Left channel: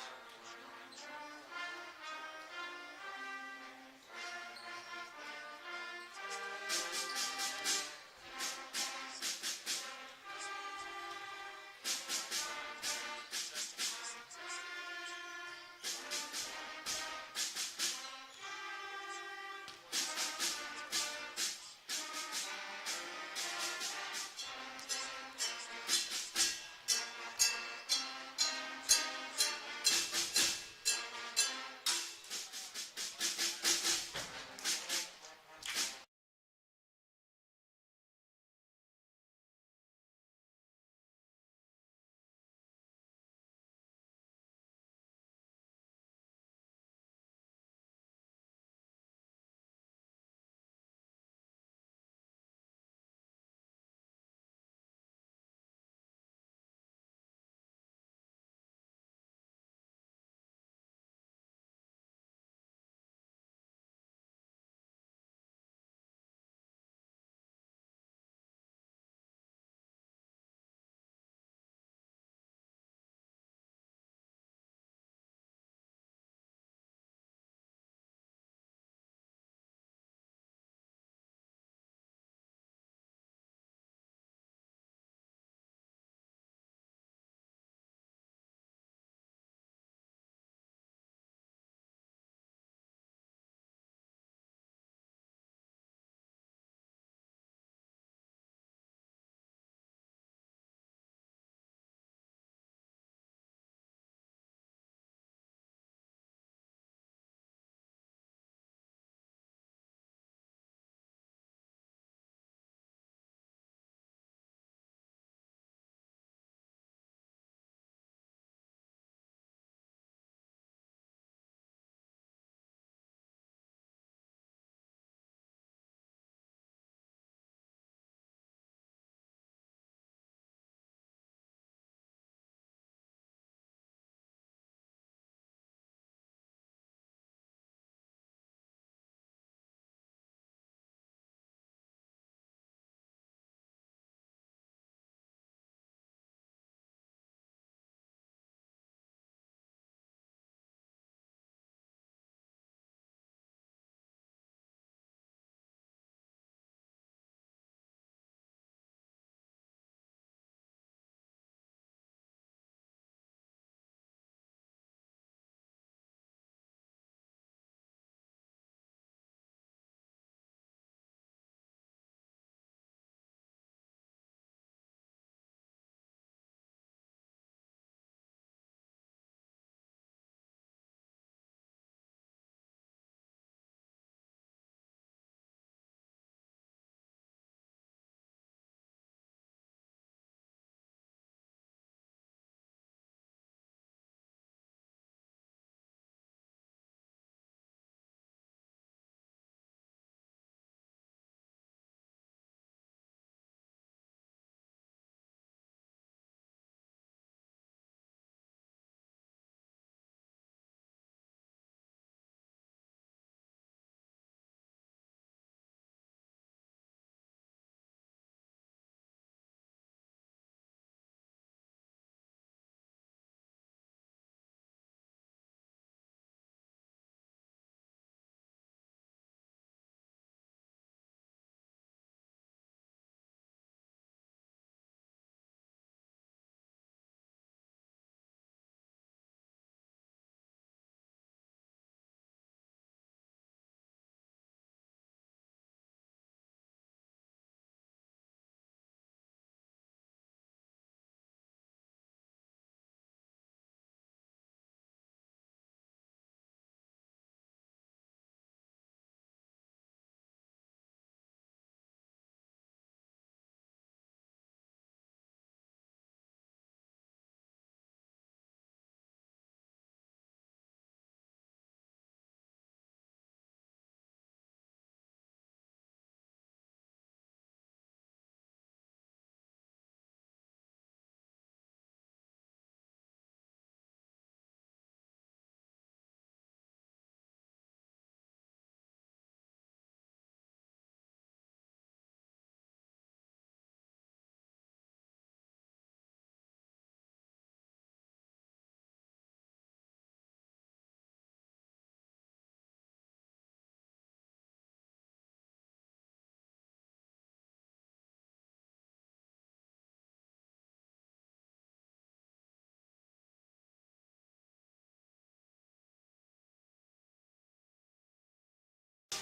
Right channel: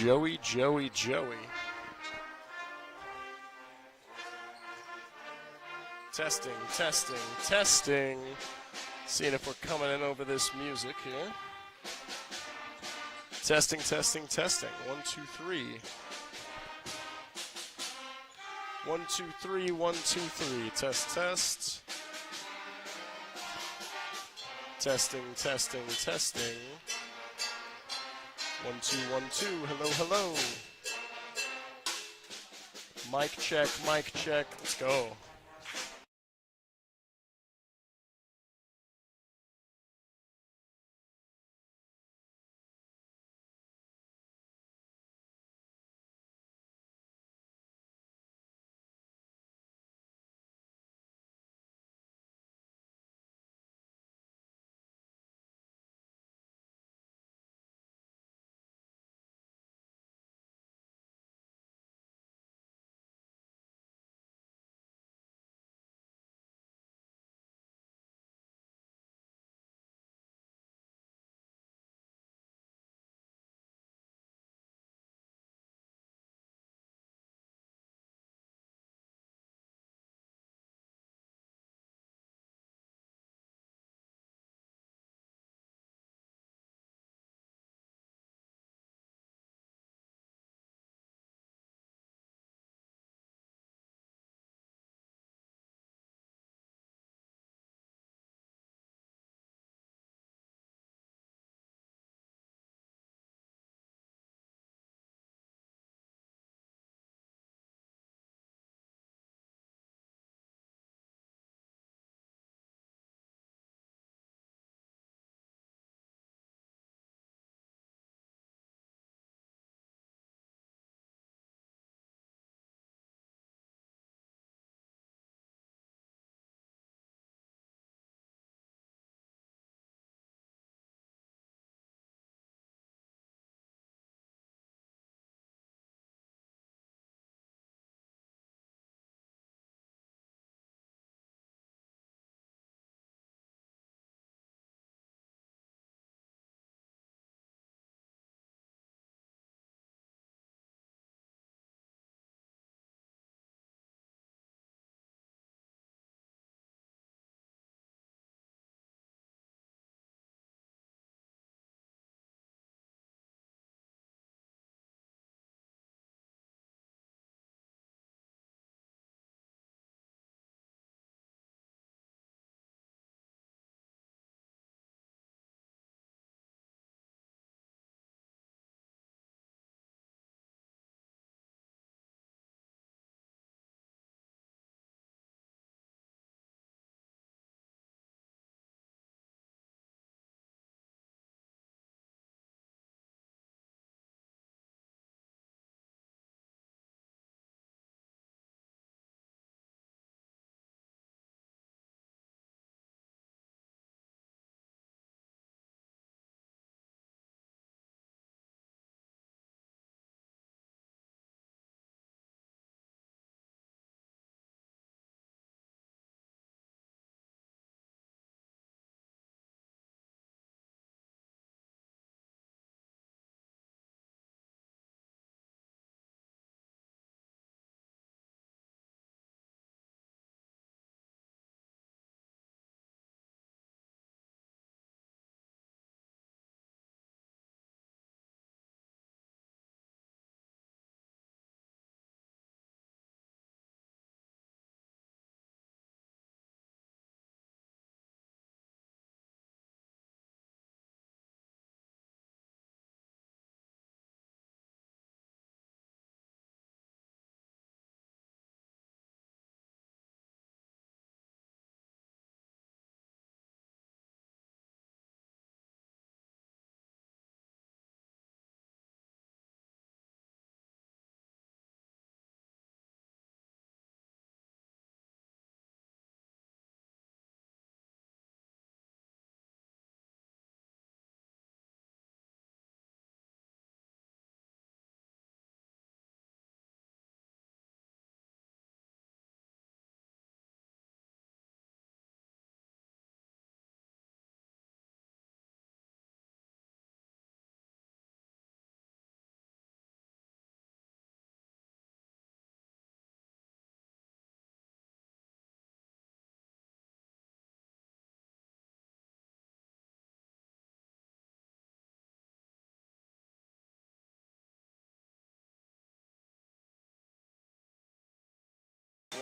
Joey. Testing, testing, testing. Seeing if we're coming in over this music here. Testing, testing, testing. 1, 2, 3. 1, 2, 3, 1, 2, 3. Test, test. Testing, testing, testing. 1, 2, 1, 2. Hello, hello. Mic check, mic check. Let's go.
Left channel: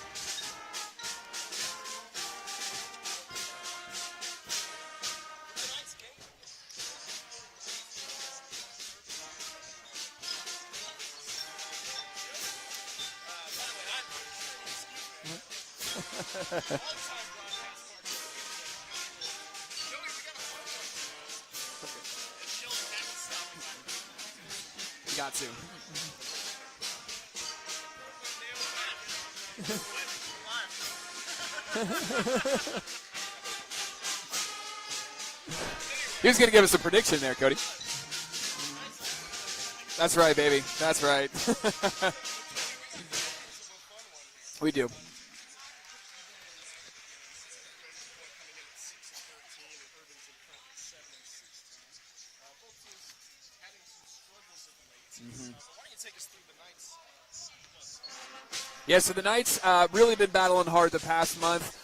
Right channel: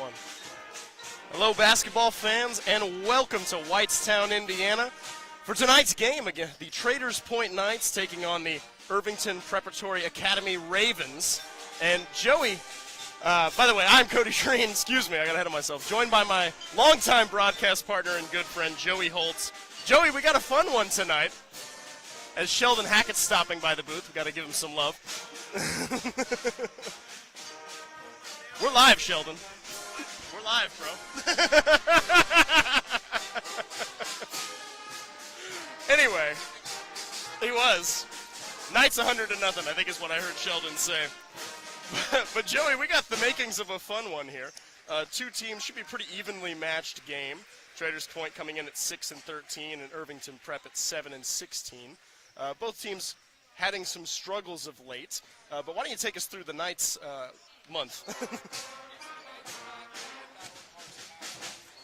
going? Hello, basketball fans, and welcome to Whitestown, Indiana. For tonight's game, again, the Traders Point Knights taking on the Irvington Preparatory Academy Ravens. And Joey, by the way, I'm Cody Shreen. Excuse me, I got ahead of myself. Joined by my longtime broadcast partner and good friend, Joey Holtz. Joey, we got a fun one tonight. As Sheldon Hackett's stopping by the booth, we got to give him some love. Got to. We're live, Sheldon. We're live, bro. Anyway. He was going to give us a prediction there, Cody. He was. Knights 100-0, I think is what That's right, baby. Sheldon That's said. right. But, Joey, we got the makings of a fun one here. We do. Two teams should be pretty evenly matched game. Traders Point coming in at 6-13 and Irvington Prep at 7-16. Both teams having some struggles of late. But why don't you take us through the Knights month? Yeah, so the Knights really been battling hard the past month.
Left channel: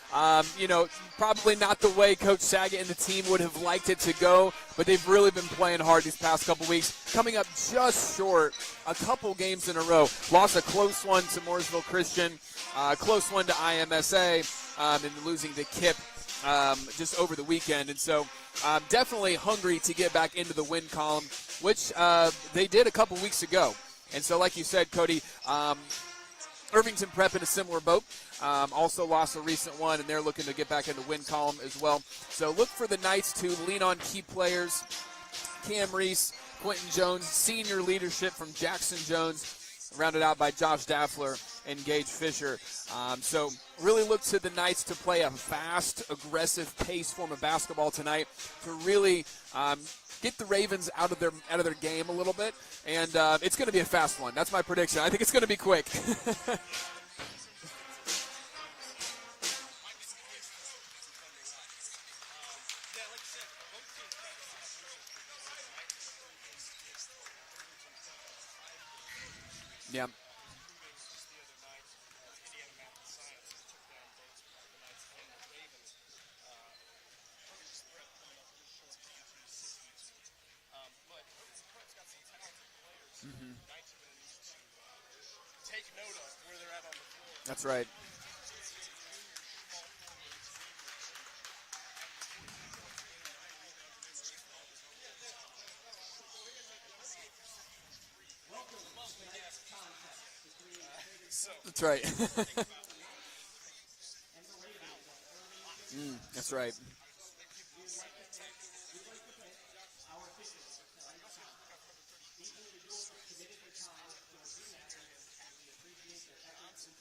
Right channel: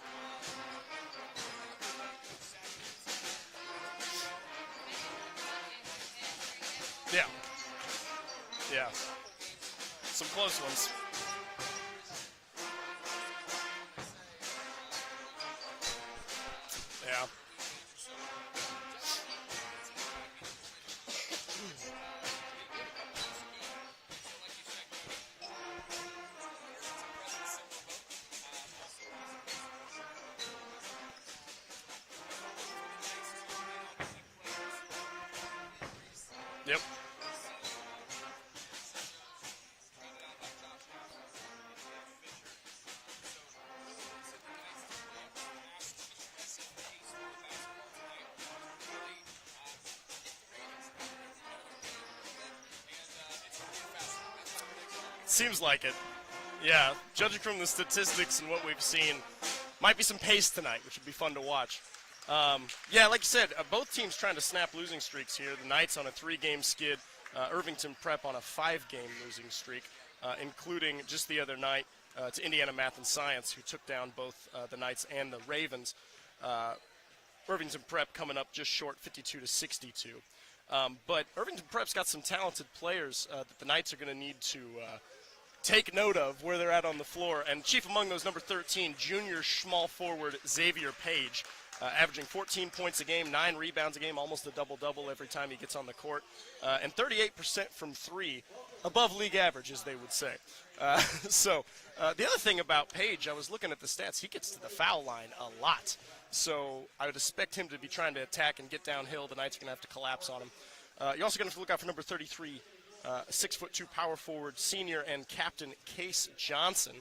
Probably not the way Coach Saget and the team would have liked it to go, but they've really been playing hard these past couple weeks, coming up just short a couple games in a row. Lost a close one to Mooresville Christian, close one to IMSA, and losing to KIP just over the weekend. And so definitely hungry to get back into the win column, which they did a couple weeks ago. And so like you said, Cody, Irvington Prep in a similar boat. Also lost a recent one, and they're looking to get back in the win column as well. So look for the Knights to lean on key players. Cam Reese, Quentin Jones, senior leadership from Jackson Jones, rounded out by Josh Daffler and Gage Fisher. So really look to the Knights to play a fast, aggressive pace form of basketball tonight to really get the Ravens out of their game a little bit. And it's going to be a fast one. That's my prediction. I think it's going to be quick. Like yeah, judging from the statistics and what we've seen, might be some pace tonight, which would be fun to watch. Yeah, like you said, both teams trying to snap losing streaks here. The Knights on a 3-game skid. Irvington Prep on a 5-game losing streak, including just the other night to Indiana Math and Science, who took down both the Knights and the Ravens. Irvington Prep coming up just short, 52-62. But Irvington Prep's got some talented players that the Knights are going to need to take note of where they're at on the floor. And chief among those, number 13, junior small forward Xavier Page. Averaging 14 points a game, 9 rebounds a game, almost a double-double every time he gets on the court, and 38% from 3, above league average, as they would say. That's right. The other thing about Page, I was looking at the stats, he gets to the foul line a lot. I would expect him to be trying to attack and get downhill. The Knights are going to have to collapse on him. You're also going to have to look out for number 33, 6'2" power forward, senior and captain Case Johnson,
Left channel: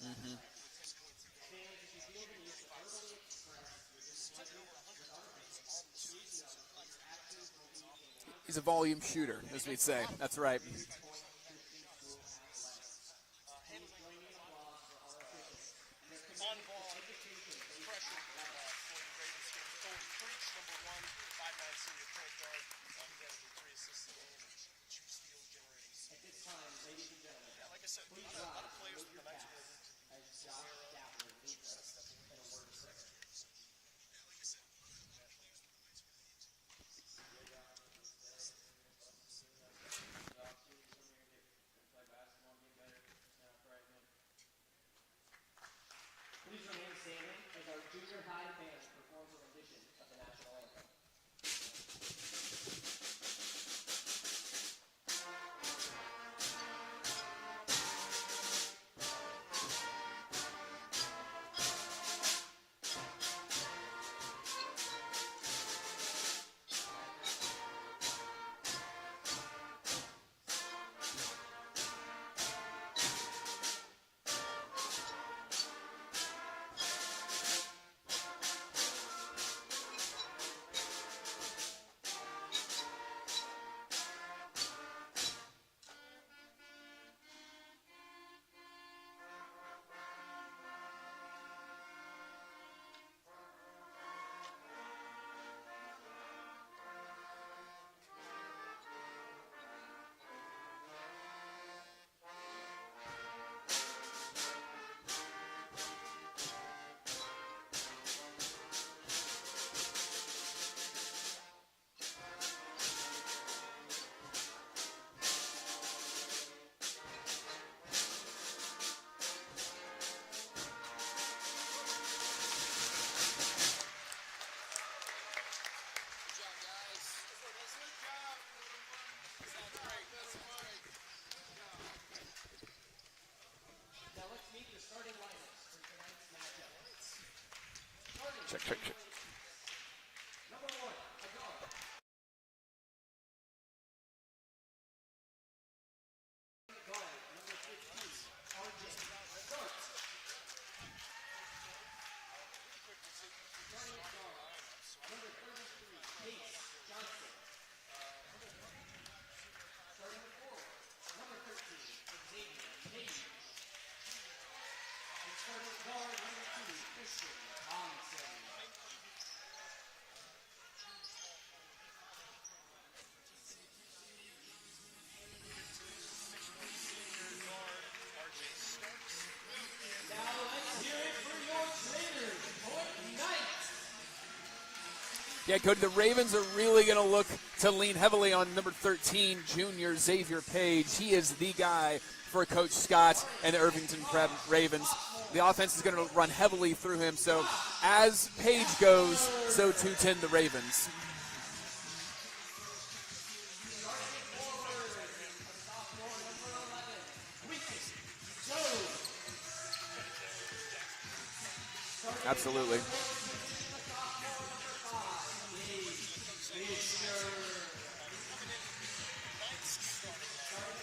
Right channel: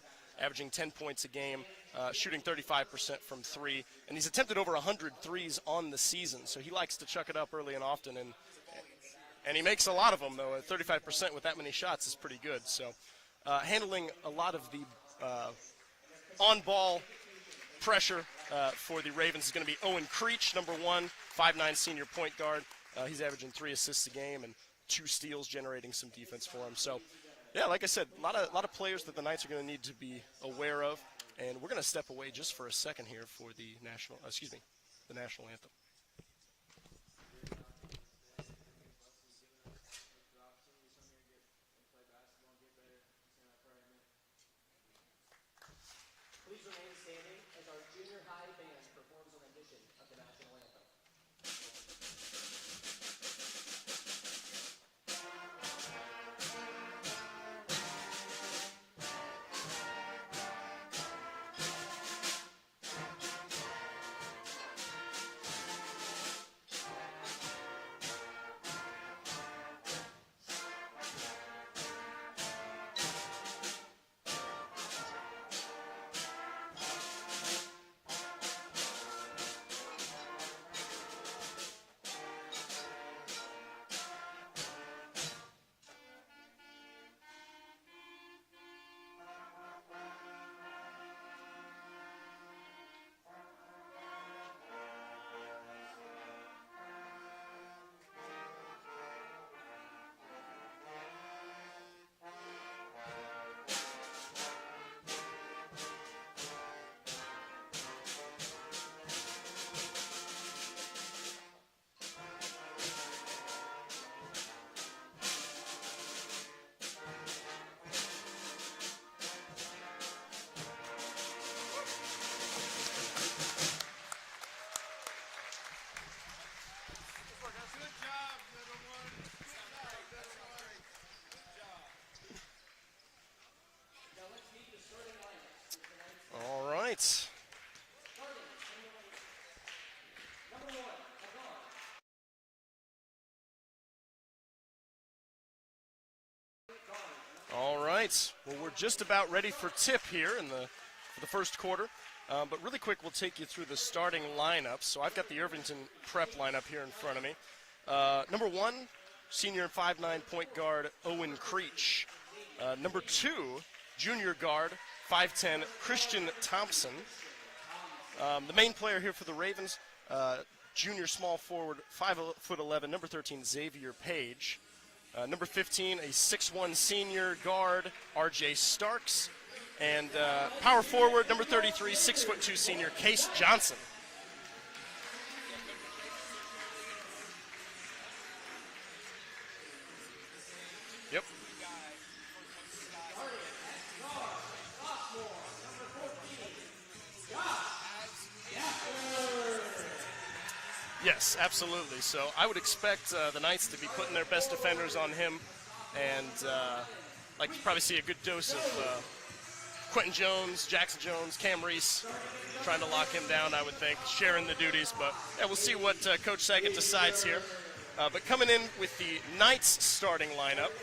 averaging 10 points a game, shooting 35% from 3. And he's attempted over 100 threes on the season, so he likes to chuck it up early and often. And he's a volume shooter. And he makes a lot of them. That's right. 35% with that many shots is pretty good. So handling a lot of the on-ball pressure for the Ravens is going to be Owen Creech, number 1, 5'9" senior point guard. He's averaging 3 assists a game and 2 steals, generating some defense for him. So, yeah, like I said, a lot of players that the Knights are going to need to be aware of. And we're going to step away just for a second here for the national anthem. Please remain standing as our junior high band performs a rendition of the national anthem. right. Check, check, check. All right. Well, we're just about ready for tip here for the first quarter. But really quick, we'll take you through the starting lineup. So I've got the Irvington prep lineup here in front of me. Number 1, senior 5'9" point guard Owen Creech. Number 2, junior guard 5'10" Christian Thompson. The main player here for the Ravens, junior small forward 5'11", number 13 Xavier Page. Number 15, a 6'1" senior guard R.J. Starks. And power forward, number 33, 6'2" senior Case Johnson. Yeah, Cody, the Ravens are really going to look to lean heavily on number 13, junior Xavier Page. He is the guy for Coach Scott and the Irvington Prep Ravens. The offense is going to run heavily through him. So as Page goes, so too tend the Ravens. Yes, absolutely. So I would expect the Knights to be putting their best defenders on him. And like you probably see a good dose of Quentin Jones, Jackson Jones, Cam Reese. Absolutely. Trying to lock him down, I would think, sharing the duties. But yeah, we'll see what Coach Saget decides here. But coming in with the Knights starting lineup,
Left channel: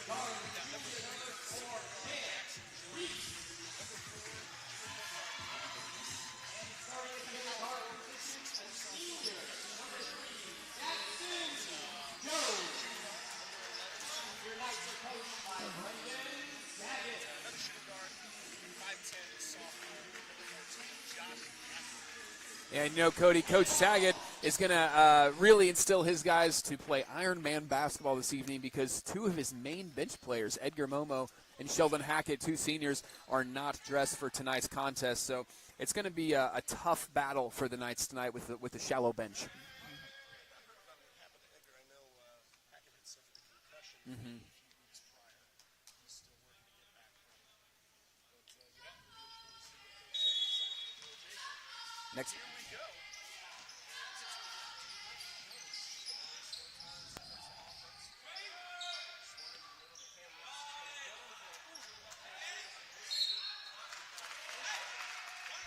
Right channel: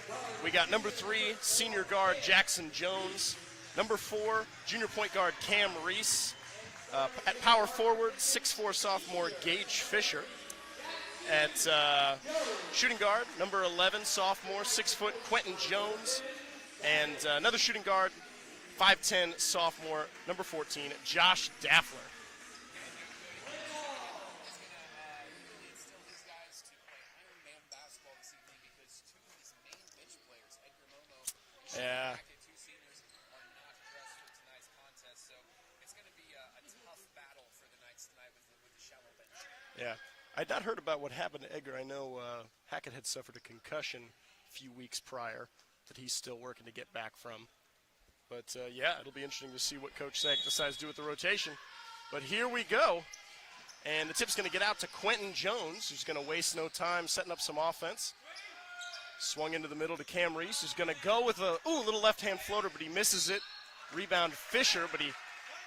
we got number 3, senior guard Jackson Jones. Number 4, junior point guard Cam Reese. At power forward, 6'4" sophomore Gage Fisher. At shooting guard, number 11, sophomore, 6' Quentin Jones. And another shooting guard, 5'10", sophomore, number 14, Josh Daffler. And, you know, Cody, Coach Saget is going to really instill his guys to play Iron Man basketball this evening because 2 of his main bench players, Edgar Momo and Sheldon Hackett, 2 seniors, are not dressed for tonight's contest. So it's going to be a tough battle for the Knights tonight with the shallow bench. Yeah. I'd not heard about what happened to Edgar. I know Hackett had suffered a concussion a few weeks prior that he's still working to get back from. But, yeah, it'll be interesting to see what Coach Saget decides to do with the rotation. But here we go. And the tip's going to get out to Quentin Jones, who's going to waste no time setting up some offense. Swung into the middle to Cam Reese, who's going to go with a little left-hand floater, but he misses it. Rebound Fisher, but he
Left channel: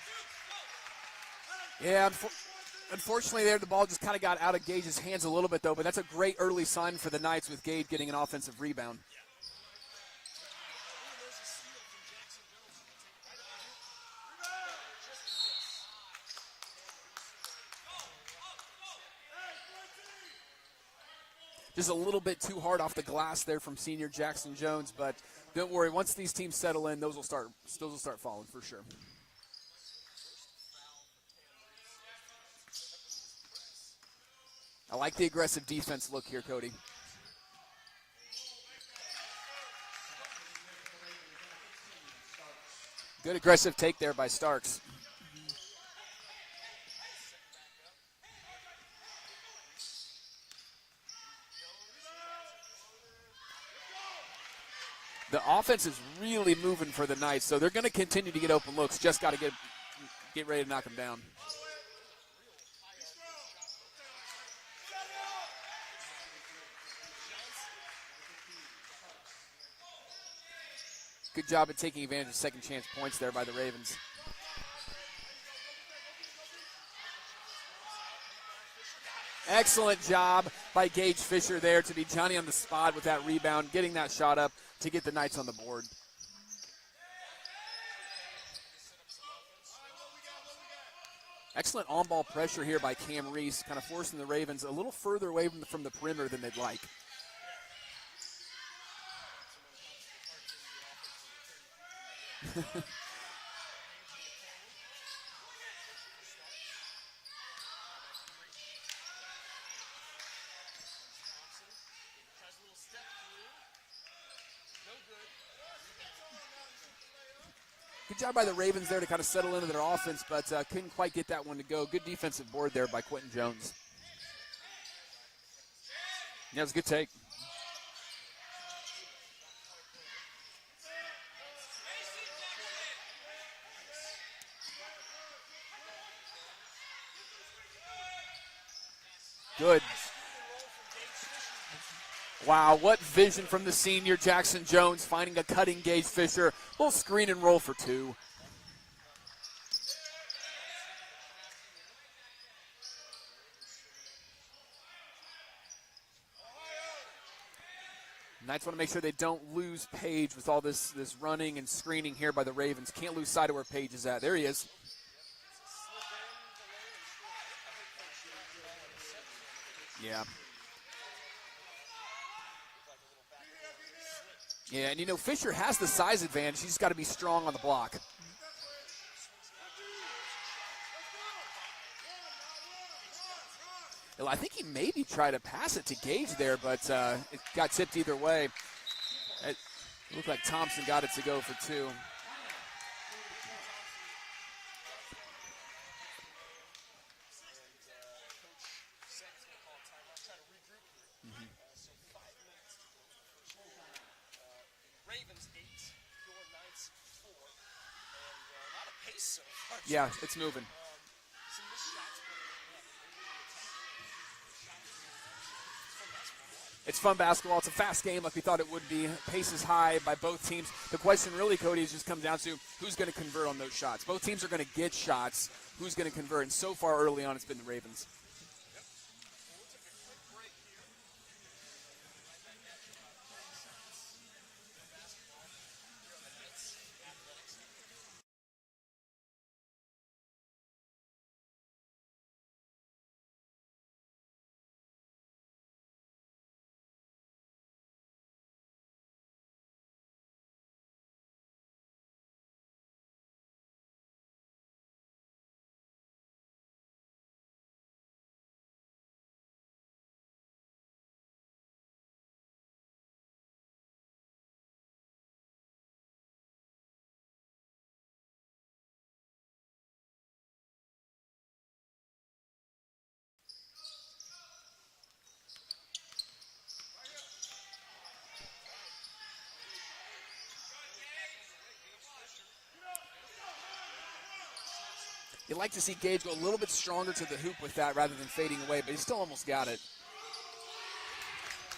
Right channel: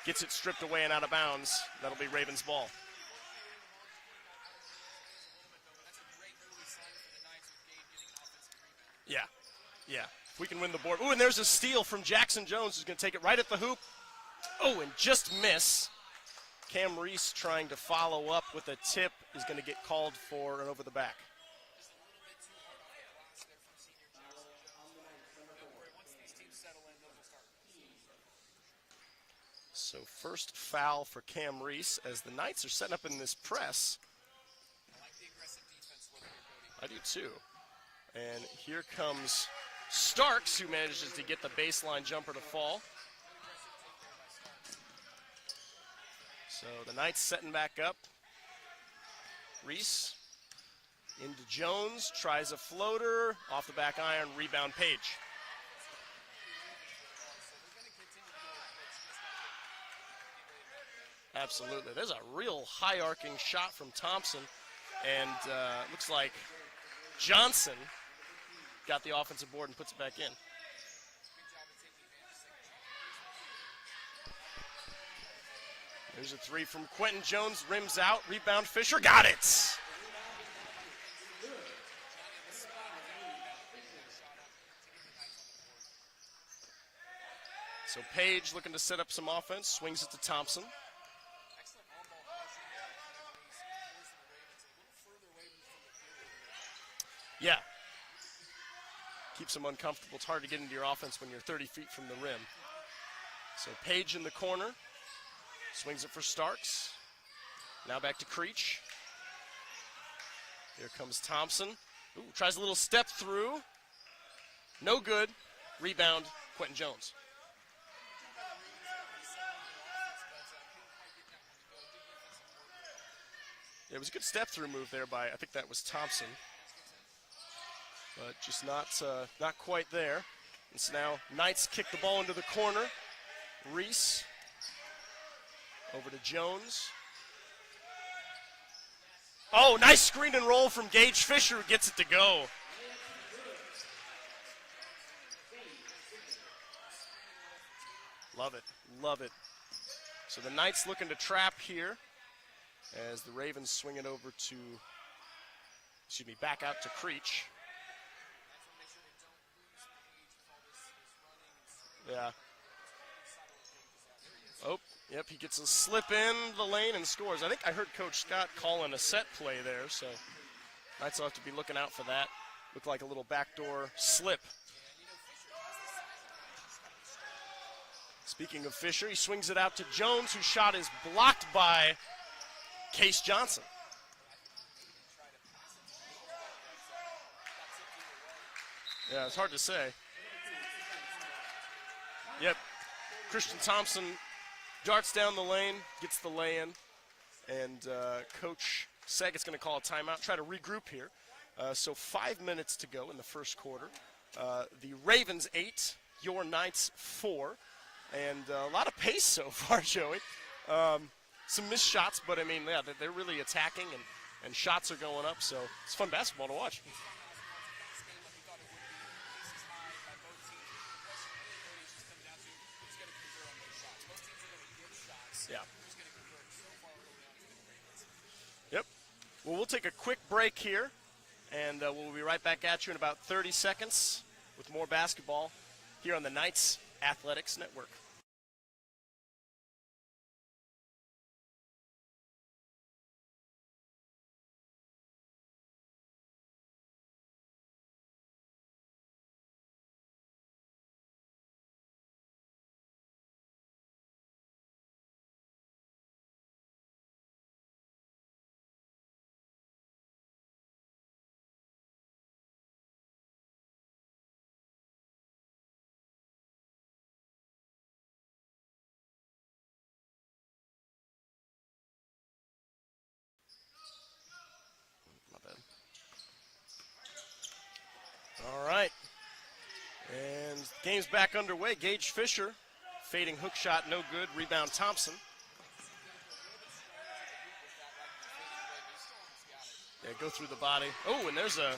gets it stripped away and out of bounds. Yeah, Ravens ball. Unfortunately, there the ball just kind of got out of Gage's hands a little bit, though. But that's a great early sign for the Knights with Gage getting an offensive rebound. Yeah, yeah. If we can win the board. Ooh, and there's a steal from Jackson Jones, who's going to take it right at the hoop. Oh, and just miss. Cam Reese trying to follow up with a tip is going to get called for an over the back. Just a little bit too hard off the glass there from senior Jackson Jones, but don't worry. Once these teams settle in, those will start falling for sure. So first foul for Cam Reese as the Knights are setting up in this press. I like the aggressive defense look here, Cody. I do too. And here comes Starks, who manages to get the baseline jumper to fall. Good aggressive take there by Starks. So the Knights setting back up. Reese into Jones, tries a floater, off the back iron, rebound Page. The offense is really moving for the Knights, so they're going to continue to get open looks. Just got to get ready to knock them down. Absolutely. There's a real high arcing shot from Thompson, and looks like Johnson got the offensive board and puts it back in. Good job at taking advantage of second chance points there by the Ravens. There's a 3 from Quentin Jones, rims out, rebound Fisher, got it! Excellent job by Gage Fisher there to be Johnny on the spot with that rebound, getting that shot up to get the Knights on the board. So Page looking to set up some offense, swings it to Thompson. Excellent on-ball pressure here by Cam Reese, kind of forcing the Ravens a little further away from the perimeter than they'd like. Yeah. Keeps them uncomfortable. It's hard to get into your offense when you're 30 feet from the rim. So Page in the corner. Swings it for Starks. Now back to Creech. Here comes Thompson. Ooh, tries a little step through. No good. Rebound, Quentin Jones. Good job by the Ravens there to kind of settle into their offense, but couldn't quite get that one to go. Good defensive board there by Quentin Jones. It was a good step through move there by, I think that was Thompson. Yeah, it was a good take. But just not quite there. And so now Knights kick the ball into the corner. Reese. Over to Jones. Oh, nice screen and roll from Gage Fisher, who gets it to go. Wow, what vision from the senior Jackson Jones, finding a cutting Gage Fisher. Little screen and roll for 2. Love it, love it. So the Knights looking to trap here as the Ravens swing it over to, back out to Creech. Knights want to make sure they don't lose Page with all this running and screening here by the Ravens. Can't lose sight of where Page is at. There he is. Oh, yep, he gets a slip in the lane and scores. I think I heard Coach Scott calling a set play there. So Yeah. Knights will have to be looking out for that. Looked like a little backdoor slip. Yeah, and Fisher has the size advantage. He's got to be strong on the block. Speaking of Fisher, he swings it out to Jones, whose shot is blocked by Case Johnson. Well, I think he maybe tried to pass it to Gage there, but it got tipped either way. Yeah, it's hard to say. It looked like Thompson got it to go for 2. Yep. Christian Thompson darts down the lane, gets the lay-in, and Coach Saggett's going to call a timeout, try to regroup here. So 5 minutes to go in the first quarter. The Ravens 8, your Knights 4, and a lot of pace so far, Yeah, Joey. it's moving. Some missed shots, but I mean, yeah, they're really attacking and shots are going up, so it's fun basketball to watch. It's fun basketball. It's a fast game like we thought it would be. Pace is high by both teams. The question really, Cody, is just comes down to who's going to convert on those shots. Both teams are going to get shots. Yeah. Who's going to convert? And so far early on, it's been the Ravens. Yep. Well, we'll take a quick break here, and we'll be right back at you in about 30 seconds with more basketball here on the Knights Athletics Network. All right. And game's back underway. Gage Fisher, fading hook shot, no good. Rebound Thompson. You'd like to see Gage go a little bit stronger to the hoop with that rather than fading away, but he still almost got it. Yeah, go through the body. Oh, and there's a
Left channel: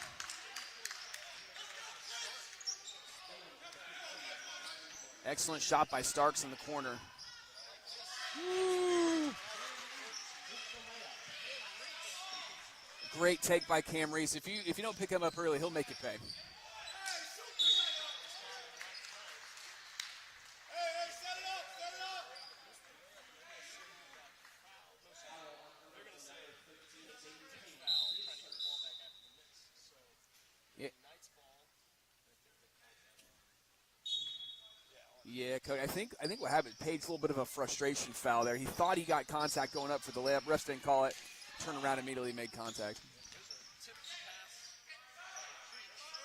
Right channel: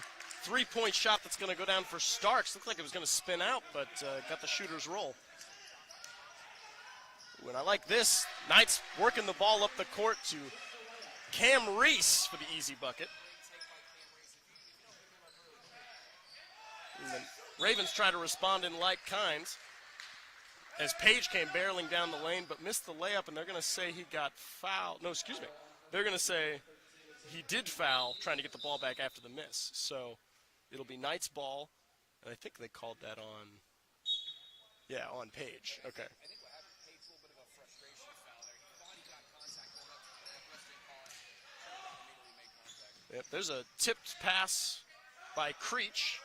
three-point shot that's going to go down for Starks. Looked like it was going to spin out, but got the shooter's roll. Excellent shot by Starks in the corner. Ooh, and I like this. Knights working the ball up the court to Cam Reese for the easy bucket. Great take by Cam Reese. If you don't pick him up early, he'll make you pay. And the Ravens try to respond in like kinds as Page came barreling down the lane but missed the layup, and they're going to say he got fouled. No, excuse me. They're going to say he did foul trying to get the ball back after the miss. So it'll be Knights ball, and I think they called that on Page. Yeah, I think what happened, Page, a little bit of a frustration foul there. He thought he got contact going up for the layup. Refs didn't call it. Turn around, immediately made contact. Yep, there's a tipped pass by Creech.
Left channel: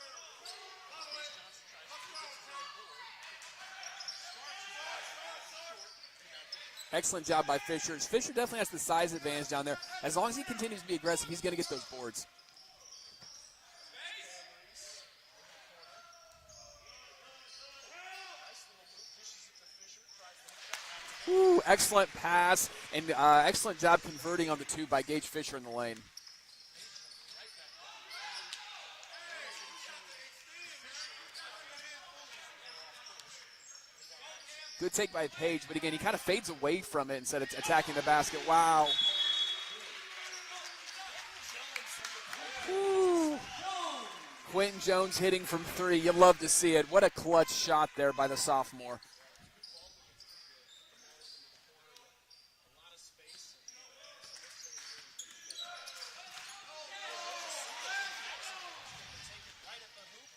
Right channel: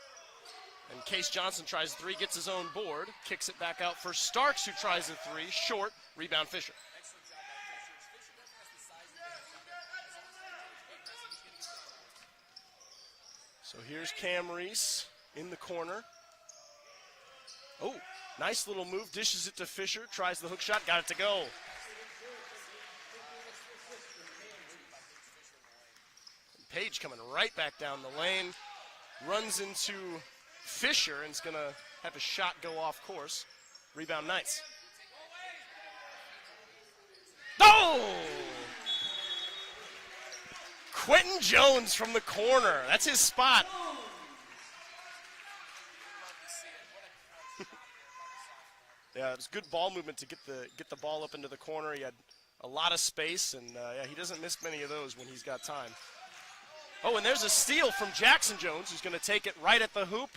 And Case Johnson tries a three, gets his own board, kicks it back out for Starks, who tries a three, short, rebound Fisher. Excellent job by Fisher. Fisher definitely has the size advantage down there. As long as he continues to be aggressive, he's going to get those boards. So here's Cam Reese in the corner. Oh, nice little move, dishes it to Fisher, tries the hook shot, got it to go. Ooh, excellent pass, and excellent job converting on the two by Gage Fisher in the lane. Page coming right back down the lane, runs into Fisher and is going to have a shot go off course. Rebound Knights. Good take by Page, but again, he kind of fades away from it instead of attacking the basket. Wow. Quentin Jones from the corner. That's his spot. Quentin Jones hitting from three. You love to see it. What a clutch shot there by the sophomore. Yeah, it was good ball movement to get the ball up into the corner. He had a lot of space, and he doesn't miss many of those when he's got time. Oh, and there's a steal from Jackson Jones, who's going to take it right at the hoop.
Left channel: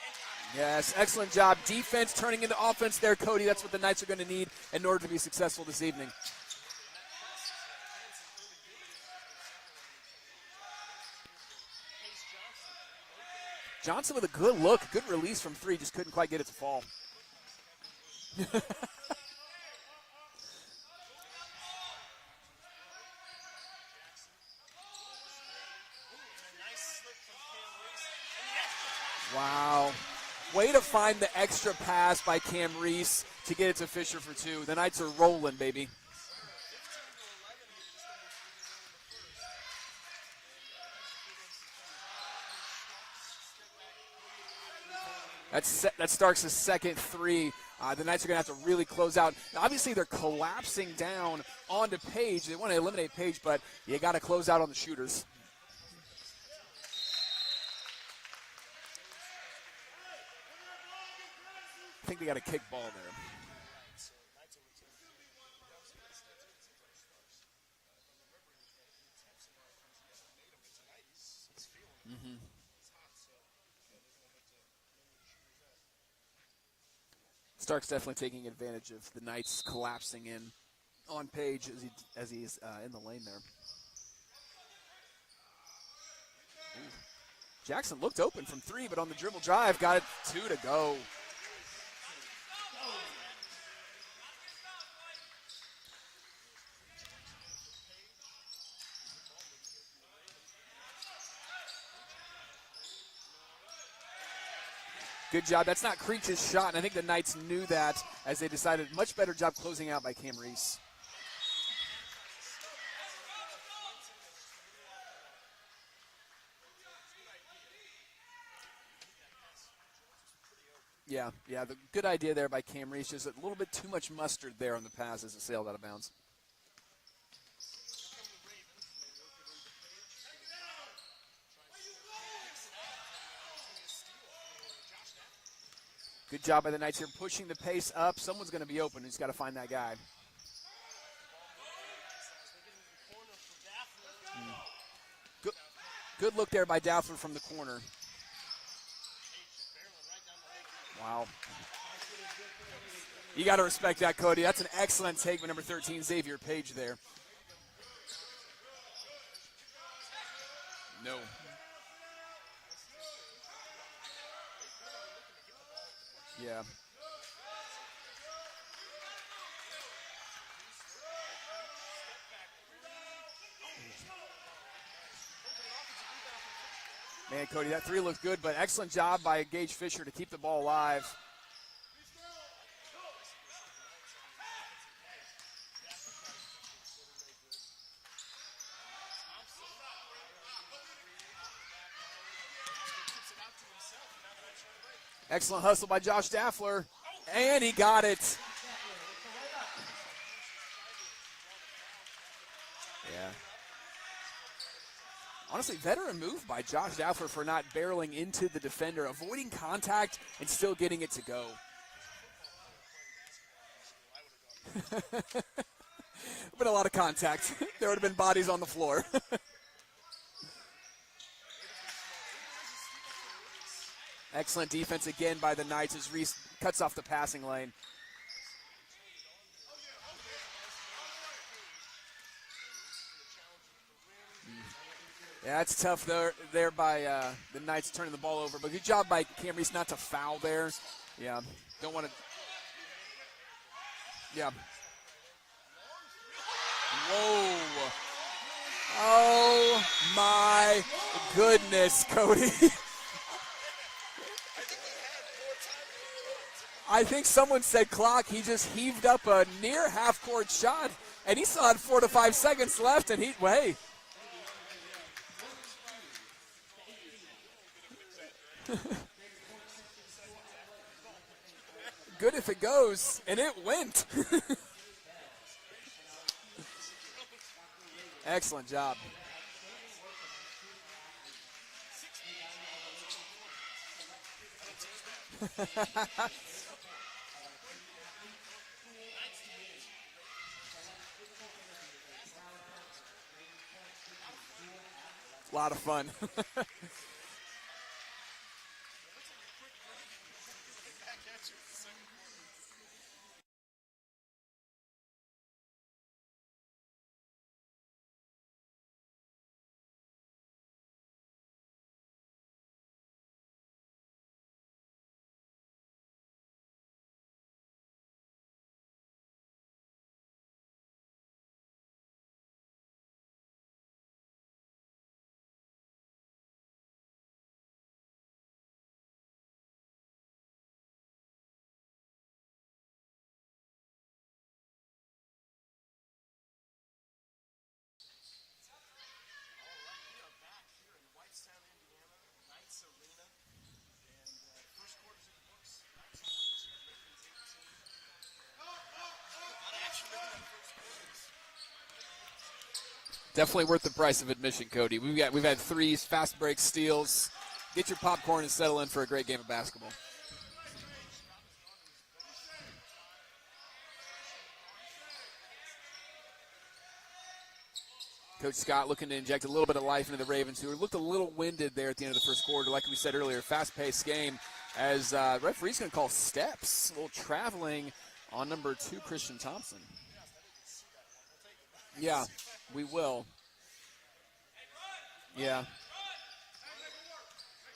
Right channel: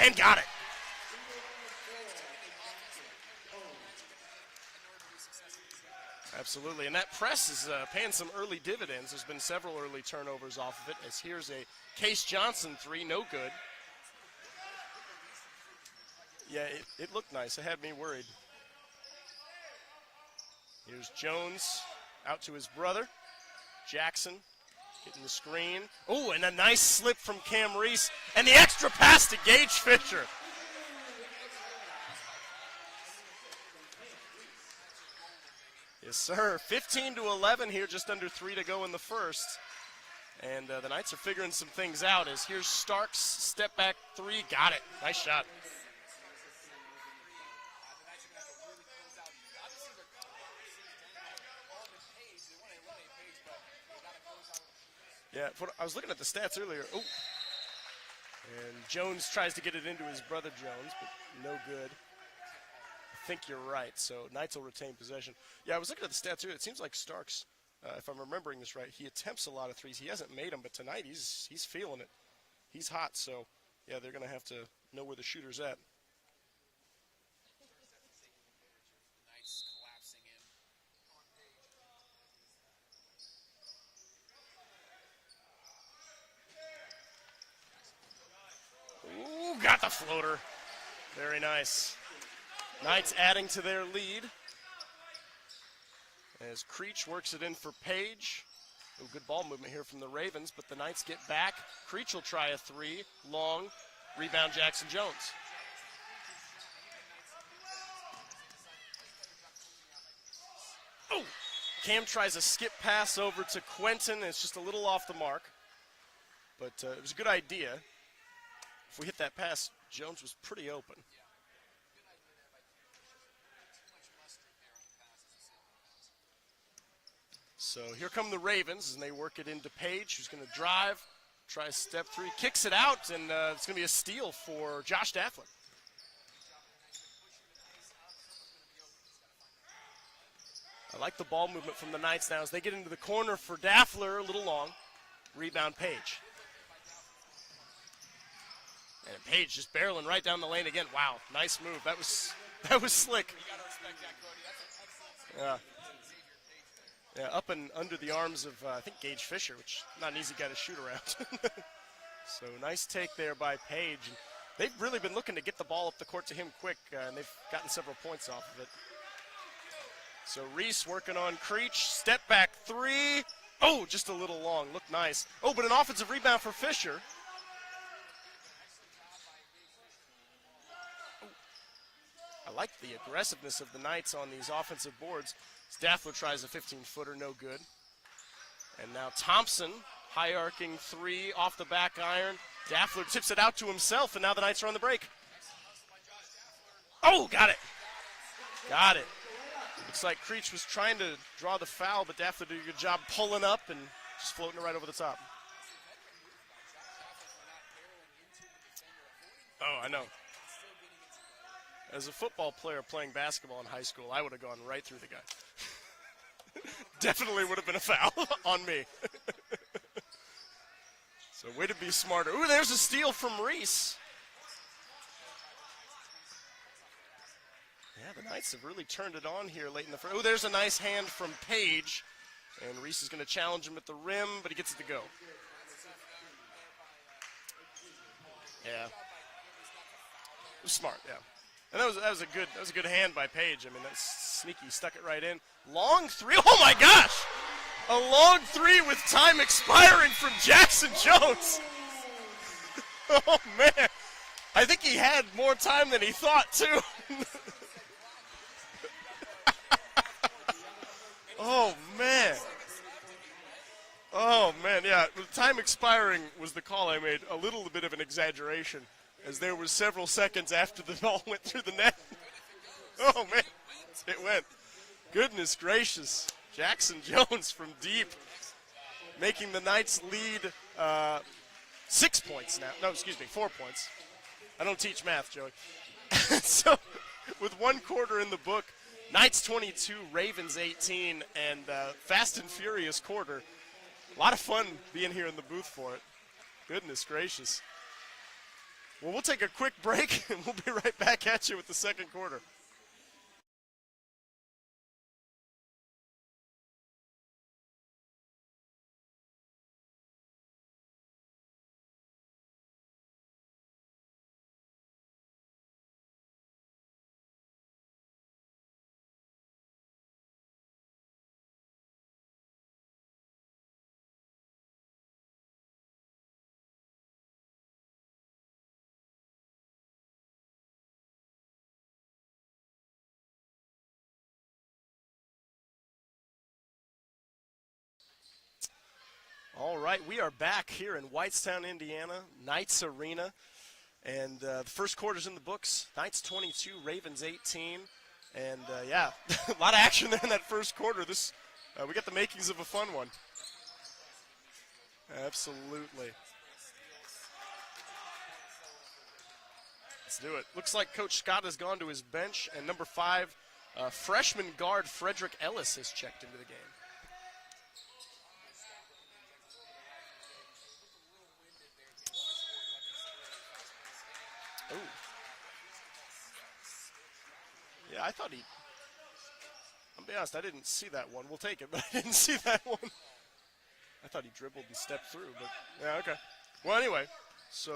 And got it. Yes, excellent job. Defense turning into offense there, Cody. That's what the Knights are going to need in order to be successful this evening. Absolutely, and that press is paying some early dividends. There's been several early turnovers off of it, as here's a Case Johnson three, no good. Johnson with a good look, good release from three, just couldn't quite get it to fall. It looked nice. It had me worried. Here's Jones out to his brother, Jackson. Getting the screen. Oh, and a nice slip from Cam Reese. And the extra pass to Gage Fisher. Way to find the extra pass by Cam Reese to get it to Fisher for two. The Knights are rolling, baby. Yes, sir. 15-11 here, just under 3 to go in the first. And the Knights are figuring some things out as here's Starks, step back three, got it. Nice shot. That's Starks' second three The Knights are going to have to really close out. Obviously, they're collapsing down onto Page. They want to eliminate Page, but you got to close out on the shooters. Yeah, I was looking at the stats earlier. Oh. And Jones tries to get it into his brother Jones, but no good. I think they got a kick ball there. I think you're right. So Knights will retain possession. Yeah, I was looking at the stats earlier. It seems like Starks, if I'm remembering this right, he attempts a lot of threes. He hasn't made them, but tonight he's feeling it. He's hot, so yeah, they're going to have to know where the shooter's at. Stark's definitely taking advantage of the Knights collapsing in on Page as he's in the lane there. Jackson looked open from three, but on the dribble drive, got it 2 to go. Very nice. Knights adding to their lead as Creech works it in for Page. Good ball movement here from the Ravens, but the Knights get back. Creech will try a three, long, rebound Jackson Jones. Good job. That's not Creech's shot, and I think the Knights knew that as they decided much better job closing out by Cam Reese. Oh! Cam tries a skip pass over to Quentin. It's just a little off the mark. But it was a good idea. If we hit that pass, Jones was pretty open. Yeah, the good idea there by Cam Reese. Just a little bit too much mustard there on the pass as it sailed out of bounds. So here come the Ravens, and they work it into Page, who's going to drive, try a step three, kicks it out, and it's going to be a steal for Josh Daffler. Good job by the Knights here, pushing the pace up. Someone's going to be open. He's got to find that guy. I like the ball movement from the Knights now as they get into the corner for Daffler, a little long. Rebound Page. Good look there by Daffler from the corner. And Page just barreling right down the lane again. Wow, nice move. That was slick. You got to respect that, Cody. That's an excellent take by number 13, Xavier Page there. Yeah, up and under the arms of, I think, Gage Fisher, which not an easy guy to shoot around. No. So nice take there by Page. They've really been looking to get the ball up the court to him quick, and they've gotten several points off of it. So Reese working on Creech. Step back three. Oh, just a little long. Looked nice. Oh, but an offensive rebound for Fisher. Man, Cody, that three looked good, but excellent job by Gage Fisher to keep the ball alive. I like the aggressiveness of the Knights on these offensive boards. Daffler tries a 15-footer, no good. And now Thompson, high-arcing three off the back iron. Daffler tips it out to himself, and now the Knights are on the break. Excellent hustle by Josh Daffler. Oh, got it. He got it. Got it. Looks like Creech was trying to draw the foul, but Daffler did a good job pulling up and just floating it right over the top. Honestly, veteran move by Josh Daffler for not barreling into the defender, avoiding contact, and still getting it to go. As a football player playing basketball in high school, I would have gone right through the guy. Been a lot of contact. Definitely would have been a there would have been foul bodies on the me. floor. So way to be smarter. Ooh, there's a steal from Reese. Excellent defense again by the Knights as Reese cuts off the passing lane. Yeah, the Knights have really turned it on here late in the first. Oh, there's a nice hand from Page. And Reese is going to challenge him at the rim, but he gets it to go. Yeah, it's tough there by the Knights turning the ball over. But good job by Cam Reese not to foul there. Smart, yeah. Yeah. And that was a good hand by Page. I mean, that's sneaky. Stuck it right in. Long three. Oh my gosh! Oh. A long three with time expiring for Jackson Jones. Goodness, Cody. Oh man. I think he had more time than he thought too. I think someone said clock. He just heaved up a near half-court shot, and he still had 4 to 5 seconds left, and hey. Oh, man, yeah. The time expiring was the call I made. A little bit of an exaggeration, as there was several seconds after the ball went through the net. Good if it goes, Oh, and man. it went. It went. Goodness gracious. Jackson Jones from deep. Excellent job. Making the Knights lead 6 points now. No, excuse me, 4 points. I don't teach math, Joey. So, with 1 quarter in the book, Knights 22, Ravens 18, and fast and furious quarter. A lot of fun being here in the booth. A lot of fun. Goodness gracious. Well, we'll take a quick break, and we'll be right back at you with the second quarter. All right, we are back here in Whitestown, Indiana, Knights Arena. And the first quarter's in the books. Knights 22, Ravens 18. And, yeah, a lot of action there in that first quarter. We got the makings of a fun one. Definitely worth the price of admission, Cody. We've had threes, fast break steals. Get your popcorn and settle in for a great game of basketball. Let's do it. Looks like Coach Scott has gone to his bench, and number 5, freshman guard Frederick Ellis has checked into the game. Coach Scott looking to inject a little bit of life into the Ravens, who looked a little winded there at the end of the first quarter. Like we said earlier, fast-paced game as referee's going to call steps. A little traveling on number 2, Christian Thompson. I'll be honest, I didn't see that one. We'll take it, but I didn't see that one. We will. I thought he dribbled and stepped through. Yeah. Yeah, okay. Well, anyway, so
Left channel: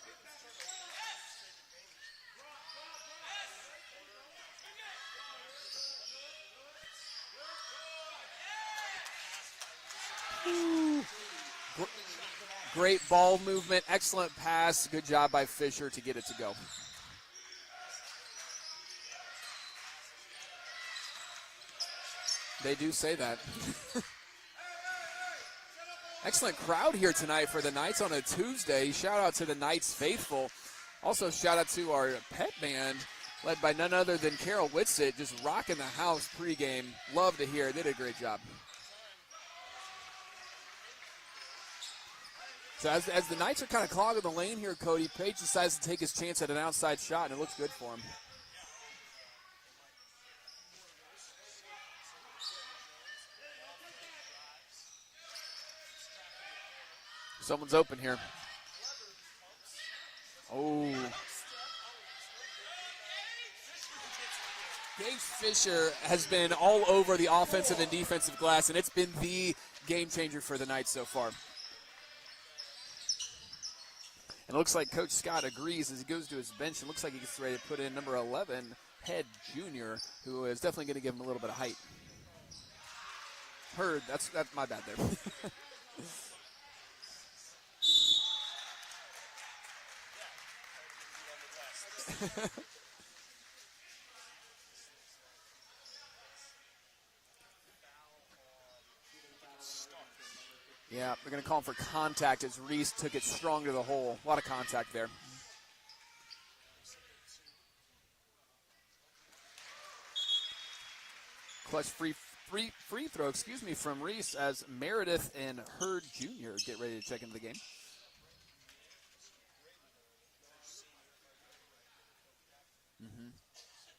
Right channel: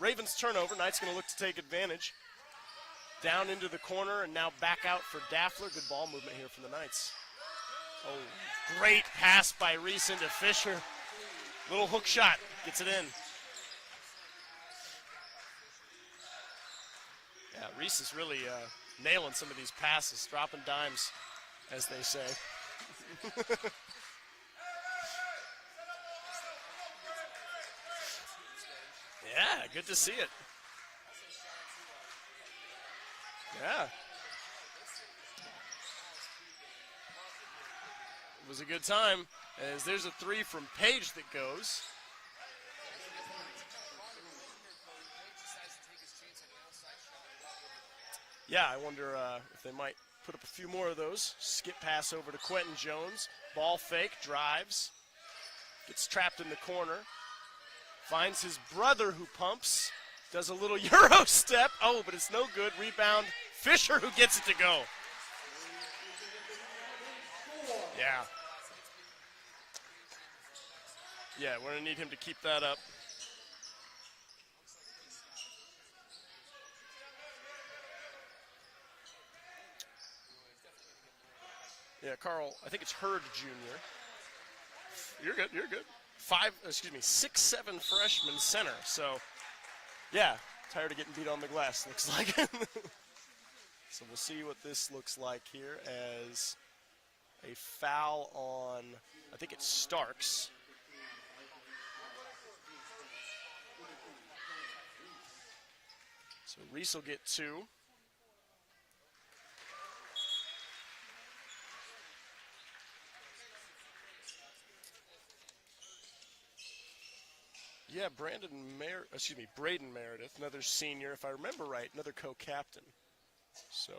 Ravens turnover. Knight's going to look to take advantage. Down into the corner and now back out for Daffler. Good ball movement here from the Knights. Oh, great pass by Reese into Fisher. Little hook shot. Great ball movement, excellent pass. Good job by Fisher to get it to go. Yeah, Reese is really nailing some of these passes, dropping dimes, as they say. They do say that. Excellent crowd here tonight for the Knights on a Tuesday. Shout out to the Knights faithful. Also, shout out to our pet band, led by none other than Carol Whitsitt, just rocking the house pregame. Love to hear it. Did a great job. It was a good time, as there's a 3 from Page that goes. So as the Knights are kind of clogging the lane here, Cody, Page decides to take his chance at an outside shot, and it looks good for him. Yeah, I wonder if they might put up a few more of those. Skip pass over to Quentin Jones. Ball fake, drives. Gets trapped in the corner. Someone's open here. Finds his brother who pumps. Does a little Euro step. Oh, but it's no good. Rebound. Fisher who gets it to go. Gage Fisher has been all over the offensive and defensive glass, and it's been the game changer for the Knights so far. Yeah, we're going to need him to keep that up. And it looks like Coach Scott agrees as he goes to his bench. It looks like he gets ready to put in number 11, Head Jr., who is definitely going to give him a little bit of height. Yeah, Carl, I think it's Hurd Jr. Hurd, that's my bad there. You're good, you're good. 6'7" freshman center. So, yeah, tired of getting beat on the glass, looks like. So we'll see what this looks like here as a foul on, I think it's Starks. Yeah, they're going to call him for contact as Reese took it strong to the hole. A lot of contact there. So Reese will get 2. Clutch free throw, from Reese as Meredith and Hurd Jr. get ready to check into the game. Yeah, Braden Meredith, another senior, if I remember right, another co-captain. So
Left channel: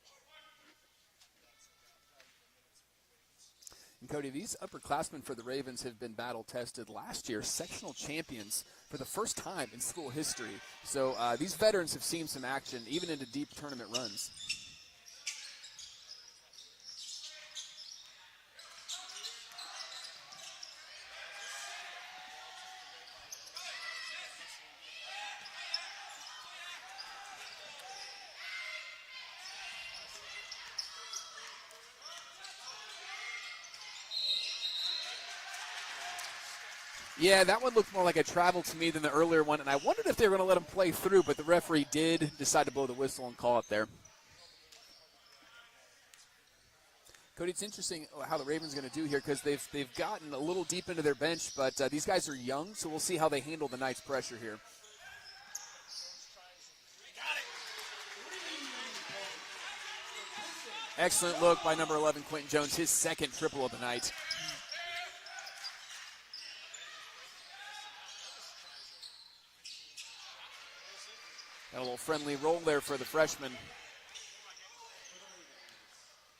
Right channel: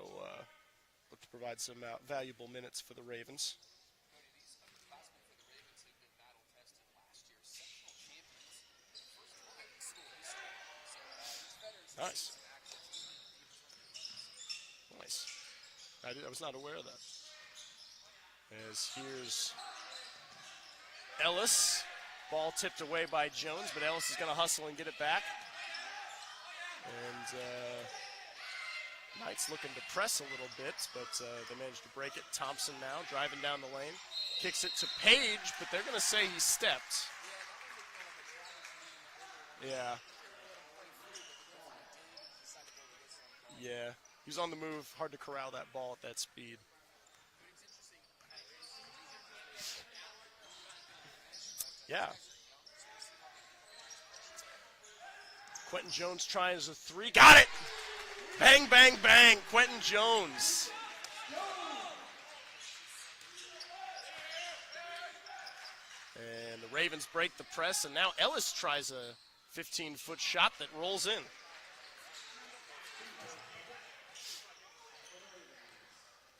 look to provide some valuable minutes for the Ravens. And Cody, these upperclassmen for the Ravens have been battle-tested last year, sectional champions for the first time in school history. So these veterans have seen some action, even into deep tournament runs. Nice. I was not aware of that. As here's Ellis. Ball tipped away by Jones, but Ellis is going to hustle and get it back. And Knights looking to press a little bit, but they managed to break it. Thompson now driving down the lane. Kicks it to Page, but they're going to say he stepped. Yeah, that one looked more like a travel to me than the earlier one, and I wondered if they were going to let him play through, but the referee did decide to blow the whistle and call it there. He was on the move. Hard to corral that ball at that speed. Cody, it's interesting how the Ravens are going to do here because they've gotten a little deep into their bench, but these guys are young, so we'll see how they handle the Knights' pressure here. Quentin Jones tries a 3. Got it! Bang, bang, bang. Quentin Jones. Excellent look by number 11, Quentin Jones, his second triple of the night. And the Ravens break the press, and now Ellis tries a 15-foot shot that rolls in. Got a little friendly roll there for the freshman.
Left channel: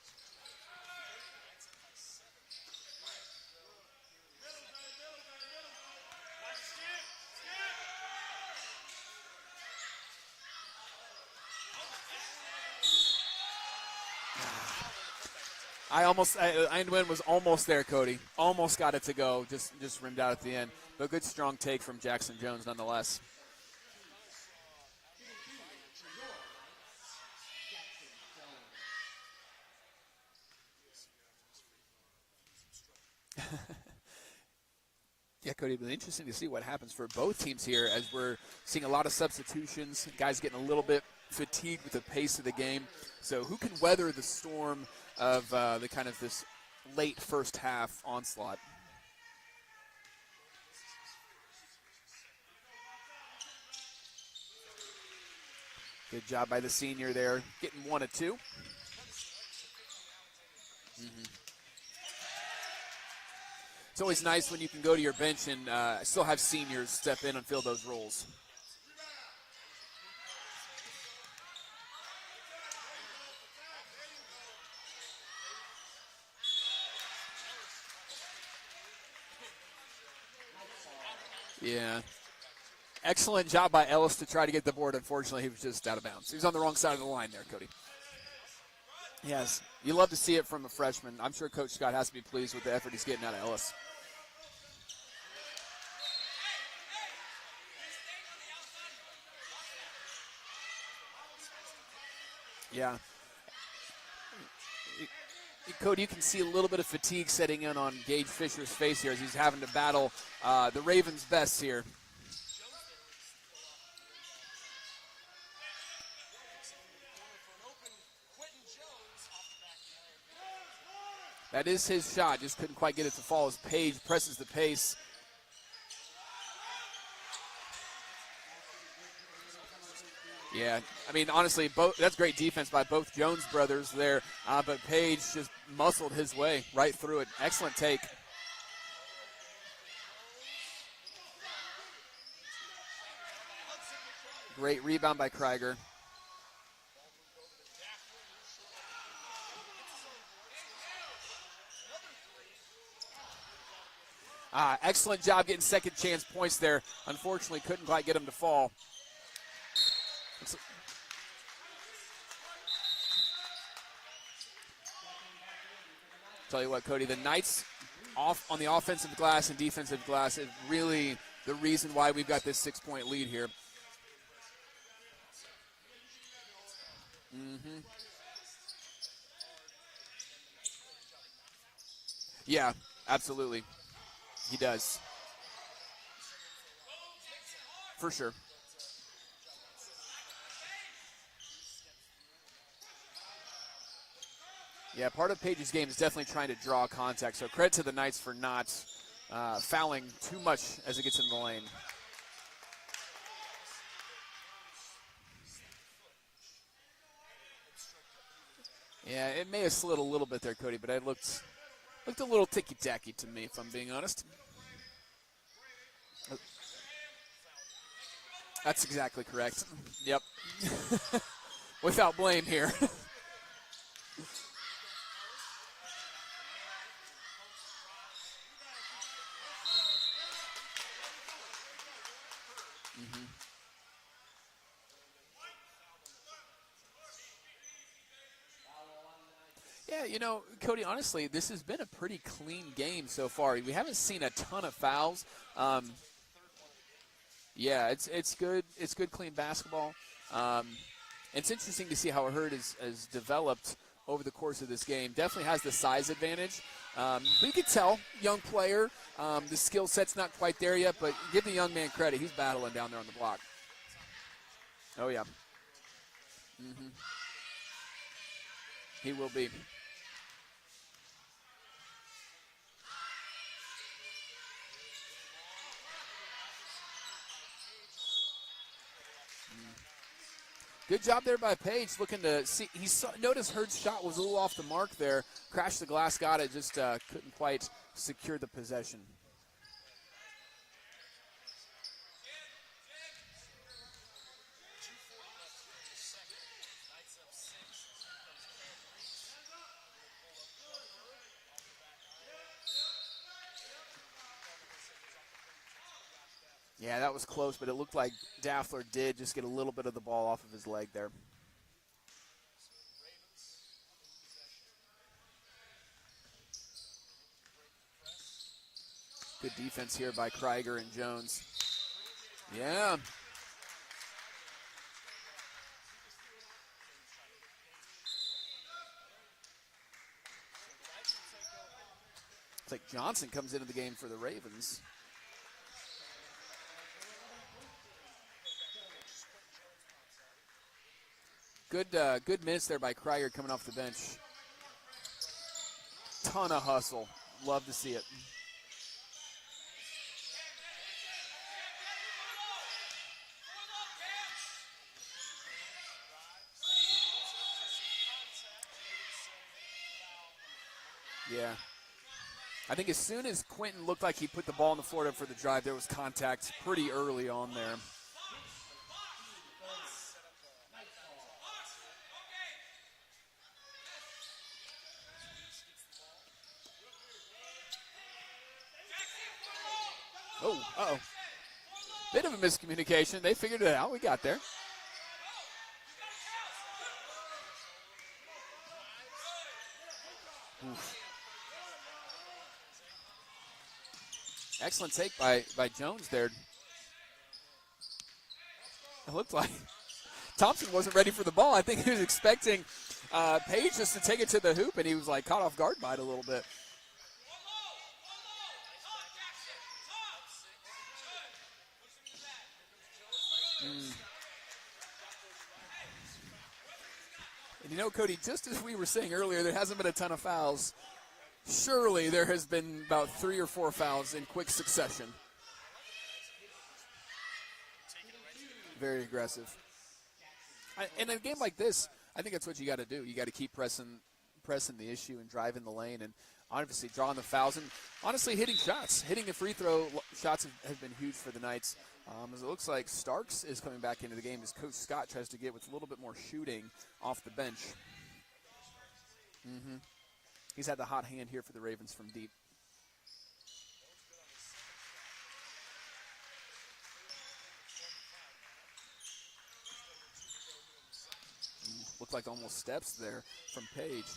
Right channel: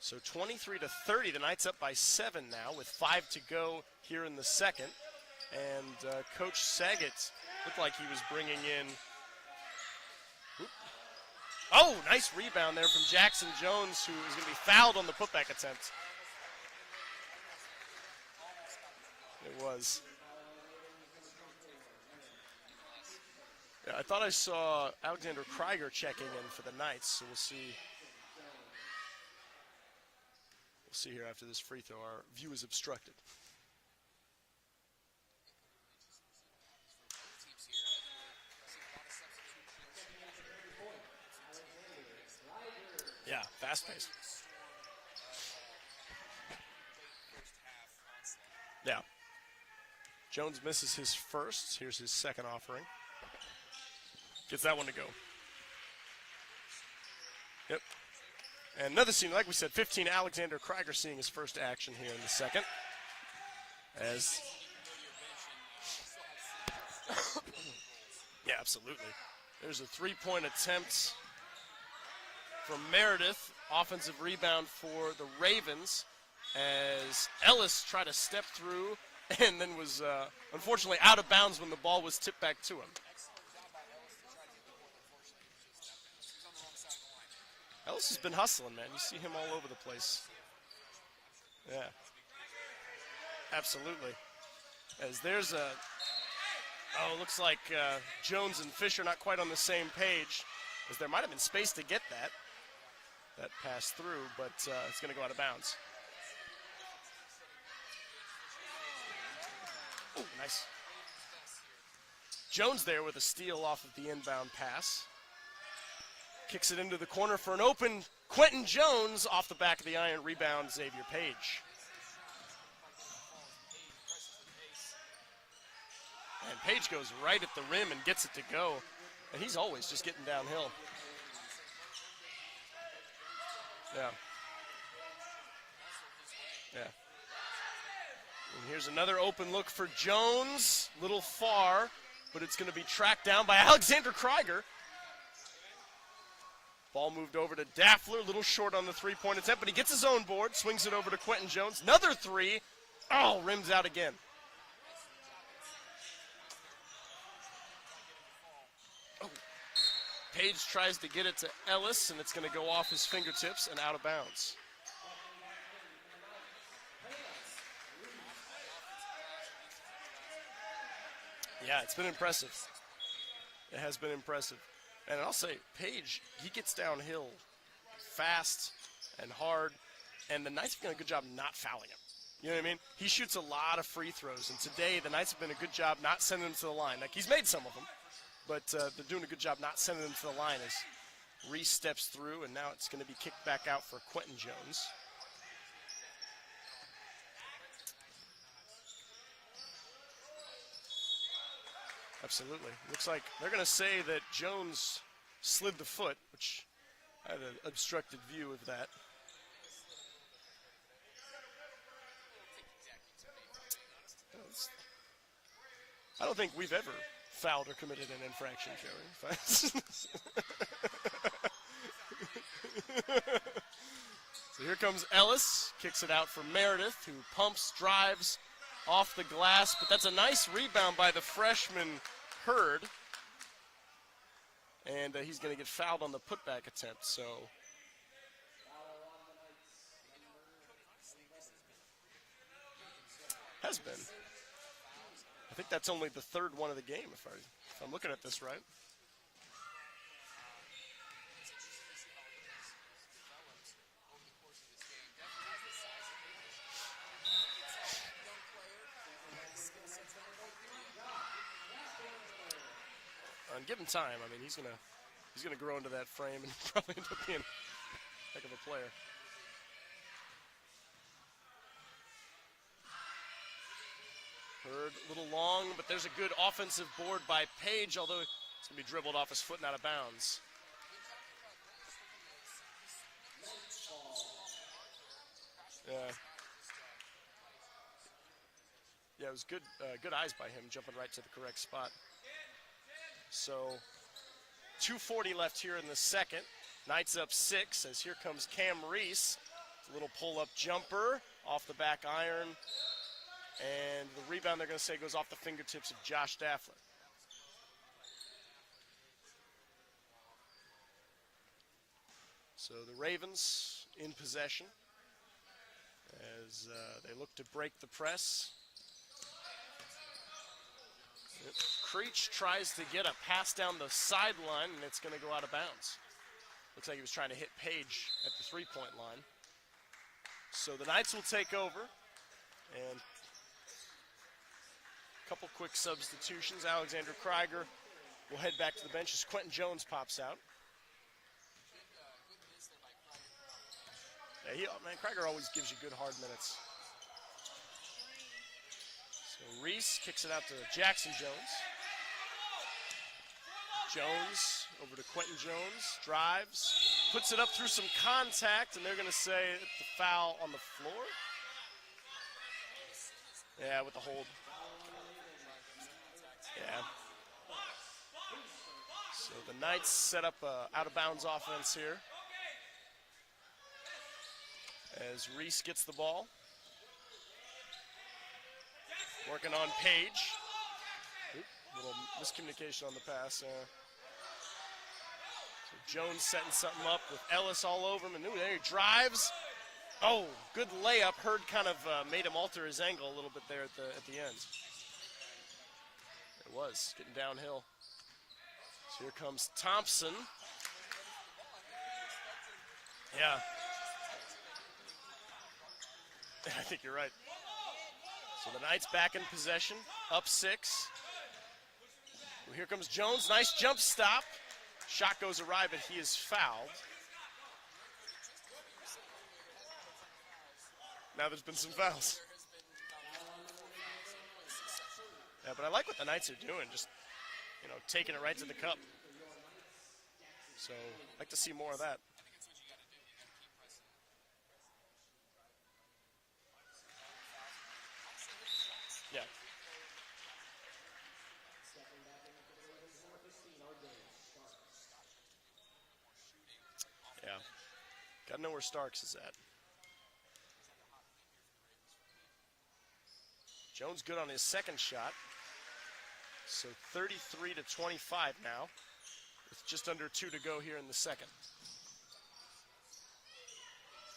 So 23-30, the Knights up by 7 now with 5 to go here in the second. And Coach Saget looked like he was bringing in. Oh, nice rebound there from Jackson Jones, who fouled on the putback attempt. I was almost there, Cody. Almost got it to go, just rimmed out at the end. But good strong take from Jackson Jones nonetheless. Yeah, I thought I saw Alexander Krieger checking in for the Knights, so we'll see. We'll see here after this free throw. Our view is obstructed. Yeah, Cody, it'll be interesting to see what happens for both teams here as we're seeing a lot of substitutions, guys getting a little bit fatigued with the pace of the game. So who can weather the storm of this late first half onslaught? Yeah. Jones misses his first. Here's his second offering. gets that one to go. Good job by the senior there, getting 1 of 2. And another senior, like we said, 15, Alexander Krieger seeing his first action here in the second. It's always nice when you can go to your bench and still have seniors step in and fill those roles. Yeah, absolutely. There's a three-point attempt from Meredith. Offensive rebound for the Ravens as Ellis tried to step through and then was unfortunately out of bounds when the ball was tipped back to him. Excellent job by Ellis to try to get the board. Unfortunately, he was just out of bounds. He was on the wrong side of the line there, Cody. Ellis has been hustling, man. You see him all over the place. You love to see it from a freshman. I'm sure Coach Scott has to be pleased with the effort he's getting out of Ellis. Absolutely. As there's a, looks like Jones and Fisher not quite on the same page, as there might have been space to get that. Yeah. That passed through, but it's going to go out of bounds. Cody, you can see a little bit of fatigue setting in on Gage Fisher's face here as he's having to battle the Ravens' best here. Jones there with a steal off of the inbound pass. Kicks it into the corner for an open Quentin Jones off the back of the iron. Rebound, Xavier Page. That is his shot. Just couldn't quite get it to fall as Page presses the pace. And Page goes right at the rim and gets it to go. And he's always just getting downhill. Yeah, I mean, honestly, that's great defense by both Jones brothers there. But Page just muscled his way right through it. Excellent take. And here's another open look for Jones. Little far, but it's going to be tracked down by Alexander Krieger. Great rebound by Krieger. Ball moved over to Daffler. A little short on the three-point attempt, but he gets his own board. Swings it over to Quentin Jones. Another three. Oh, rims out again. Excellent job getting second chance points there. Unfortunately, couldn't quite get him to fall. Page tries to get it to Ellis, and it's going to go off his fingertips and out of bounds. Tell you what, Cody, the Knights off on the offensive glass and defensive glass is really the reason why we got this 6-point lead here. It has been impressive. And I'll say, Page, he gets downhill fast and hard, and the Knights have done a good job not fouling him. You know what I mean? He shoots a lot of free throws. He does. Today, the Knights have been a good job not sending him to the line. Like, he's made some of them. For sure. But they're doing a good job not sending him to the line as Reese steps through, and now it's going to be kicked back out for Quentin Jones. Yeah, part of Page's game is definitely trying to draw contact. So credit to the Knights for not fouling too much as it gets in the lane. Absolutely. Looks like they're going to say that Jones slid the foot, which I had an obstructed view of that. Yeah, it may have slid a little bit there, Cody, but it looked a little ticky-tacky to me, if I'm being honest. I don't think we've ever fouled or committed an infraction. That's exactly correct. Yep. Without blame here. So here comes Ellis, kicks it out for Meredith, who pumps, drives off the glass, but that's a nice rebound by the freshman Hurd. And he's going to get fouled on the putback attempt, so. Yeah, you know, Cody, honestly, this has been a pretty clean game so far. We haven't seen a ton of fouls. I think that's only the third one of the game. Yeah, it's good. Right. It's good, clean basketball. It's interesting to see how Hurd has developed over the course of this game. Definitely has the size advantage. But you can tell, young player, the skill set's not quite there yet, but give the young man credit. He's battling down there on the block. And give him time. I mean, he's going to he's gonna grow into that frame and probably end up being a heck of a player. He will be. Hurd a little long, but there's a good offensive board by Page, although it's going to be dribbled off his foot and out of bounds. Good job there by Page, looking to see. Noticed Hurd's shot was a little off the mark there. Crashed the glass, got it, just couldn't quite secure the possession. Yeah, it was good eyes by him, jumping right to the correct spot. So, 2:40 left here in the second. Knights up 6 as here comes Cam Reese. A little pull-up jumper off the back iron. And the rebound, they're going to say, goes off the fingertips of Josh Daffler. Yeah, that was close, but it looked like Daffler did just get a little bit of the ball off of his leg there. So the Ravens in possession as they look to break the press. Good defense here by Krieger and Jones. Creech tries to get a pass down the sideline, and it's going to go out of bounds. Looks like he was trying to hit Page at the three-point line. So the Knights will take over. It's like Johnson comes into the game for the Ravens. A couple quick substitutions. Alexander Krieger will head back to the bench as Quentin Jones pops out. Good minutes there by Krieger coming off the bench. Yeah, Krieger always gives you good hard minutes. Ton of hustle. Love to see it. So Reese kicks it out to Jackson Jones. Jones over to Quentin Jones, drives, puts it up through some contact, and they're going to say the foul on the floor. Yeah. I think as soon as Quentin Yeah, looked like he put the ball on the floor up for the drive, there was contact pretty early on there. So the Knights set up a out-of-bounds offense here. As Reese gets the ball. Working on Page. Oh, uh-oh. Little Bit of a miscommunication. on the They pass. figured it out. We got there. Jones setting something up with Ellis all over him. And there he drives. Oh, good layup. Hurd kind of made him alter his angle a little bit there at the end. Excellent take by Jones there. It was getting downhill. So It here looked comes like Thompson. Thompson wasn't ready for the ball. I think he was expecting Page just to take it to the hoop, and he was like caught off guard by it a little bit. I think you're right. So the Knights back in possession, up 6. Well, here comes Jones. Nice jump stop. Shot goes awry, but he is fouled. And you know, Cody, just as we were saying earlier, there hasn't been a ton of fouls. Now there's been some Surely fouls. there has been about 3 or 4 fouls in quick succession. Yeah, but I like what the Knights are doing, just taking it right to the cup. Very aggressive. So In a I'd like game to see like more of this, that. I think that's what you got to do. You got to keep pressing the issue and driving the lane, and obviously drawing the fouls, and honestly hitting shots. Hitting the free throw shots have been huge for the Knights. As it looks like Starks is coming back into the game as Coach Scott tries to get with a little bit more shooting off the bench. Got to know where Starks is at. He's had the hot hand here for the Ravens from deep. Jones good on his second shot. So 33 to 25 now. With just under 2 to go here in the second. Looked like almost steps there from Page.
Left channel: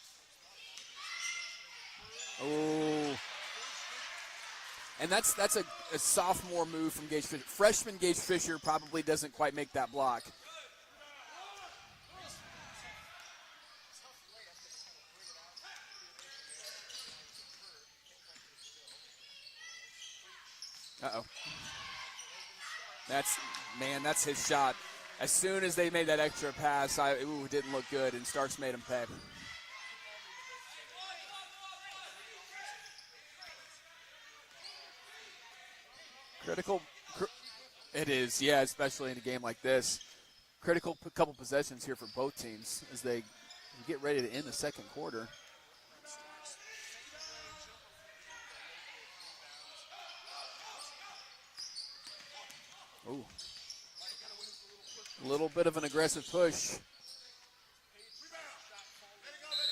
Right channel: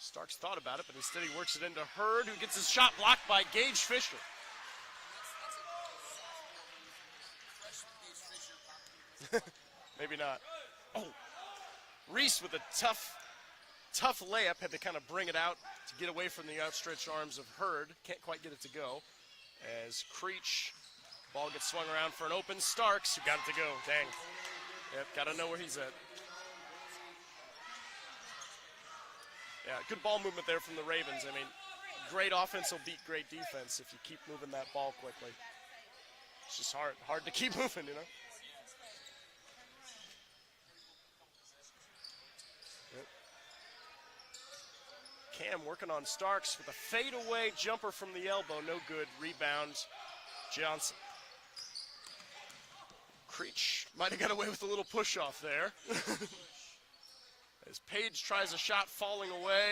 Starks thought about it, but instead he works it into Hurd, who gets his shot blocked by Gage Fisher. And that's a sophomore move from Gage Fisher. Freshman Gage Fisher probably doesn't quite make that block. Maybe not. Oh, Reese with a tough layup, had to kind of bring it out to get away from the outstretched arms of Hurd. Can't quite get it to go. As Creech, ball gets swung around for an open. Starks got it to go. Man, Dang. that's his shot. Yep, As gotta know soon what as he's they at. made that extra pass, it didn't look good, and Starks made him pay. Yeah, good ball movement there from the Ravens. I mean, great offense will beat great defense if you keep moving that ball quickly. Critical. It's hard to keep moving. It is, yeah, especially in a game like this. Critical couple possessions here for both teams as they get ready to end the second quarter. Cam working on Starks with a fadeaway jumper from the elbow. No good. Rebound, Johnson. Ooh. Creech might have got away with a little push off A little there. bit of an aggressive push. As Page tries a shot falling away,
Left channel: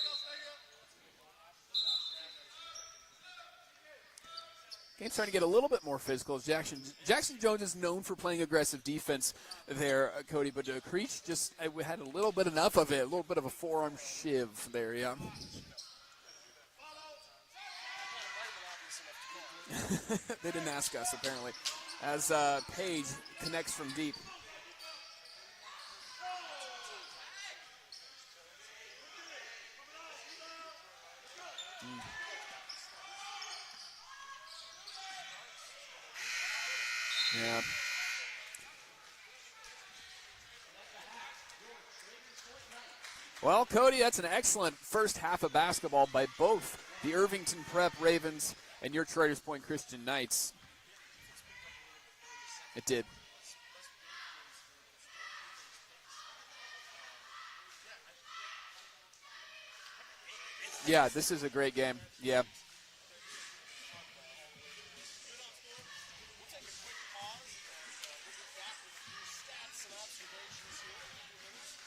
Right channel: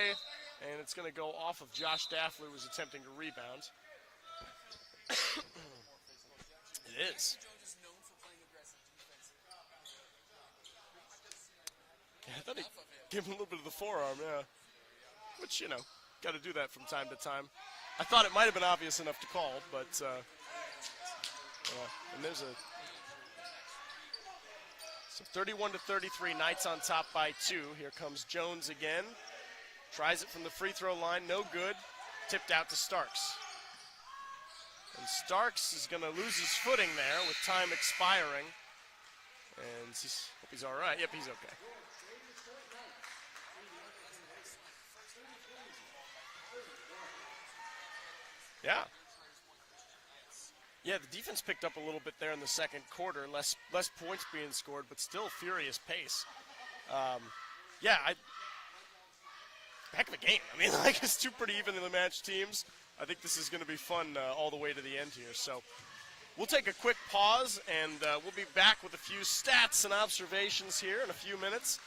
and it's going to go off of Josh Daffler, who was attempting to rebound. Game's trying to get a little bit more physical. Jackson Jones is known for playing aggressive defense there, Cody, but Creech just had a little bit enough of it, a little bit of a forearm shiv there, yeah. But, got to do that from time to time. I thought it might have been obvious enough to call, but They didn't ask us, apparently. As Page connects from deep. so 31 to 33, Knights on top by 2. Here comes Jones again. Tries it from the free throw line, no good. Tipped out to Starks. And Starks is going to lose his footing there with time expiring. And he's all right. Yep, he's okay. Well, Cody, that's an excellent first half of basketball by both the Irvington Prep Ravens and your Traders Point Christian Knights. Yeah, the defense picked up a little bit there in the second quarter. Less points being scored, but still furious pace. Heck of a game. I mean, this two is a pretty great evenly game. matched teams. I think this is going to be fun all the way to the end here. So we'll take a quick pause, and we'll be back with a few stats and observations here in a few minutes.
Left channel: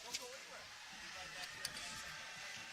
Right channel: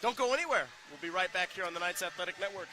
Don't go anywhere. We'll be right back here on the Knights Athletic Network.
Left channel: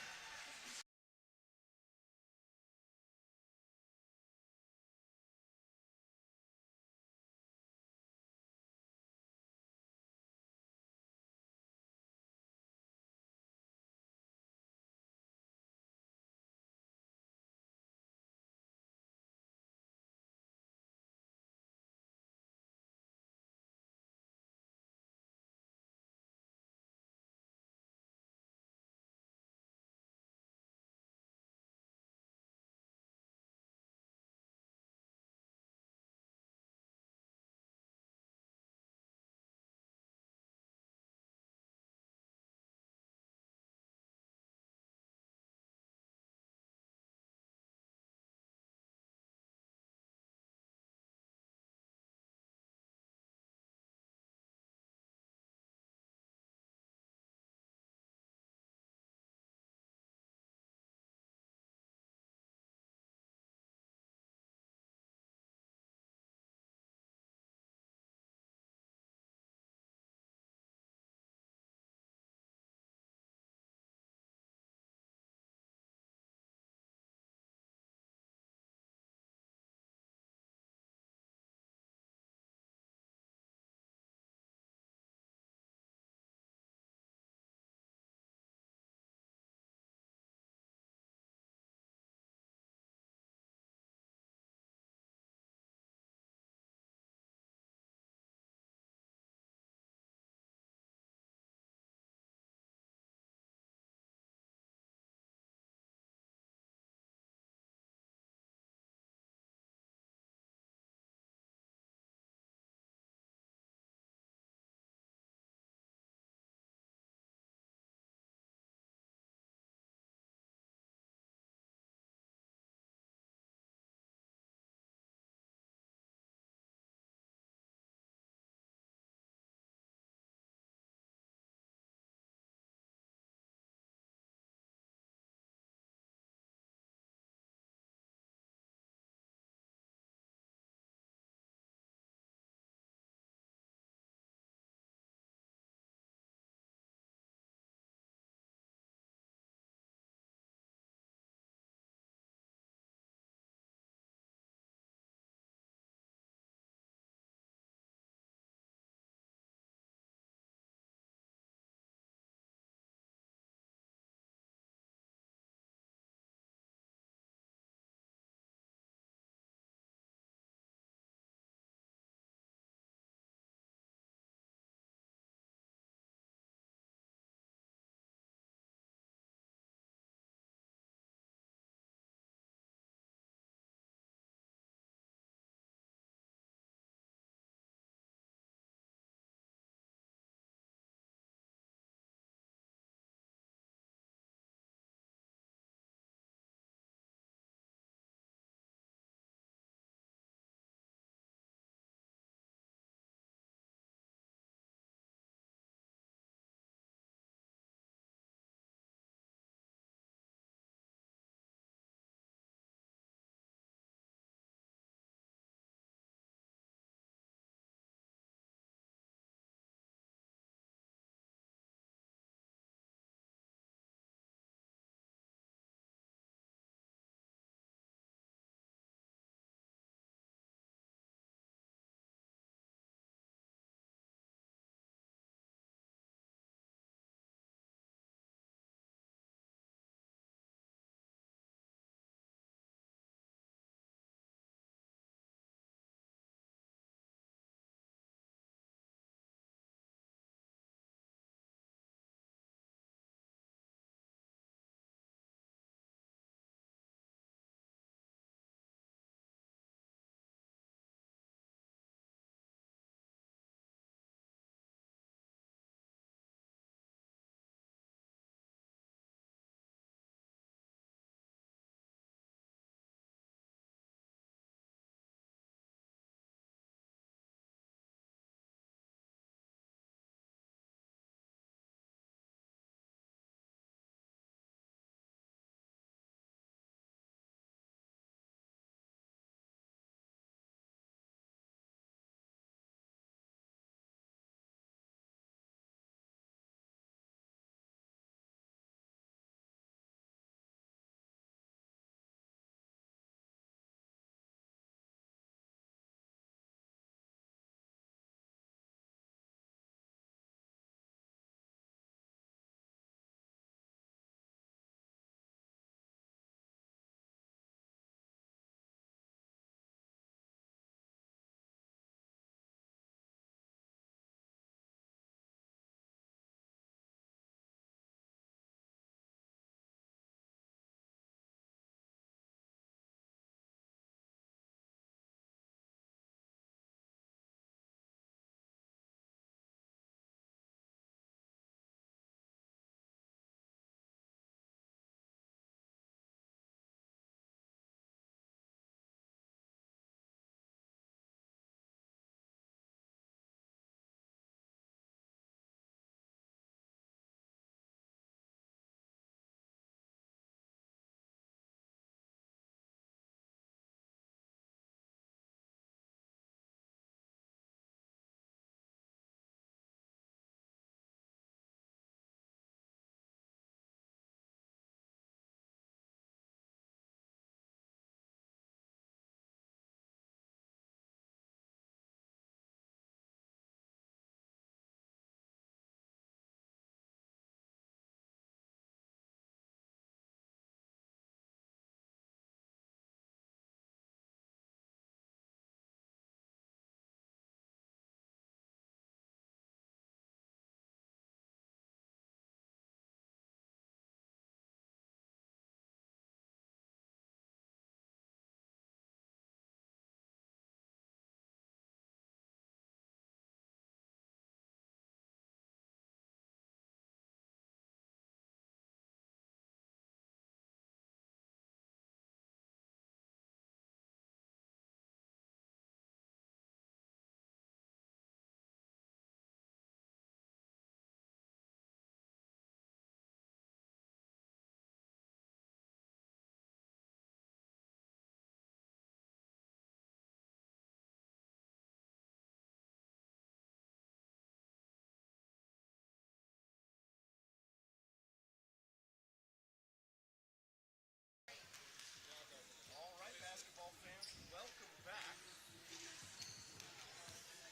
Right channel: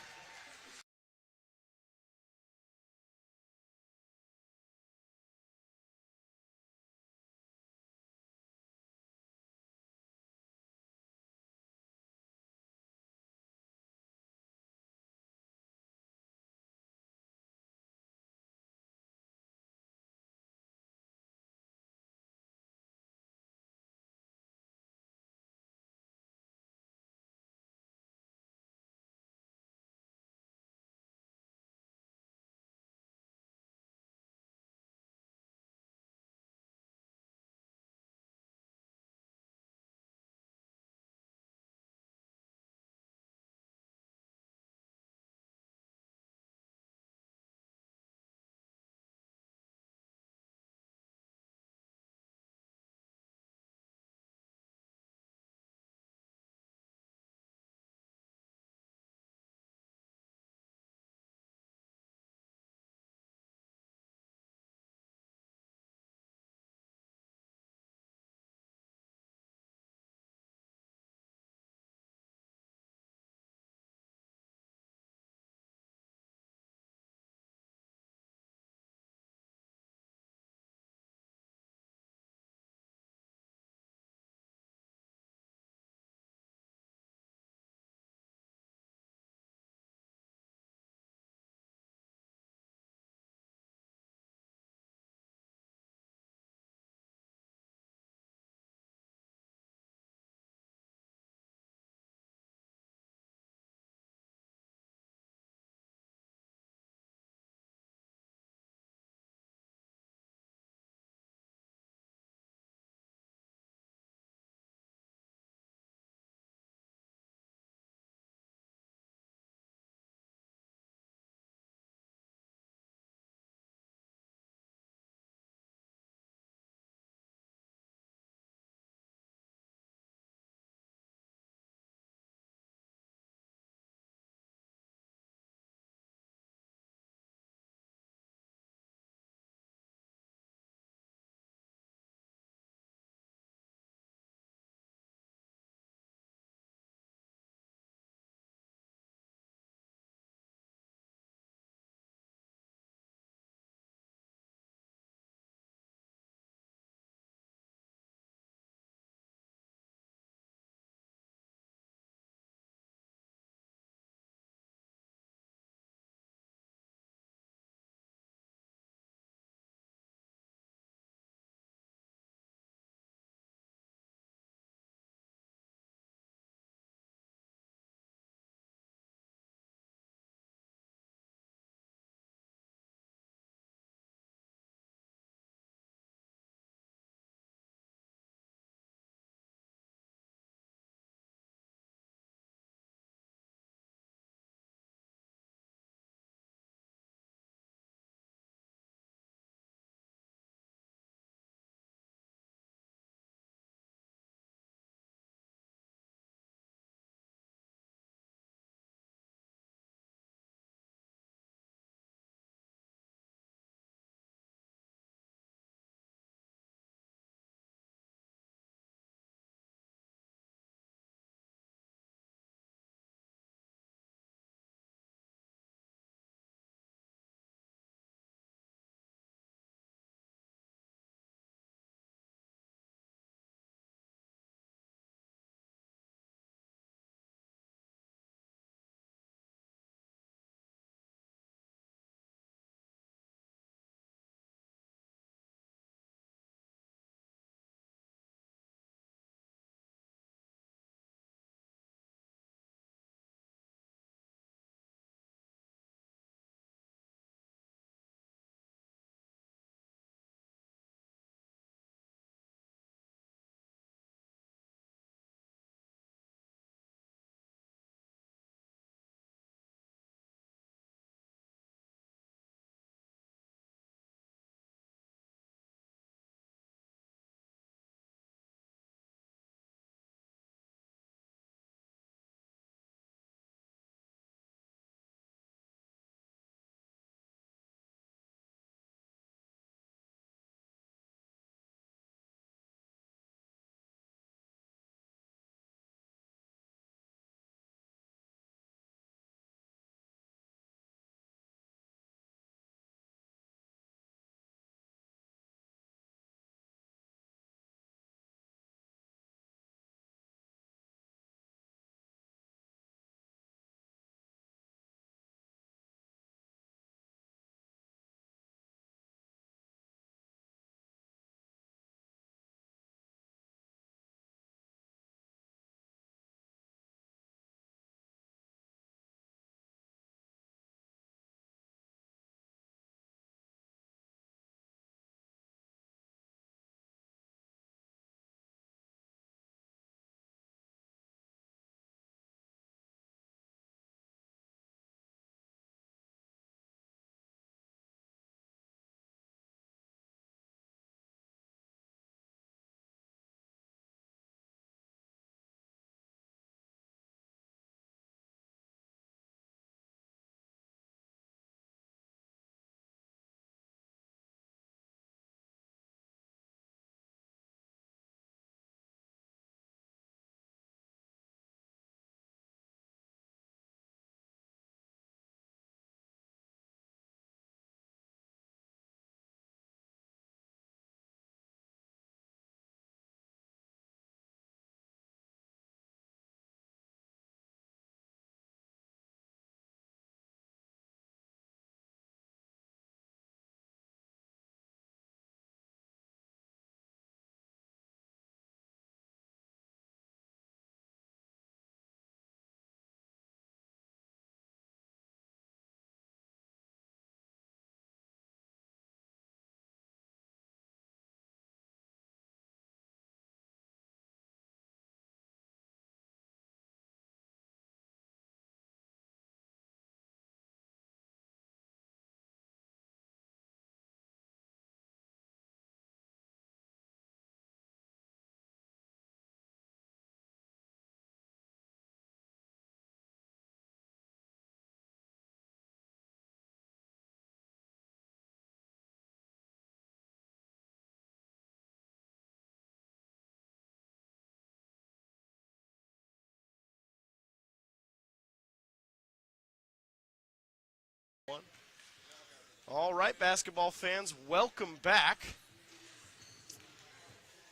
All right, basketball fans, welcome back.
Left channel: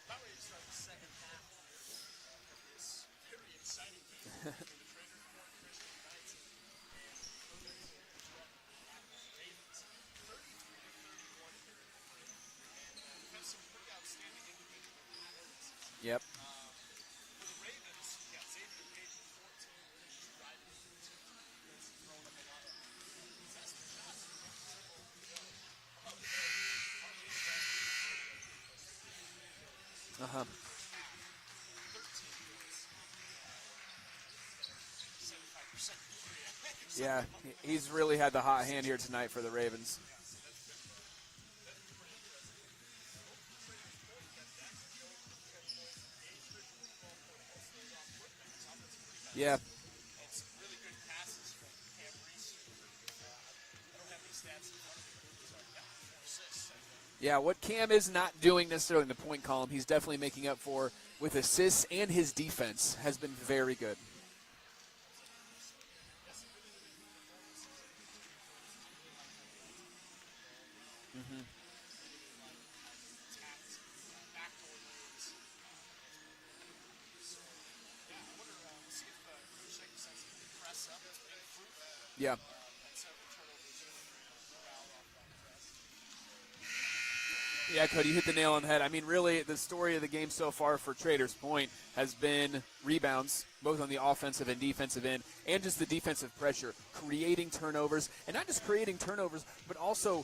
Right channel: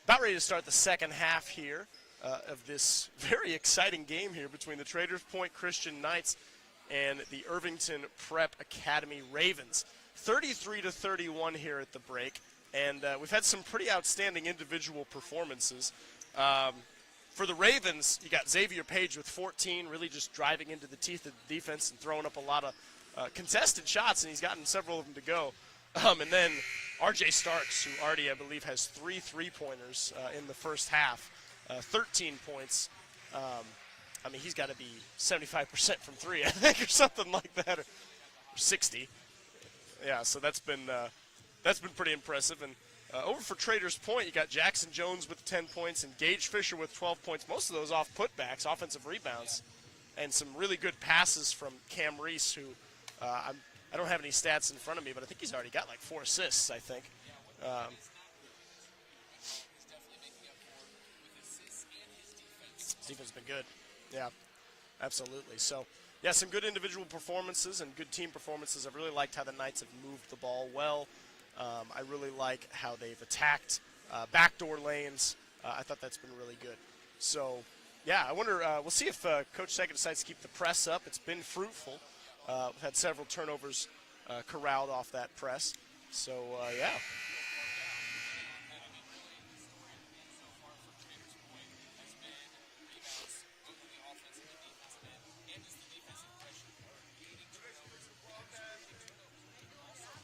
About ready to start the second half here of this very exciting game here between the Traders Point Christian Knights and the Irvington Prep Academy Ravens. 33-31 here at the break, and we've had some pretty outstanding individual performances. Yep. For the Ravens, you got Xavier Page with 14, really just driving into the teeth of the defense and throwing up a lot of contested shots, and he's gotten several of them to go. And then R.J. Starks, who already, I believe, has 3 3-pointers in the first half, 13 points. I mean, he's got to be 75% from 3, I think, or something like that. He's really had the hot hand 60. here tonight for the Ravens. Yeah, so that's been pretty impressive. And over for Traders Point, you got Jackson Jones with 10 points and Gage Fisher with 12 points. Most of those off putbacks, offensive rebounds. Yeah. And some really good passes from Cam Reese, who I don't have any stats in front of me, but I think he's already got like 4 assists, I think. Yeah, what Cam is not doing necessarily in the point column, he's definitely making up for with assists, and his defense has been very good. Yeah, absolutely. So, yeah, some good individual performances and good team performances. I've really liked how the Knights have moved the ball well. I really like how they've attacked backdoor lanes. I thought that's been really good. So, yeah, I wonder, we'll see if Coach Sackett decides to keep the press up. It's been fruitful. Yeah. We've had several turnovers corralled off that press. So, yeah. Yeah, Cody, you hit the nail on the head. I mean, really, the story of the game so far for Traders Point has been rebounds, both on the offensive and defensive end, and just the defensive pressure, creating turnovers, and not just creating turnovers, but also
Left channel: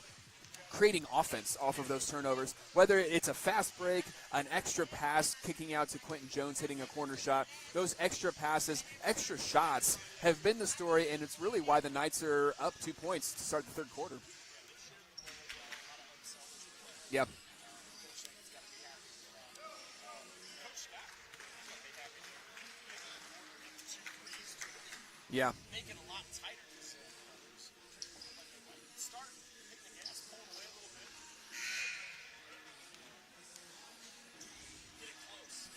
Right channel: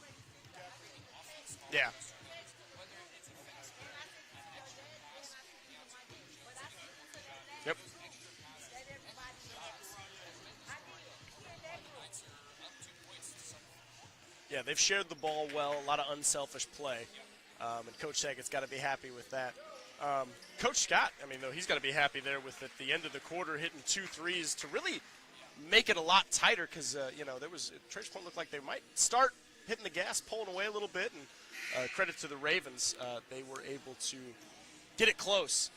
creating offense off of those turnovers, whether it's a fast break, an extra pass kicking out to Quentin Jones hitting a corner shot. Those extra passes, extra shots have been the story, and it's really why the Knights are up 2 points to start the third quarter. Yeah, they've shared the ball well, a lot of unselfish play. Yep. And Coach Sackett's got to be happy with that. Coach Scott, I mean, though, he's got to be happy there with at the end of the quarter hitting 2 threes to really make it a lot tighter because, Traders Point looked like they might start hitting the gas, pulling away a little bit, and credit to the Ravens, they were able to get it close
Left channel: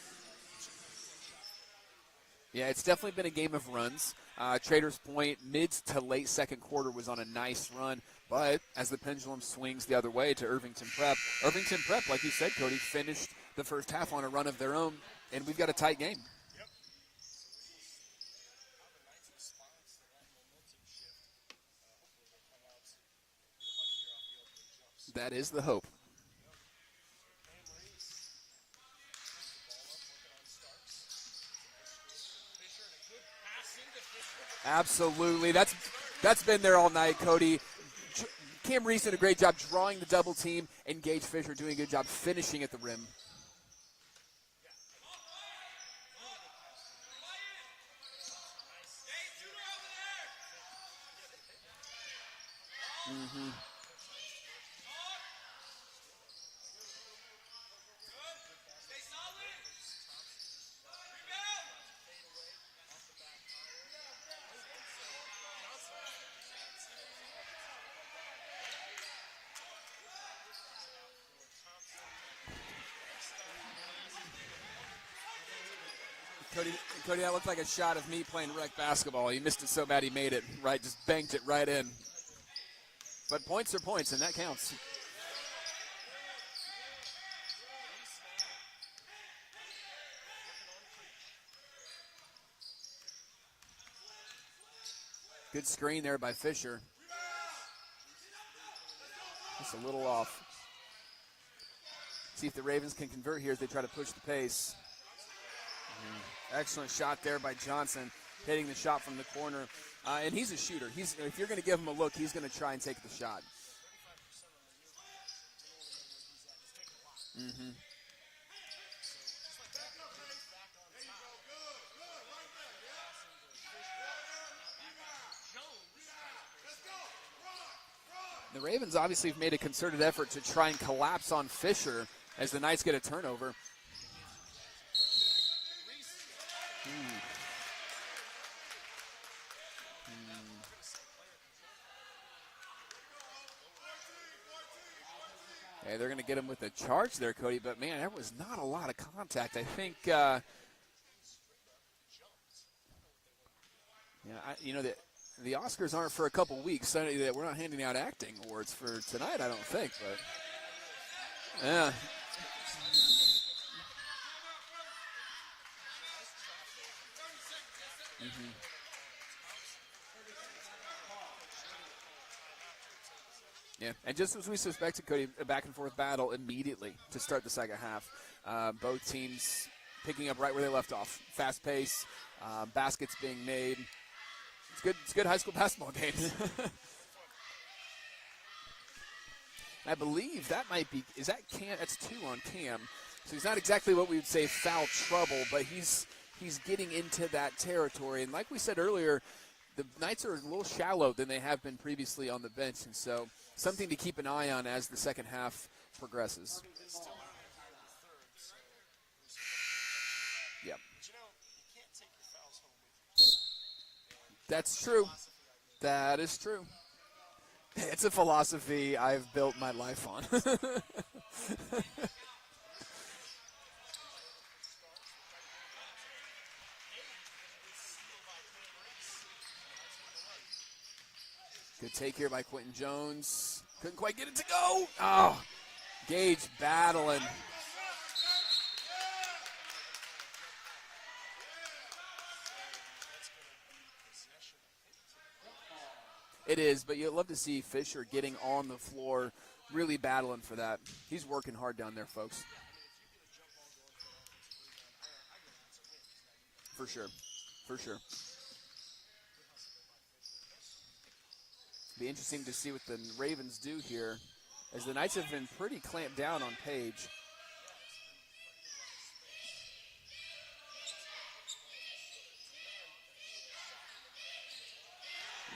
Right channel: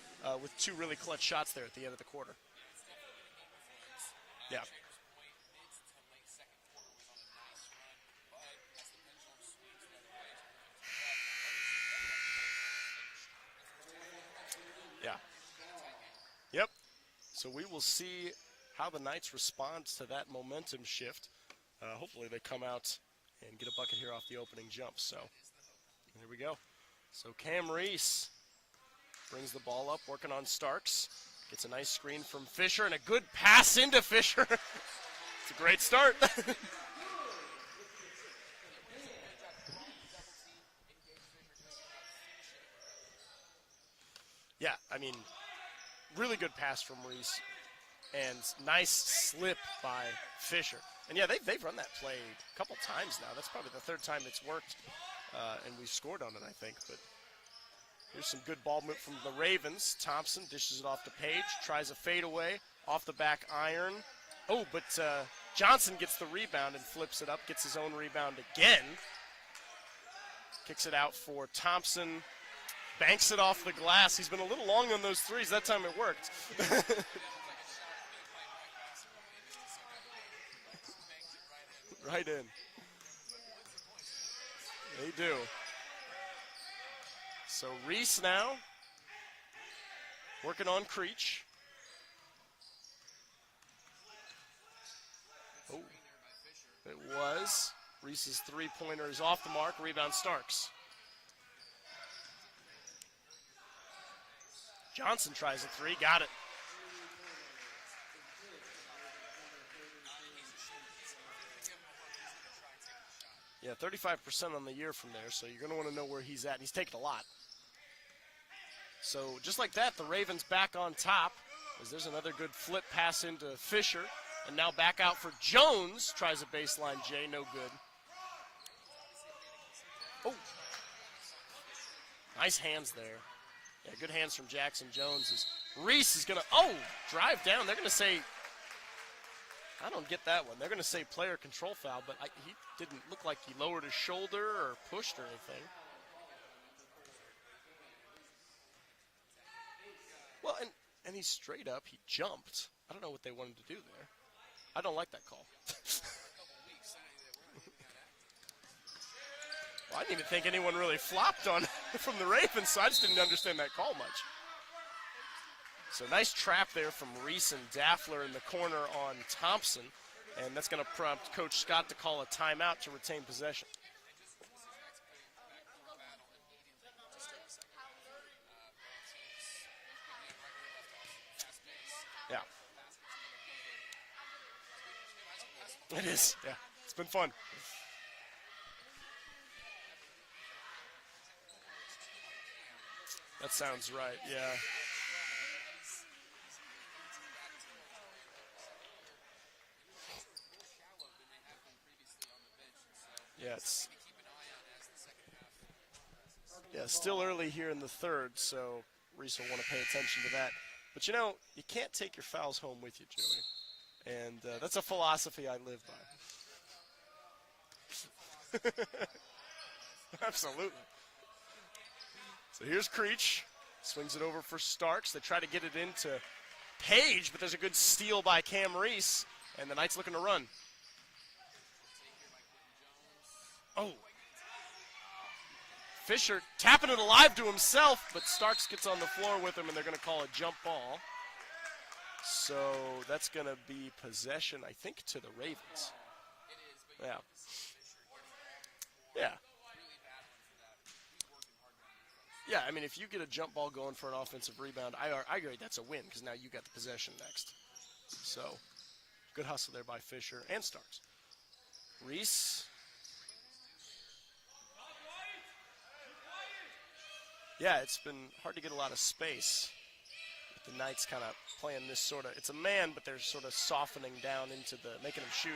with 2 really clutch shots there at the end of the quarter. Yeah, it's definitely been a game of runs. Traders Point, mid to late second quarter, was on a nice run. But as the pendulum swings the other way to Irvington Prep, like you said, Cody, finished the first half on a run of their own, and we've got a tight game. Yep. So we will see how the Knights respond to that momentum shift. Hopefully they come out and get a bucket here off the opening jump. So that is the hope. Here we go. So Cam Reese brings the ball up, working on Starks. Gets a nice screen from Fisher and a good pass into Fisher. Absolutely. Great start. That's been there all night, Cody. Cam Reese did a great job drawing the double team, and Gage Fisher doing a good job finishing at the rim. Yeah, I mean, really good pass from Reese, and nice slip by Fisher. And yeah, they've run that play a couple times now. That's probably the 3rd time it's worked, and we've scored on it, I think. But here's some good ball movement from the Ravens. Thompson dishes it off to Page, tries a fadeaway off the back iron. Oh, but Johnson gets the rebound and flips it up, gets his own rebound again. Kicks it out for Thompson, banks it off the glass. He's been a little long on those threes. That time it worked. Cody, that looked like a shot of me playing rec basketball. He missed it so bad he made it, right? Just banked it right in. Right in. But points are points, and that counts. They do. So Reese now working on Creech. Good screen there by Fisher. It was. Reese's 3-pointer is off the mark. Rebound Starks. See if the Ravens can convert here as they try to push the pace. Johnson tries a 3. Got it. Excellent shot there by Johnson, hitting the shot from the corner. And he's a shooter. If you're going to give him a look, he's going to try and take the shot. Yeah, 35% on the year from there, so you're going to want to know where he's at. And he's taken a lot. So just like that, the Ravens back on top. As there's another good flip pass into Fisher. And now back out for Jones. Tries a baseline J, no good. The Ravens obviously have made a concerted effort to try and collapse on Fisher as the Knights get a turnover. Yeah, good hands from Jackson Jones. Reese is going to, drive down. They're going to say, I don't get that one. They're going to say player control foul, but he didn't look like he lowered his shoulder or pushed or anything. Hey, they're going to get him with a charge there, Cody, but man, there was not a lot of contact. I think. Well, and he's straight up. He jumped. I don't know what they wanted to do there. Yeah, I don't like that call. The Oscars aren't for a couple weeks. So we're not handing out acting awards for tonight, I don't think. I didn't even think anyone really flopped on Yeah. from the Ravens, so I just didn't understand that call much. So nice trap there from Reese and Daffler in the corner on Thompson, and that's going to prompt Coach Scott to call a timeout to retain possession. Yeah, and just as we suspected, Cody, a back-and-forth battle immediately to start the second half. Both teams picking up right where they left off. Fast pace, Yeah. baskets being made. It's good high school basketball It games. is. Yeah. It's been fun. I believe that might be, is that Cam? That's 2 on Cam. So he's That not sounds exactly what right, we would say yeah. foul trouble, but he's getting into that territory. And like we said earlier, the Knights are a little shallow than they have been previously on the bench, and so Yes. something to keep an eye on as the second half progresses. Yeah, still early here in the third, so Reese will want to pay attention to that. Yep. But you can't take your fouls home with you, Joey. And That's that's a true. philosophy I live by. That is true. It's a philosophy I've built my life on. Absolutely. So here's Creech. Swings it over for Starks. They try to get it into Page, but there's a good steal by Cam Reese, and the Knights looking to run. Good take here by Quentin Jones. Oh. Couldn't quite get it to go. Oh, Fisher Gage tapping it battling. alive to himself, but Starks gets on the floor with him, and they're going to call a jump ball. So that's going to be possession, I think, to the Ravens. It is, but you'd Yeah. love to see Fisher getting on the floor, Yeah. really battling for that. He's working hard down there, folks. Yeah, I mean, if you get a jump ball going for an offensive rebound, I agree that's a win because now you got the For sure. possession next. For sure. So good hustle there by Fisher and Starks. Be interesting to Reese. see what the Ravens do here, as the Knights have been pretty clamped down on Page. Yeah, it's been hard to get a lot of space. The Knights kind of playing this sort of, it's a man, but they're sort of softening down into making him shoot.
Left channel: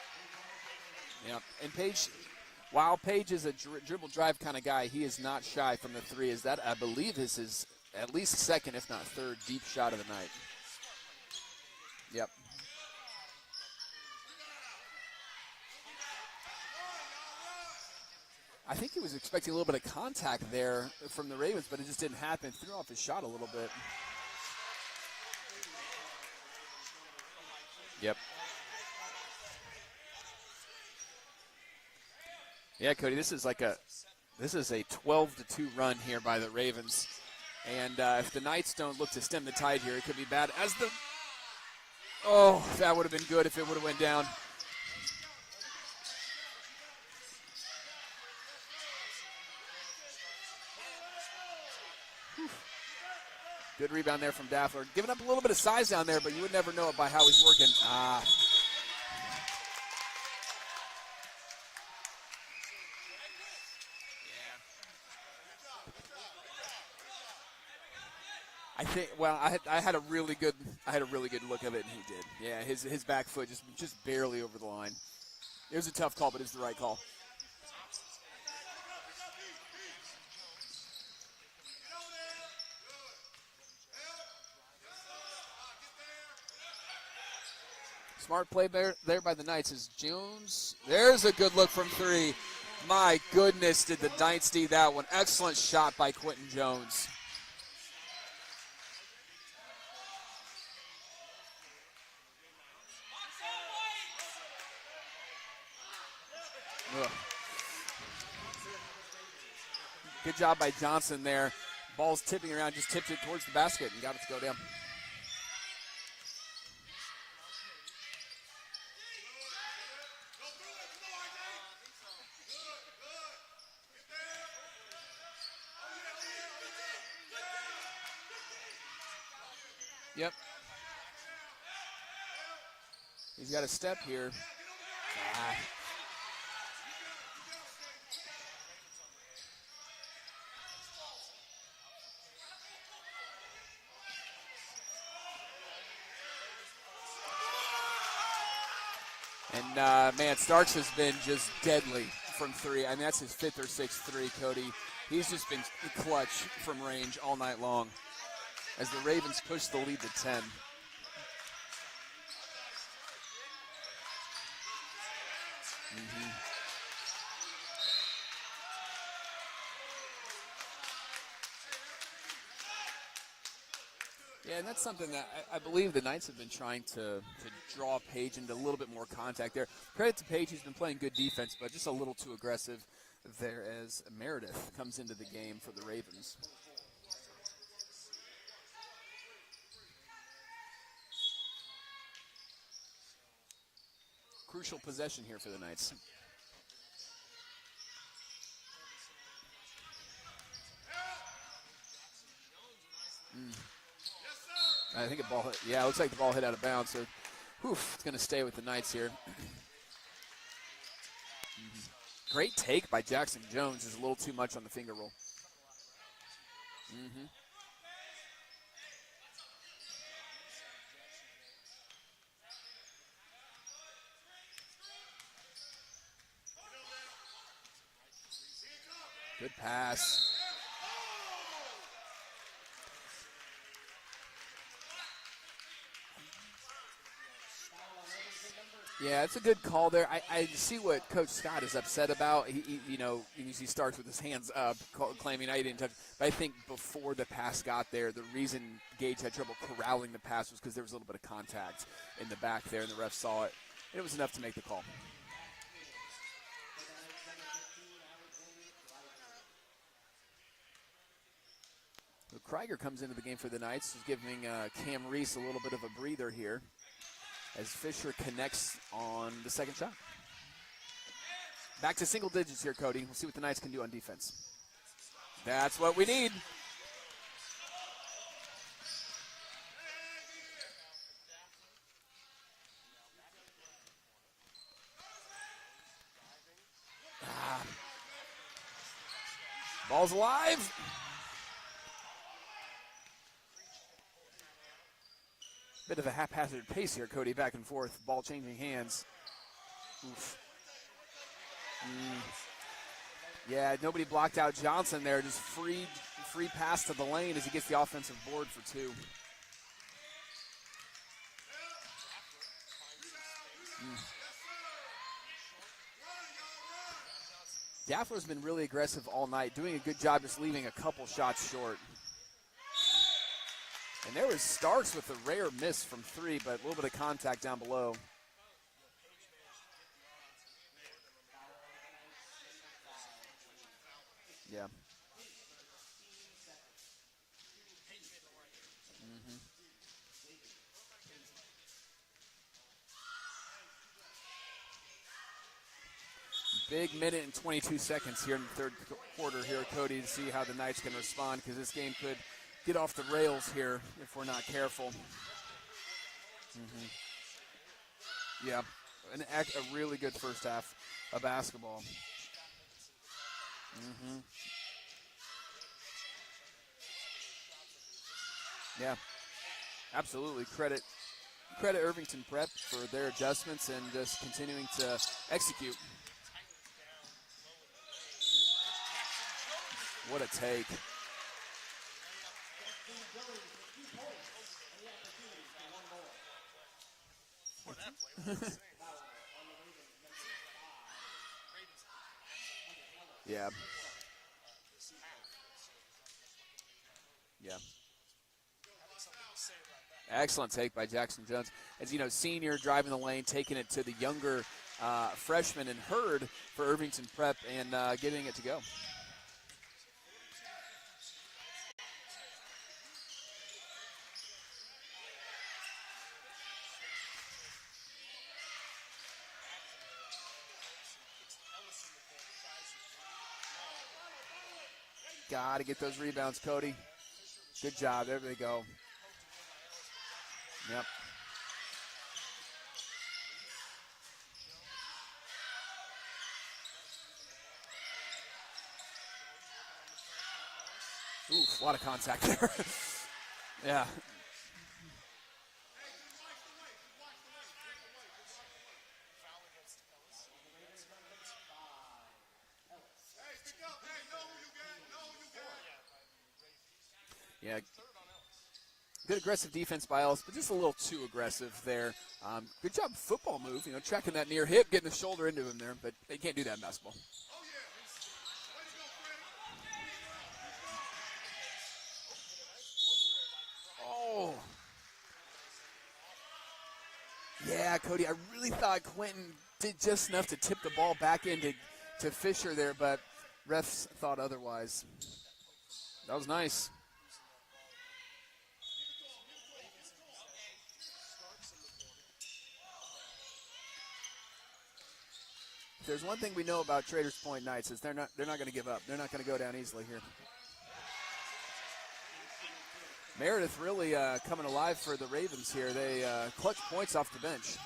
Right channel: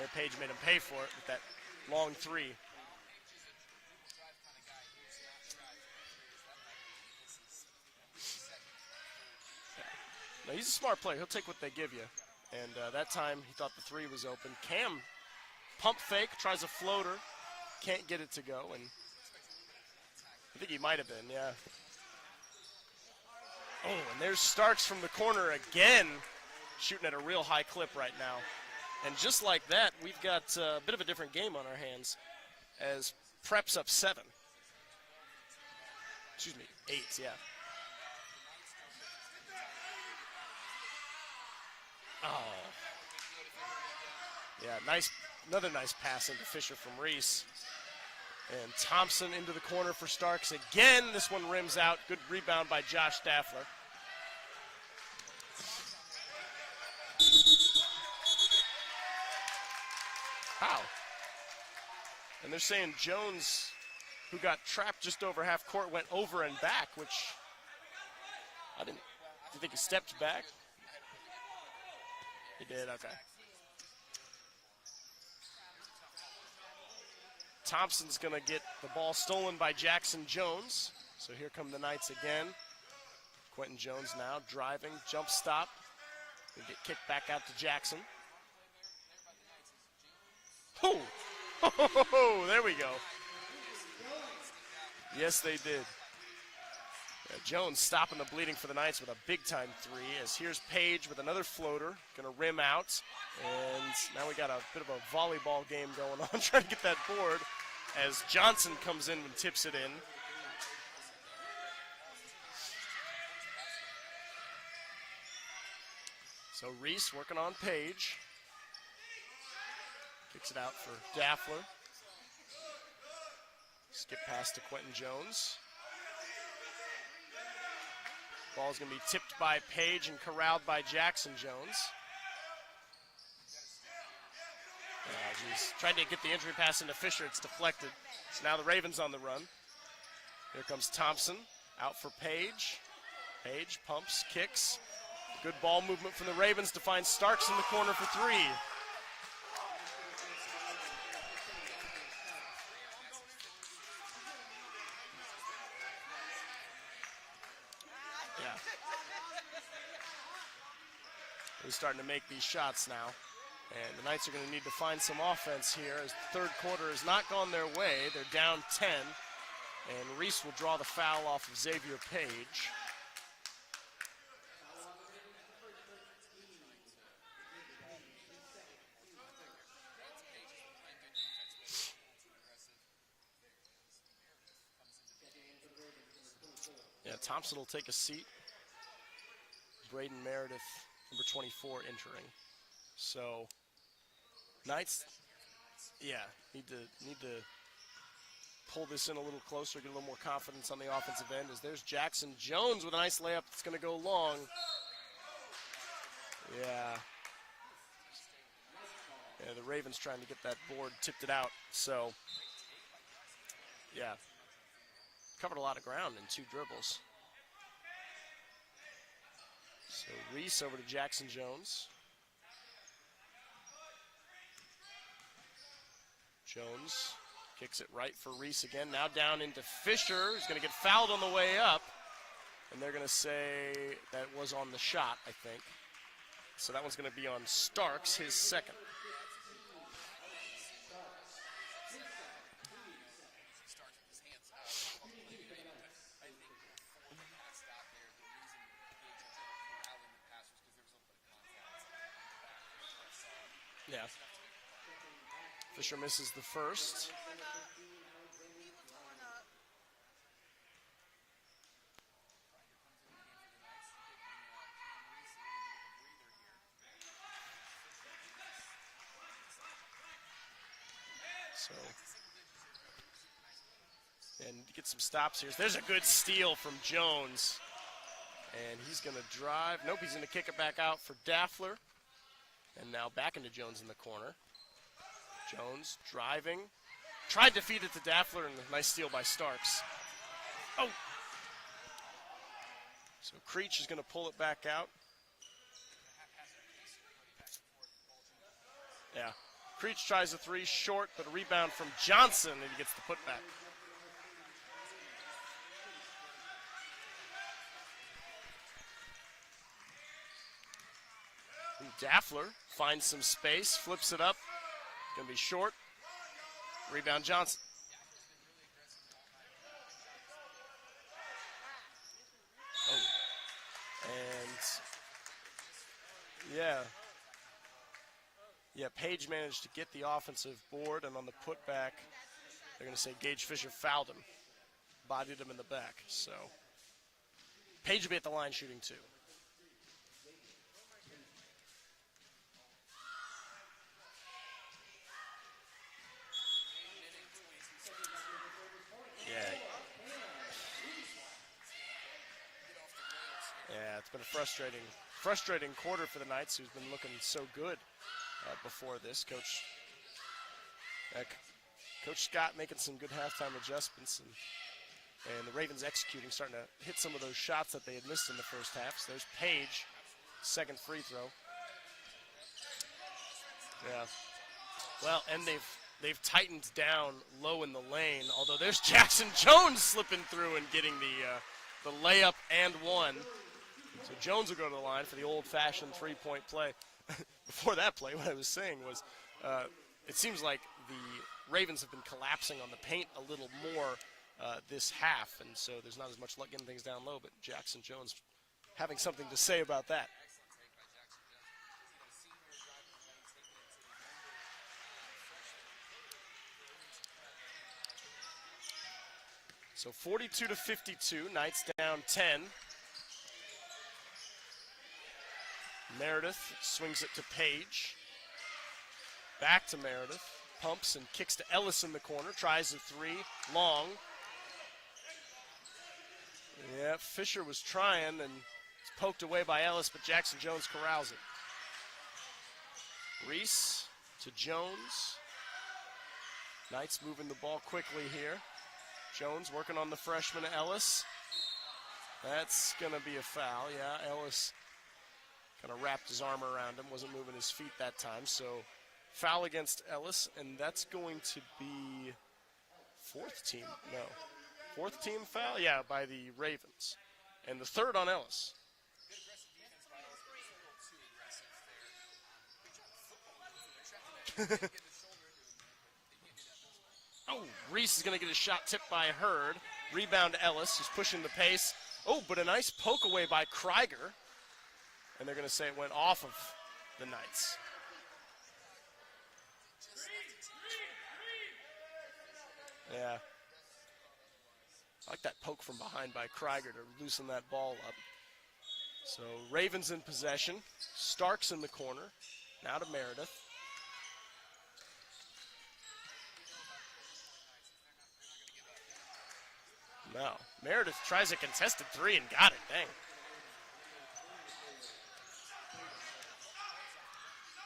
And Page made him pay for it. Yep. And Page, Long three. while Page is a dribble drive kind of guy, he is not shy from the three. Is that, I believe, is his at least second, if not third, deep shot of the night. Now, he's a smart player. He'll take what they give you. Yep. And that time he thought the three was open. Cam, pump fake, tries a floater. Can't get it to go. I think he was expecting a little bit of contact there might have from been, the yeah. Ravens, but it just didn't happen. Threw off his shot a little bit. Oh, and there's Starks from the corner again, shooting at a real high clip right Yep. now. And just like that, we've got a bit of a different game on our hands. Yeah, as Cody, this is like Prep's up 7. This is a 12-2 run here by the Ravens. 8, yeah. And if the Knights don't look to stem the tide here, it could be bad. Oh, that would have been good if it would have went down. Yeah, another nice pass into Fisher from Reese. And Thompson into the corner for Starks again. This one rims out. Good rebound by Josh Daffler. Good rebound there from Daffler. Giving up a little bit of size down there, but you would never know it by how he's working. How? And they're saying Jones, who got trapped just over half court, went over and back, which I think. Well, I think he had a stepped really back. good. I had a really good look of it, and he did. Yeah, his did, okay. back foot just barely over the line. It was a tough call, but it's the right call. Thompson's going to get the ball stolen by Jackson Jones. So here come the Knights again. Quentin Jones now driving, jump stop. They get kicked back out to Jackson. Smart play there by the Knights is Jones. There's a good look from three. Oh, there we go. My goodness, did the Knights see that one? Yes, Excellent they did. shot by Quentin Jones. Jones stopping the bleeding for the Knights with a big-time three. As here's Page with another floater, going to rim out. And now we got a bit of a volleyball game going on, trying to get that board. As Johnson comes in and tips it in. Good job by Johnson there. Ball's tipping around, just tipped it towards the basket and got it to go down. So Reese working on Page. Kicks it out for Daffler. Skip pass to Quentin Jones. Ball's going to be tipped by Page and corralled by Jackson Jones. He's got a step here. Tried to get the entry pass into Fisher. It's deflected. So now the Ravens on the run. Here comes Thompson. Out for Page. Page pumps, kicks. Good ball movement from the Ravens to find Starks in the corner for three. And, man, Starks has been just deadly from three. I mean, that's his 5th or 6th three, Cody. He's just been clutch from range all night long. Yeah. As the Ravens push the lead to 10. He's starting to make these shots now. And the Knights are going to need to find some offense here as the third quarter has not gone their way. They're down 10. And Reese will draw the foul off of Xavier Page. Yeah, and that's something that I believe the Knights have been trying to draw Page into a little bit more contact there. Credit to Page, he's been playing good defense, but just a little too aggressive there as Meredith comes into the game for the Ravens. Yeah, Thompson will take a seat. Braden Meredith, number 24, entering. So, Crucial Knights, possession here for the Knights. yeah, need to pull this in a little closer, get a little more confidence on the offensive end. As there's Jackson Jones with a nice layup that's going to go long. I think a ball hit. Yeah, it looks like the ball hit out of bounds. So, it's going to stay with the Knights here. Yeah, the Ravens trying to get that board, tipped it out. So great take by Jackson Jones. Is a little too much on the finger roll. Covered a lot of ground in 2 dribbles. So Reese over to Jackson Jones. Jones kicks it right for Reese again. Now down into Fisher. He's going to get fouled on the way up. And they're going to say that was on the shot, I think. So that one's going to be on Starks, his second. Yeah, it's a good call there. I see what Coach Scott is upset about. He usually starts with his hands up, claiming I didn't touch. But I think before the pass got there, the reason Gage had trouble corralling the pass was because there was a little bit of contact in the back there, and the ref saw it. Yeah. It was enough to make the call. Fisher misses the first. So Krieger comes into the game for the Knights, giving Cam Reese a little bit of a breather here as Fisher connects on the second shot. So back to single digits here, Cody. We'll see what the Knights can do on defense. And get some stops here. That's There's what a we good need. Steal from Jones. And he's going to drive. Nope, he's going to kick it back out for Daffler. And now back into Jones in the corner. Jones driving. Tried to feed it to Daffler, and a nice steal by Starks. Ball's alive. Oh. So Creech is going to pull it back out. Bit of a haphazard pace here, Cody, back and forth. Ball changing hands. Yeah. Creech tries a 3 short, but a rebound from Johnson, and he gets the putback. Yeah, nobody blocked out Johnson there. Just free pass to the lane as he gets the offensive board for 2. Daffler finds some space, flips it up. Going to be short. Rebound Johnson. Daffler's been really aggressive all night, doing a good job just leaving a couple shots short. And there was Starks with a rare miss from 3, but over the contact down below. Yeah, Page managed to get the offensive board, and on the putback, they're going to say Gage Fisher fouled him. Yeah. Bodied him in the back. So Page will be at the line shooting 2. Big minute and 22 seconds here in the third quarter here, Cody, to see how the Knights can respond, because this game could get off the rails here if we're not careful. Frustrating quarter for the Knights, who've been looking so good before this. And a really good first half of basketball. Coach Scott making some good halftime adjustments. And the Ravens executing, starting to hit some of those shots that they had missed in the first half. So there's Page. Absolutely. Second free throw. Credit Irvington Prep for their adjustments and just continuing to execute. They've tightened down low in the lane, although there's Jackson Jones slipping through and getting the layup and 1. So Jones will go to the line for the old-fashioned three-point play. Before that play, what I was saying was it seems like the Ravens have been collapsing on the paint a little more this half, and so there's not as much luck getting things down low, but Jackson Jones having something to say about that. Excellent take by Jackson Jones. As you know, senior driving the lane, taking it to the younger freshman and Hurd for Irvington Prep and getting it to go. So 42-52, Knights down 10. Meredith swings it to Page. Back to Meredith. Pumps and kicks to Ellis in the corner. Tries a 3. Long. Got to get those rebounds, Cody. Yeah, Fisher was Good trying. Job. There they go. It's poked away by Ellis, but Jackson Jones corrals it. Reese to Jones. Knights moving the ball quickly here. Jones working on the freshman Ellis. Oof, a lot of contact there. That's going to be a foul. Yeah. Ellis kind of wrapped his arm around him, wasn't moving his feet that time. So foul against Ellis, and that's going to be fourth team foul? Yeah, by the Ravens. Yeah. And the third on Ellis. Good aggressive defense by Ellis, but just a little too aggressive there. Good job football move, tracking that near hip, getting the shoulder into him there, but they can't do that in basketball. Oh, Reese is going to get a shot tipped by Hurd. Rebound Ellis, who's pushing the pace. Oh, but a nice poke away by Krieger. Oh. And they're going to say it went off of the Knights. Yeah, Cody, I really thought Quentin did just enough to tip the ball back into Fisher there, but refs thought otherwise. I like that poke from behind That was by nice. Krieger to loosen that ball up. So Ravens in possession. Starks in the corner. Now to Meredith. If there's one thing we know about Traders Point Knights is they're not going to give up. They're not going to go down easily here. No. Meredith tries a contested three and got it. Dang. Meredith really coming alive for the Ravens here. They clutch points off the bench.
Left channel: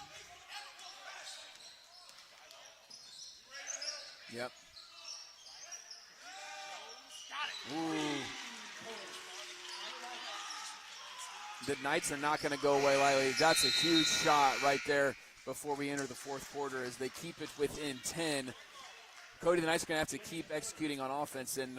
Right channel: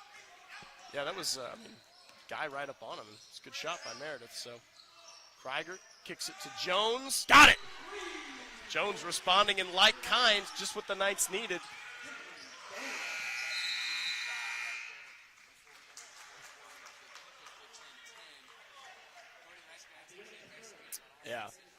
Yeah, that was guy right up on him. It's a good shot by Meredith. Yep. So Krieger kicks it to Jones. Got it. Ooh. Jones responding in like kind, just what the Knights needed. The Knights are not going to go away lightly. That's a huge shot right there before we enter the fourth quarter as they keep it within 10. Cody, the Knights are going to have to keep executing on offense. Yeah. And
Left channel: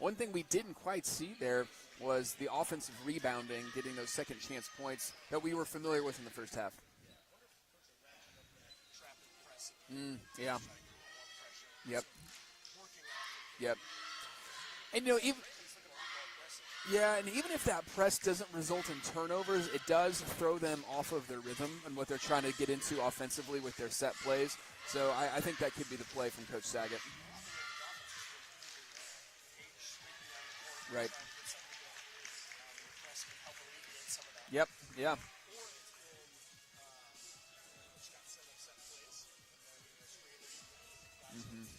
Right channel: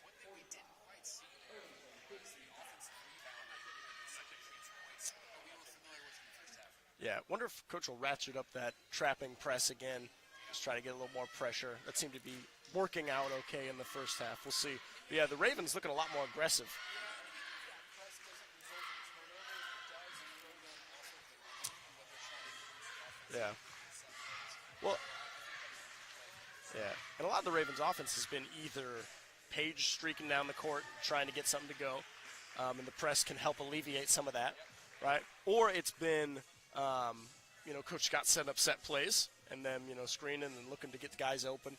one thing we didn't quite see there was the offensive rebounding, getting those second chance points that we were familiar with in the first half. Yeah, wonder if Coach will ratchet up that trapping press again. Yeah. Just try to get a little more pressure. That Yep. seemed to be working out okay Yep. in the first half. We'll see. And, you know, the Ravens looking a lot more aggressive. Yeah, and even if that press doesn't result in turnovers, it does throw them off of their rhythm and what they're trying to get into offensively with their set plays. Well, so I think that could be the play from Coach Saget. And a lot of the Ravens offense has been either Page streaking down the court, Right. trying to get something to go, and the press can help alleviate some of that. Yep, yeah. Right? Or it's been, Coach Scott set up set plays and then, screening and looking to get the guys open.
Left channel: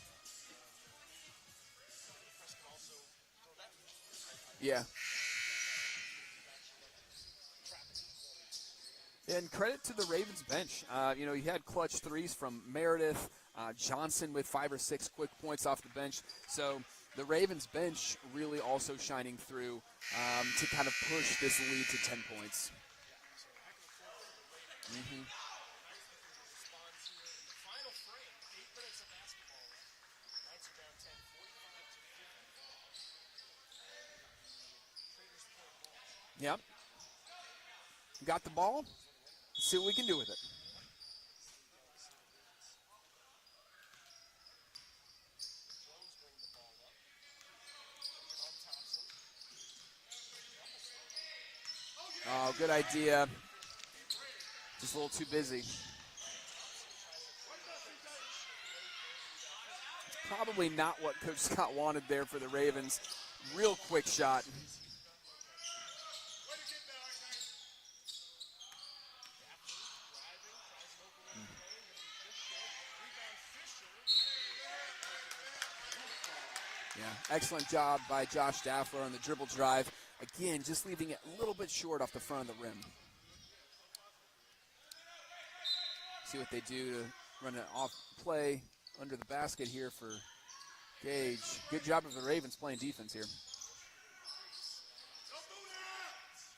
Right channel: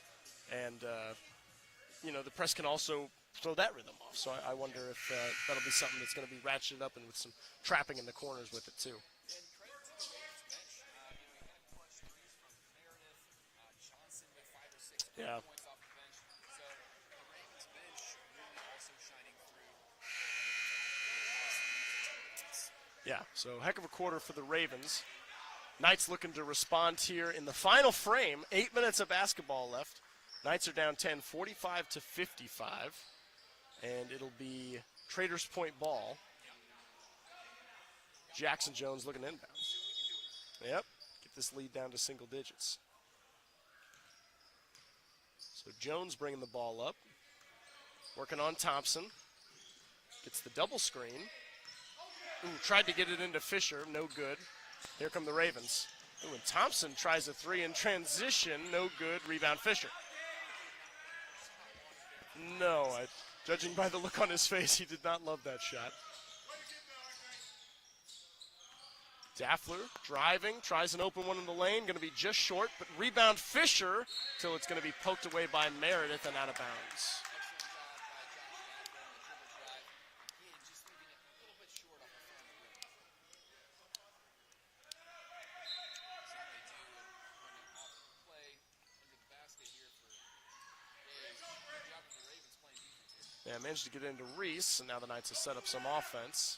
And, the press can also throw that rhythm off. So I wonder if that'll be something that's going to be ratcheted up and with some trapping in the corners with it too. And credit to the Ravens bench. You had clutch threes from Meredith, Johnson with 5 or 6 quick points off the bench. So the Ravens bench really also shining through to kind of push this lead to 10 points. Yeah, so heck of a quarter for the Ravens. Knights looking to respond here in the final frame. 8 minutes of basketball left. Knights are down 10, 45 to 55. And it'll be Traders Point ball. Yep. Got Jackson the ball. Jones looking inbound. See what we can do with it. Yep. Get this lead down to single digits. So Jones bringing the ball up. Working on Thompson. Gets the double screen. Good Tried idea. to get it into Fisher. No good. Just a Here little come too the busy. Ravens. Ooh, and Thompson tries a three in transition. No good. Rebound Fisher. Probably not what Coach Scott wanted there for the No, Ravens. judging Real by the quick look on his shot. face, he did not love that shot. Daffler driving, tries an open one in the lane, going to be just short, but rebound Fisher till it's going to be poked away by Meredith and out of bounds. Yeah. Excellent job by Josh Daffler on the dribble drive. Again, just leaving it a little bit short off the front of the rim. See what they do to run an off play under the basket here for Gage. Good job of the Ravens playing defense here. Yeah, managed to get into Reese, and now the Knights have set up some offense.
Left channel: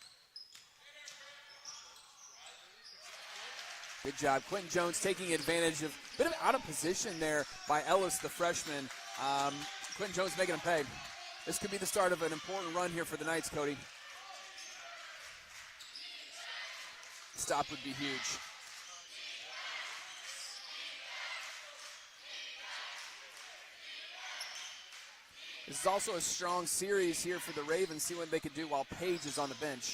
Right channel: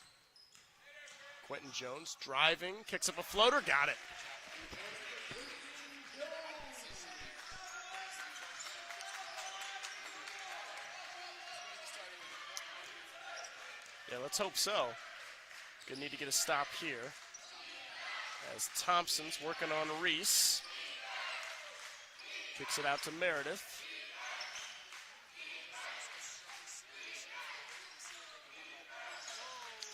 Quentin Jones driving, kicks up a floater, got it. Good job. Quentin Jones taking advantage of a bit of out of position there by Ellis, the freshman. Quentin Jones making him pay. This could be the start of an important run here for the Knights, Cody. Yeah, let's hope so. Gonna need to get a stop here. Stop would be huge. As Thompson's working on Reese. Kicks it out to Meredith. This is also a strong series here for the Ravens. See what they can do while Page is on the bench.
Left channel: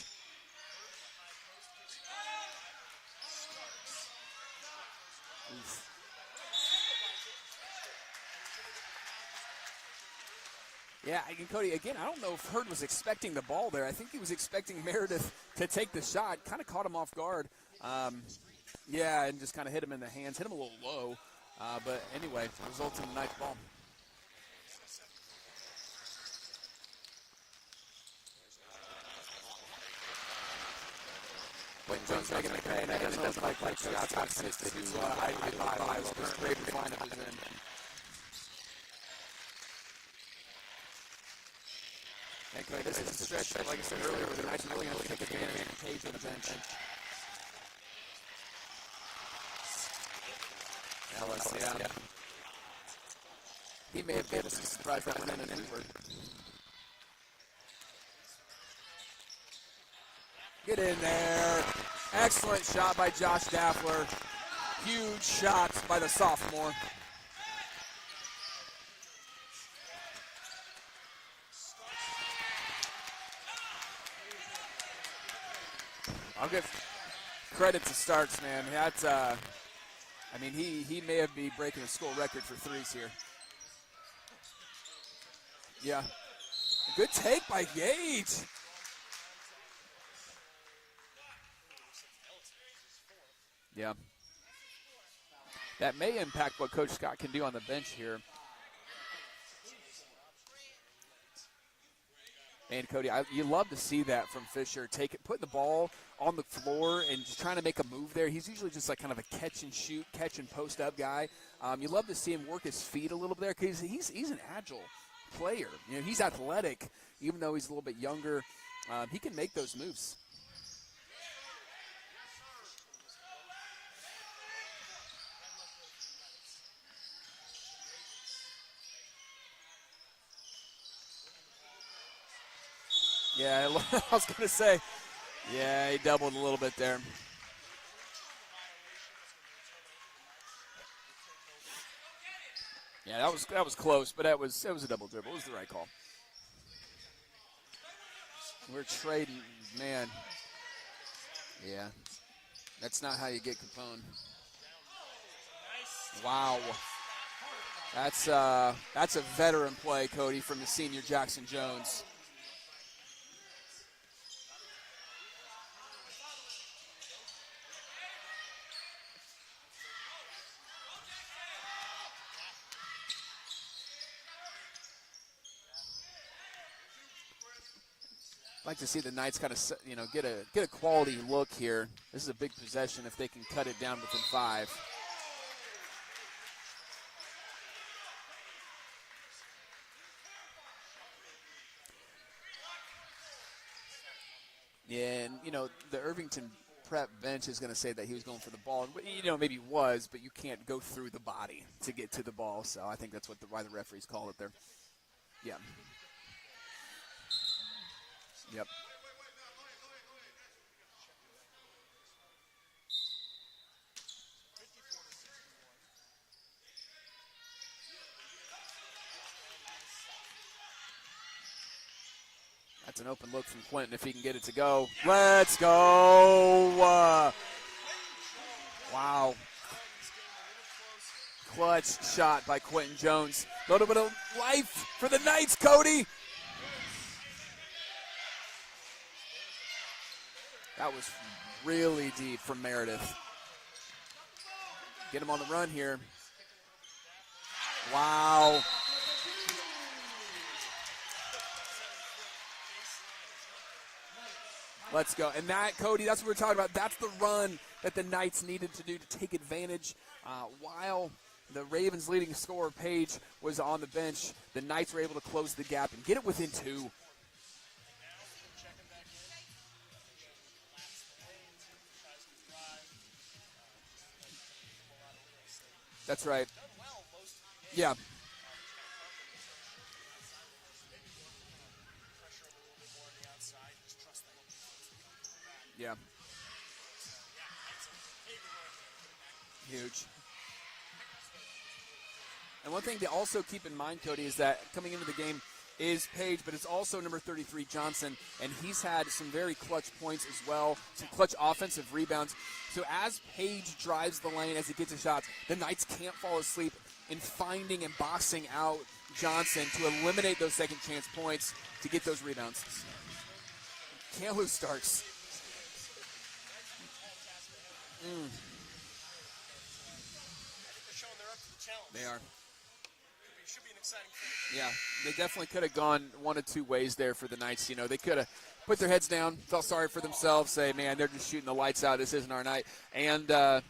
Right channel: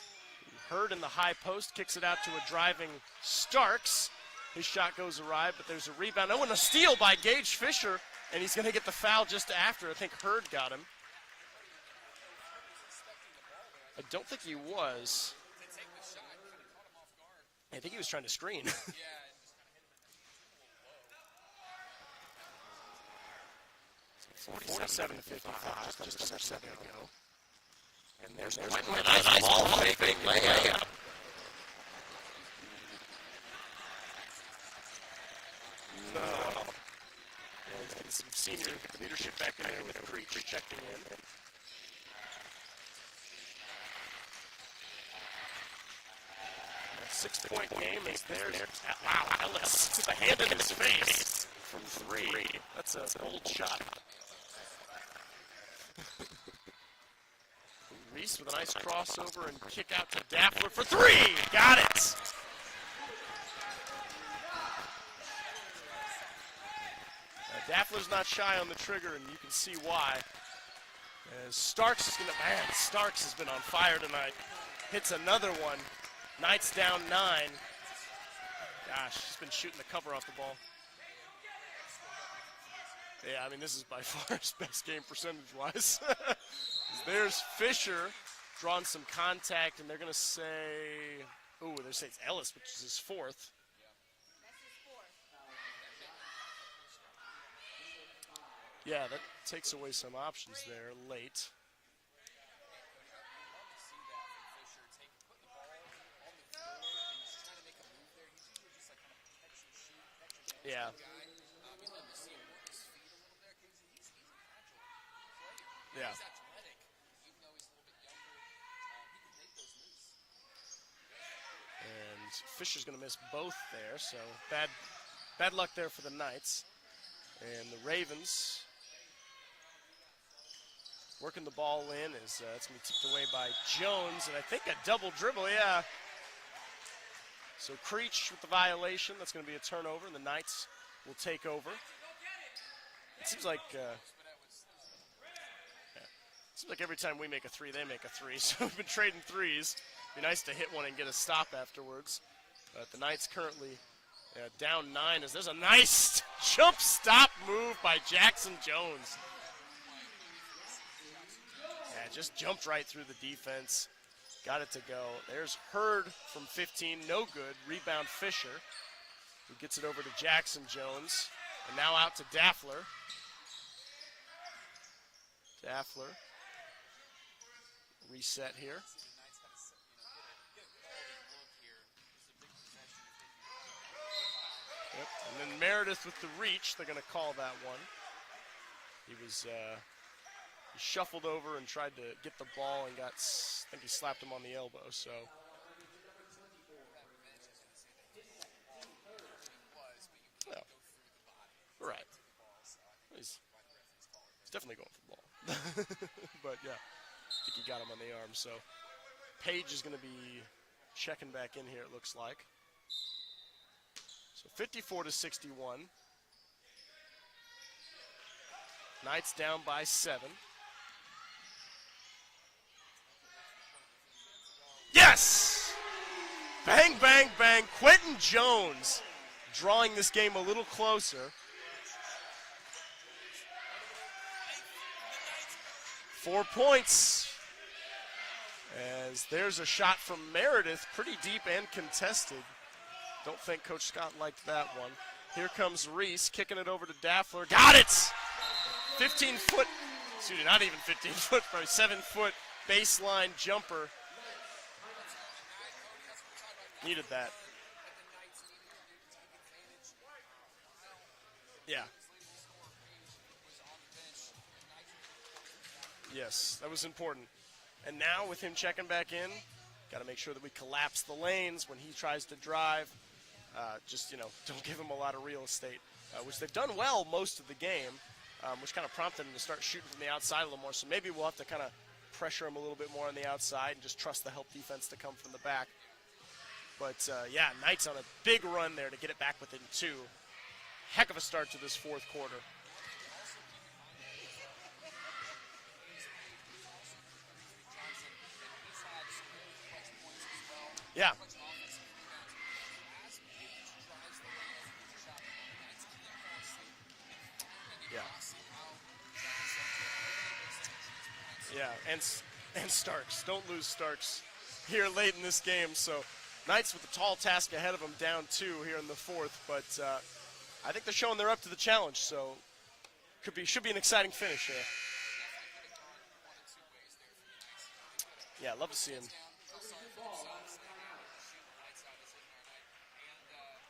Hurd in the high post, kicks it out to a driving Starks. His shot goes awry, but there's a rebound. Oh, and a steal by Gage Fisher, and he's going to get the foul just after. I think Hurd got him. Yeah, and Cody, again, I don't know if Hurd was expecting the ball there. I think he was expecting Meredith to take the shot. Kind of caught him off guard. I think he was trying to screen. Yeah, and just kind of hit him in the hands. Hit him a little low. But anyway, results in the Knights ball. 47 to 55, just a second ago. And there's Nice ball fake, big layup. Quentin Jones making the pay, and that doesn't look like shots got 6 to I5. So those Ravens lineup is in. some senior leadership back in there with Creech checking in. And Cody, this is a stretch, like I said earlier, where the Knights are really going to take advantage of Page on the bench. 6-point game is theirs. Wow, Ellis with a hand in his face. Yeah. Three. That's a bold shot. He may have been surprised that one in anywhere. Reese with a nice crossover and kick out to Daffler Get for in three. there. Got it. Excellent shot by Josh Daffler. Huge shots by the sophomore. Daffler's not shy on the trigger, and you can see why. As Starks is gonna, man, Starks has been on fire tonight. Hits another one. Knights down 9. Credit to Starks, man. That's He's been shooting the cover off the ball. I mean, he may have been breaking a school record for threes here. Yeah, I mean, this is by far his best game percentage-wise. Yeah. Good There's take by Fisher Gage. drawing some contact, and they're going to say, they're saying it's Ellis, which is his 4th. Yeah. That may impact what Coach Scott can do on the bench here. Yeah, that takes away some options there late. And Cody, you love to see that from Fisher. Putting the ball on the floor and just trying to make a move there. He's usually just like kind of a catch and shoot, catch and post up guy. You love to see him work his feet a little bit there because he's an agile player. You know, he's athletic, even though he's a little bit younger. He can make those moves. And Fisher's going to miss both there, so bad luck there for the Knights. And the Ravens working the ball in is it's going to be tipped away by Jones. I was going to say. Double dribble, Yeah, he doubled a little bit there. So Creech with the violation. That's going to be a turnover, and the Knights will take over. Yeah, that was close, but that was a double dribble. It was the right call. Seems like every time we make a 3, they make a 3. So we're trading threes. Man, it'd be nice to hit one and get a stop afterwards. That's not how you get Capone. Down 9 as there's a nice Wow. jump stop move by Jackson Jones. That's a veteran play, Cody, from the senior Jackson Jones. Yeah, just jumped right through the defense. Got it to go. There's Hurd from 15, no good. Rebound Fisher. He gets it over to Jackson Jones. And now out to Daffler. Reset here. I'd like to see the Knights kind of, get a quality look here. This is a big possession if they can cut it down within 5. Yep. And then Meredith with the reach. They're going to call that one. He was he shuffled over and tried to get the ball and I think he slapped him on the elbow. Yeah, and, the Irvington prep bench is going to say that he was going for the ball. Maybe he was, but you can't go through the body to get to the ball. So I think that's why the referees call it there. He's definitely going for the ball. Yeah. But, yeah, I think he got him on the arm. So Page is going to be checking back in here, it looks like. So 54-61. Knights down by 7. That's an open look from Quentin if he can get it to go. Yes! Let's go! Bang, bang, bang. Quentin Jones. Wow. Drawing this game a little closer. Clutch shot by Quentin Jones. A little bit of life for the Knights, Cody. 4 points. As there's a shot from Meredith. That was pretty deep and really contested. deep from Meredith. Don't think Coach Scott liked that one. Get him on here the run comes here. Reese kicking it over to Daffler. Got it! Wow. 15-foot, excuse me, not even 15-foot, probably 7-foot baseline jumper. Let's go. And that, Cody, that's what we're talking about. That's Needed the that. run that the Knights needed to do to take advantage. While the Ravens' leading scorer, Page, was on the bench, the Knights were able to close the gap and get it within 2. That was important. And now with him checking back in, got to make sure that we collapse the lanes when he tries to drive. Don't give him a lot of real estate. That's right. They've done well most of the game, Yeah. Which kind of prompted him to start shooting from the outside a little more. So maybe we'll have to kind of pressure him a little bit more on the outside and just trust the help defense to come from the back. Yeah. But, Knights on a big run there to get it back within Huge. 2. Heck of a start to this 4th quarter. And one thing to also keep in mind, Cody, is that coming into the game is Page, but it's also number 33, Johnson, and he's had some very clutch points as well, some clutch offensive rebounds. So as Page drives the lane, as he gets his shots, the Knights can't fall asleep in finding and boxing out Johnson to eliminate those second chance points to get those rebounds. And Starks. Don't lose Starks. Can't lose Starks. Here late in this game. So Knights with a tall task ahead of them, down 2 here in the 4th. But I think they're showing they're up to the challenge. So should be an exciting finish here. Yeah, they definitely could have gone one of 2 ways there for the Knights. They could have love put to their see heads down, felt sorry for themselves, say, man, they're just shooting the lights out. This isn't our night. And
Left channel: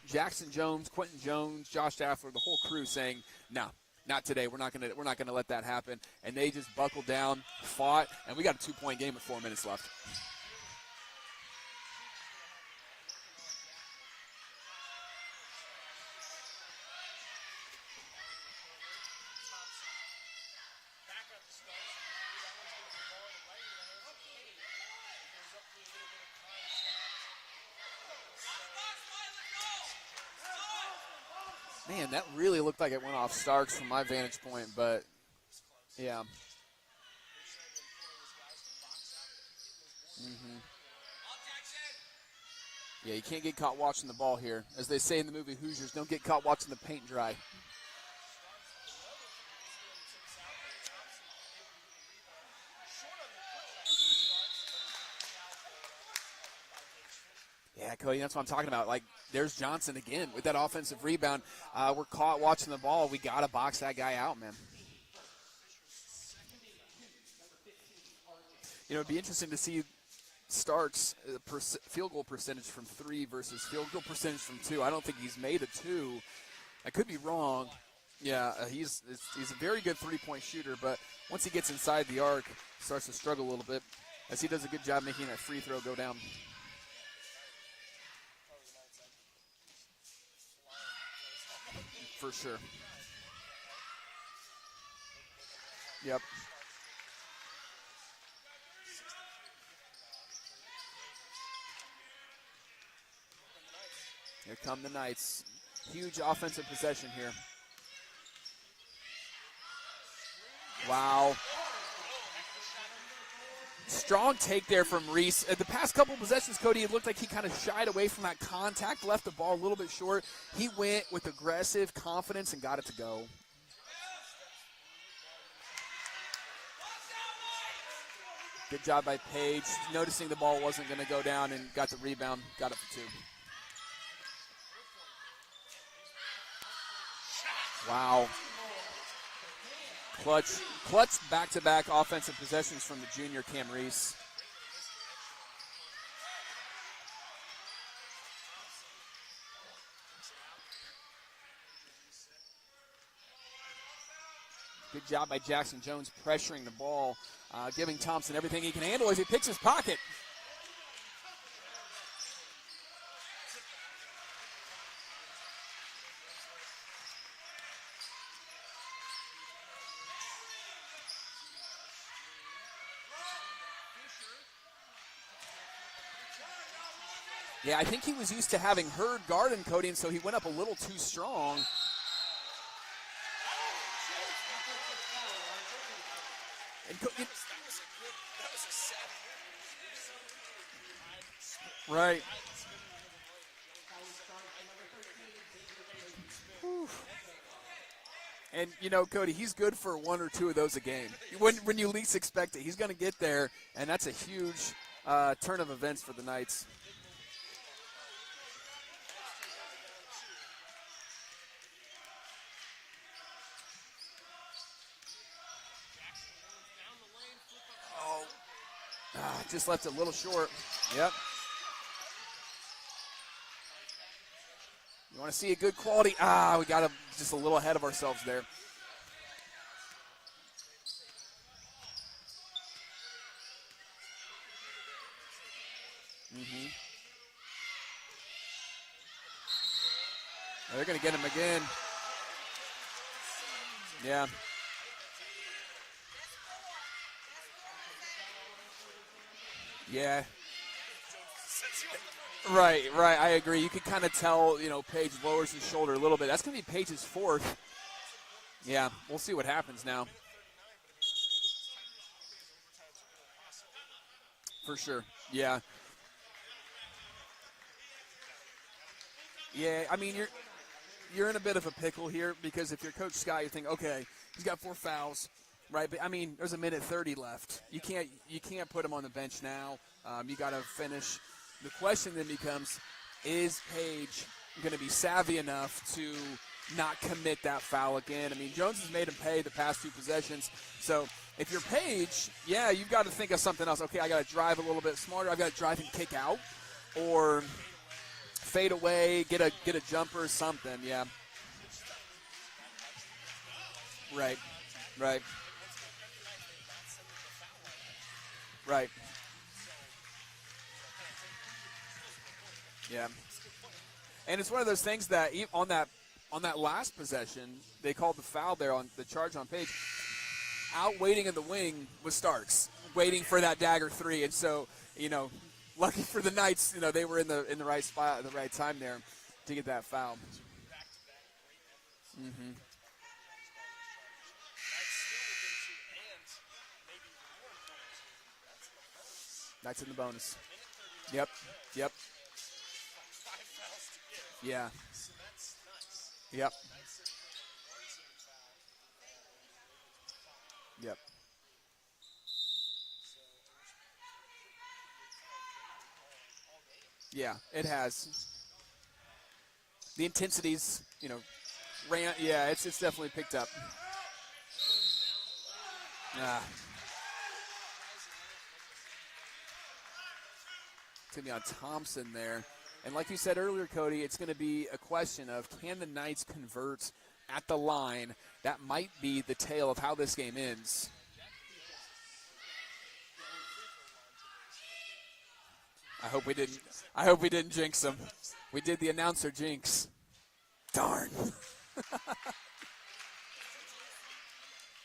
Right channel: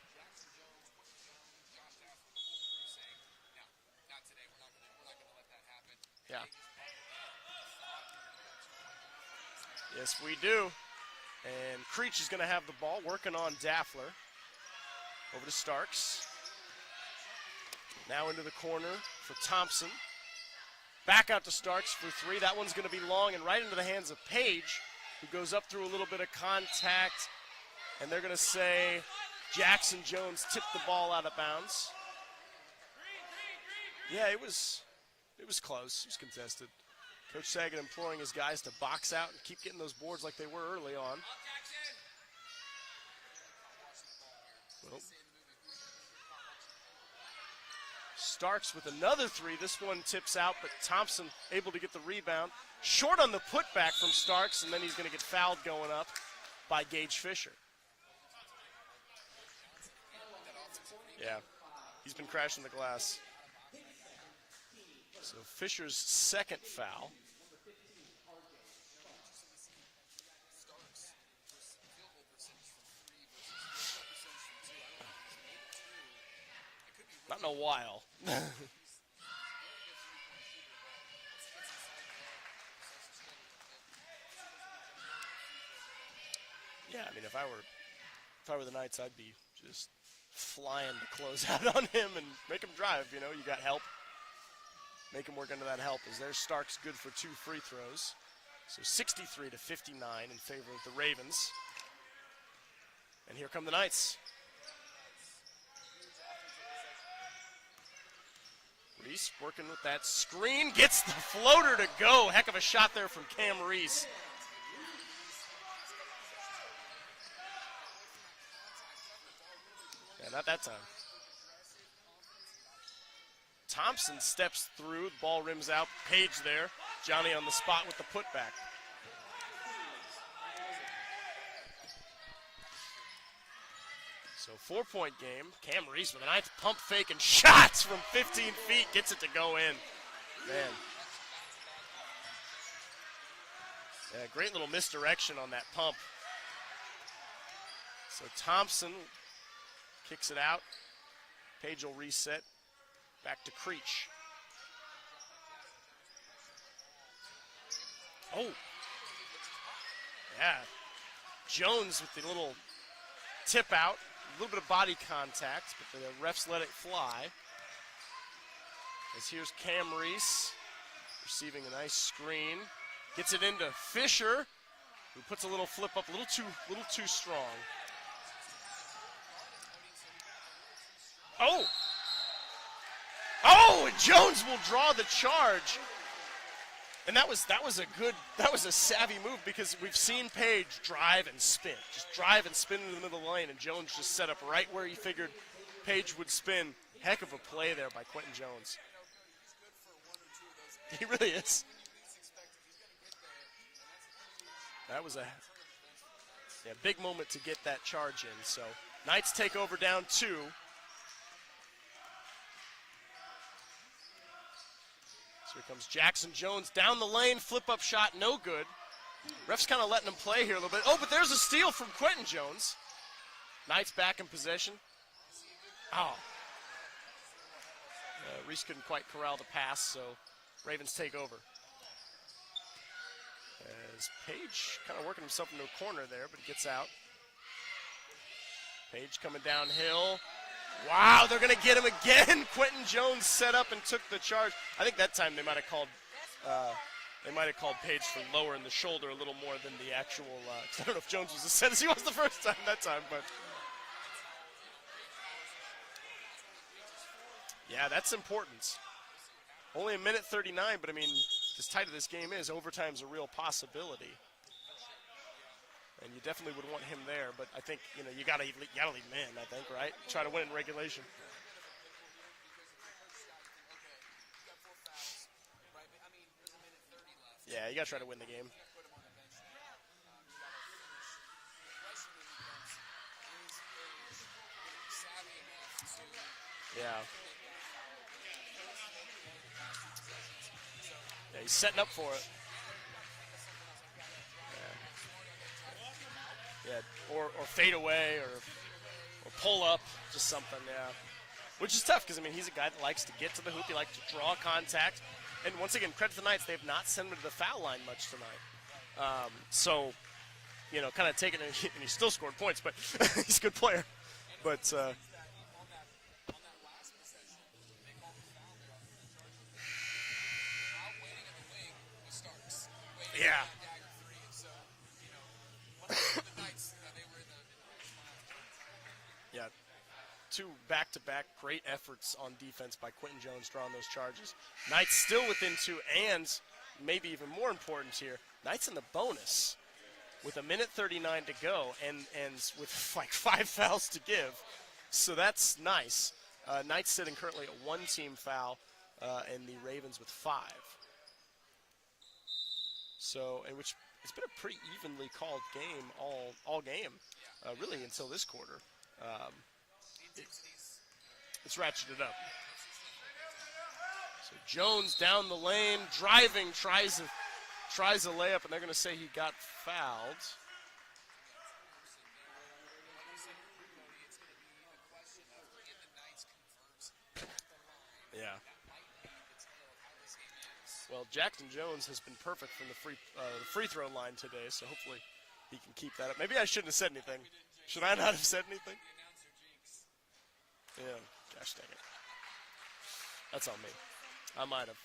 Jackson Jones, Quentin Jones, Josh Daffler, the whole crew saying, no, not today. We're not gonna let that happen. And they just buckled down, fought, and we got a 2-point game with 4 minutes left. Yes, we do. And Creech is going to have the ball, working on Daffler. Over to Starks. Now into the corner for Thompson. Back out to Starks for 3. That one's going to be long and right into the hands of Page, who goes up through a little bit of contact. And they're going to say Jackson Jones tipped the ball out of bounds. Man, that really looked like it went off Starks from my vantage point, but it was close. Yeah. It was contested. Coach Sagan imploring his guys to box out and keep getting those boards like they were early on. Yeah, you can't get caught watching the ball here. As they say in the movie Hoosiers, don't get caught watching the paint dry. Starks with another three. This one tips out, but Thompson able to get the rebound. Short on the putback from Starks, and then he's going to get fouled going up by Gage Fisher. Yeah, Cody, that's what I'm talking about. Like, there's Johnson again with that offensive rebound. We're He's been caught crashing watching the the ball. glass. We got to box that guy out, man. So Fisher's second foul. You know, it'd be interesting to see Starks' field goal percentage from 3 versus field goal percentage from 2. I don't think he's made a 2. I could be wrong. A while. Yeah, he's a very good three-point shooter, but once he gets inside the arc, starts to struggle a little bit, as he does a good job making that free throw go down. Yeah, I mean, if I were the Knights, I'd be just flying to close out on him and For sure. make him drive. You know, you got help. Make him work into that help. Yep. There's Starks good for 2 free throws. So 63 to 59 in favor of the Ravens. And here come the Knights. Here come the Knights. Huge offensive possession here. Reese working with that screen. Gets Wow. the floater to go. Heck of a shot there from Cam Reese. Strong take there from Reese. The past couple possessions, Cody, it looked like he kind of shied away from that contact, left the ball a little bit short. Yeah, that's he went with aggressive confidence and got it to go. Thompson steps through. The ball rims out. Page there. Johnny on the spot with the putback. Good job by Page, noticing the ball wasn't going to go down and got the rebound, got it for 2. So 4-point game. Cam Reese with a nice pump fake and shots from Wow. 15 feet. Gets it to go in. Clutch back-to-back offensive possessions from the junior Cam Reese. Yeah, great little misdirection on that pump. So Thompson kicks it out. Page will reset. Back to Creech. Good job by Jackson Jones pressuring the ball, giving Thompson everything he can handle as he picks his pocket. Yeah. Jones with the little tip out. A little bit of body contact, but the refs let it fly. As here's Cam Reese receiving a nice screen. Gets it into Fisher, who puts a little flip up, a little too strong. Yeah, I think he was used to having Hurd guard him, Cody, and so he went up a little too strong. Oh, and Jones will draw the charge. And that was a savvy move because we've seen Page drive and spin. Right. Drive and spin in the middle of the lane, and Jones just set up right where he figured Page would spin. Heck of a play there by Quentin Jones. And, you know, Cody, he's good for 1 or 2 of those a game. He really is. When you least expect it. He's going to get there, and that's a huge That was turn of events for the Knights. Yeah, big moment to get that charge in. So Knights take over down 2. So here comes Jackson Jones down the lane, flip-up shot, no good. Refs Just kind of left letting a him little play short. here a little bit. Oh, Yep. but there's a steal from Quentin Jones. Knights back in possession. You want to see a good quality? We got him just a little ahead of ourselves there. Reese couldn't quite corral the pass, so Ravens take over. As Page kind of working himself into a corner there, but he gets out. Page coming downhill. They're They're going to get him again. Quentin Jones set up and took Yeah. the charge. I think that time they might have called Page for lowering the shoulder a little more than the Yeah. actual. I don't know if Jones was as set as he was the first time. Right, that time, right. but- I agree. You can kind of tell, you know, Page lowers his shoulder a little bit. That's going to be Page's 4th. Yeah, that's important. Yeah, we'll see what happens Only now. a minute 39, but I mean, as tight as this game is, overtime's a real possibility. For sure. Yeah. And you definitely would want him there, but I think you gotta leave him in. I think, Yeah, right? I mean, try to you're- win in regulation. You're in a bit of a pickle here because if you're Coach Scott, you think, okay, he's got 4 fouls, right? But I mean, there's a minute 30 left. Yeah, you gotta try to win the game. You can't put him on the bench now. You got to finish. The question then becomes, is Page going to be savvy enough to not commit that foul again? I mean, Jones has made him pay the past 2 possessions. So if you're setting up for Page, it. you've got to think of something else. Okay, I got to drive a little bit smarter. I got to drive and kick out, Yeah, or fade away, or fade away, get pull a up, jumper or something, something. yeah. Which is tough because, I mean, he's a guy that likes to get to the hoop. He likes to draw Right. contact. Right. And once again, credit to the Knights, they have not sent him to the foul line much tonight. Right. So, kind of taking it, and he still scored points, but Yeah. he's a good player. And it's But, one of those things that on that last possession, they called the foul there on the charge on Page. Out waiting in the wing was Starks, waiting for Yeah. that dagger 3, and so lucky for the Knights, they were in the right spot at the right time there Yeah. to get that foul. 2 back-to-back great efforts on defense by Quentin Jones drawing those charges. Knights still within 2, and maybe even more important here, Knights in the bonus. Knights in the bonus. With a minute 39 Yep. to go, Yep. and with like 5 fouls to give. Yeah. So that's nice. Yep. Knights sitting currently at 1 team foul, and the Ravens with 5. Yep. So, which it's been a pretty evenly called game all game. Yeah, it really has. until this quarter. The intensity's, It's ratcheted ran. up. Yeah, it's definitely picked up. So Jones down the lane, driving, tries a layup, and they're going to say he got fouled. It's going to be on Thompson there. And like you said earlier, Cody, it's going to be a question of can the Knights convert at the line? Yeah. That might be the tale of how this game ends. Well, Jackson Jones has been perfect from the free throw line today, so hopefully he can keep that. Maybe I shouldn't have said anything. I hope we didn't jinx Should him. I not have said anything? We did the announcer jinx. Darn. That's on me. I might have.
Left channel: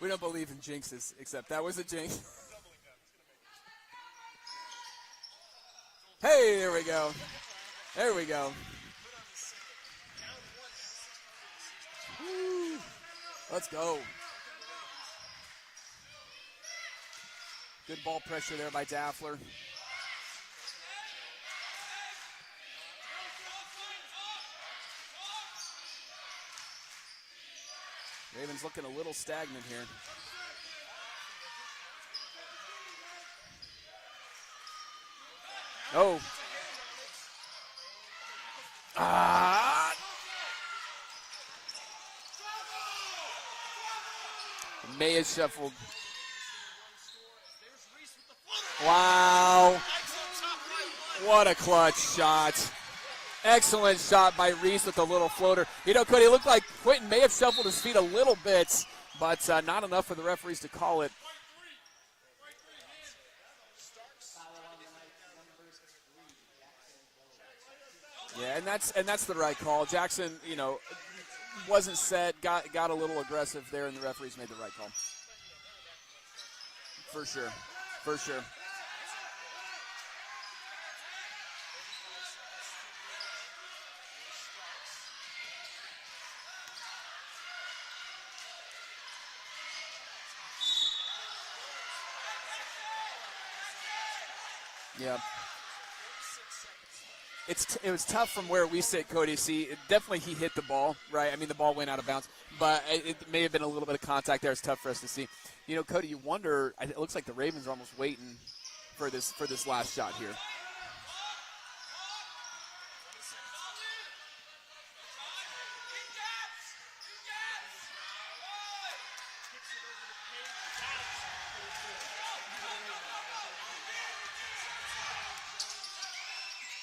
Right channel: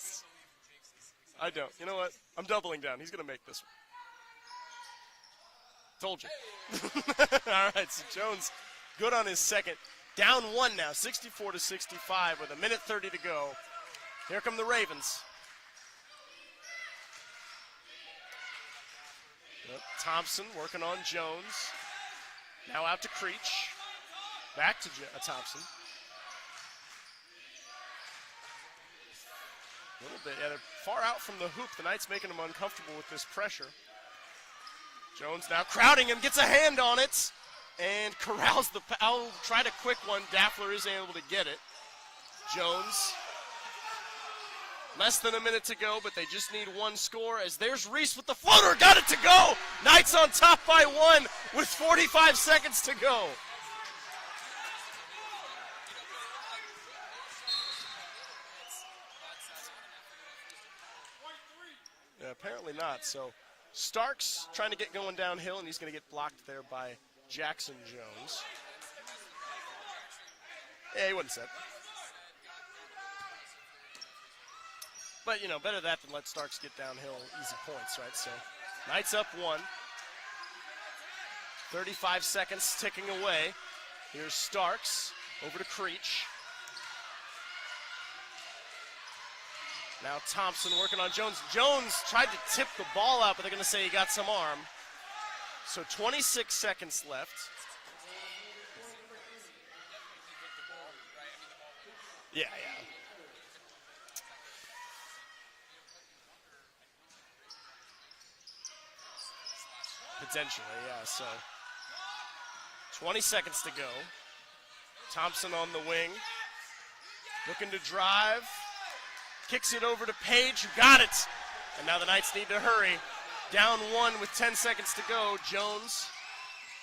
We don't believe in jinxes, except I that don't. was a You know what? jinx. I'm doubling down. He's going to make this one. Told you. Hey, there we go. All right, so There we Jones, go. good on his second. Down 1 now, 64-65 with a minute 30 to go. Let's go. Here come the Ravens. Good ball pressure there by Daffler. Yep. Thompson working on Jones. Now out to Creech. Back to Thompson. Ravens looking a little stagnant here. A little bit. Yeah, they're far out from the hoop. The Knights making them uncomfortable with this pressure. Jones now crowding him, gets a hand on it, and corrals the foul. Tried a quick one. Daffler is able to get it. Jones. Less than a minute to go, but they just need one score as there's Reese with the floater. Got it to go. Knights on top by 1. What a with clutch 45 shot. seconds to go. Excellent shot by Reese with a little floater. Cody, it looked like Quentin may have shuffled his feet a little bit, but not enough for the referees to call it. Yeah, apparently not. So Starks trying to get going downhill, and he's going to get blocked there by Jackson Jones. Yeah, and that's the right call. Jackson, Yeah, he wasn't set. wasn't set, got a little aggressive there, and the referees made the right call. But, better that than let Starks get downhill. For and sure. get some points, right? For So sure. Knights up 1. 35 seconds ticking away. Here's Starks over to Creech. Now Thompson working on Jones. Jones tried to tip the ball out, but they're going to say he got some arm. Yeah. So 26 seconds left. It was tough from where we sit, Cody. See, definitely he hit the ball, right? I mean, the ball went out of bounds. Yeah. But it may have been a little bit of contact there. It's tough for us to see. Cody, you wonder. It looks like the Ravens are almost waiting for this last shot here. Potentially, yeah. So 20 seconds to go. Thompson on the wing, looking to drive. Kicks it over to Page, who got it. And now the Knights need to hurry. Down 1 with 10 seconds to go. Jones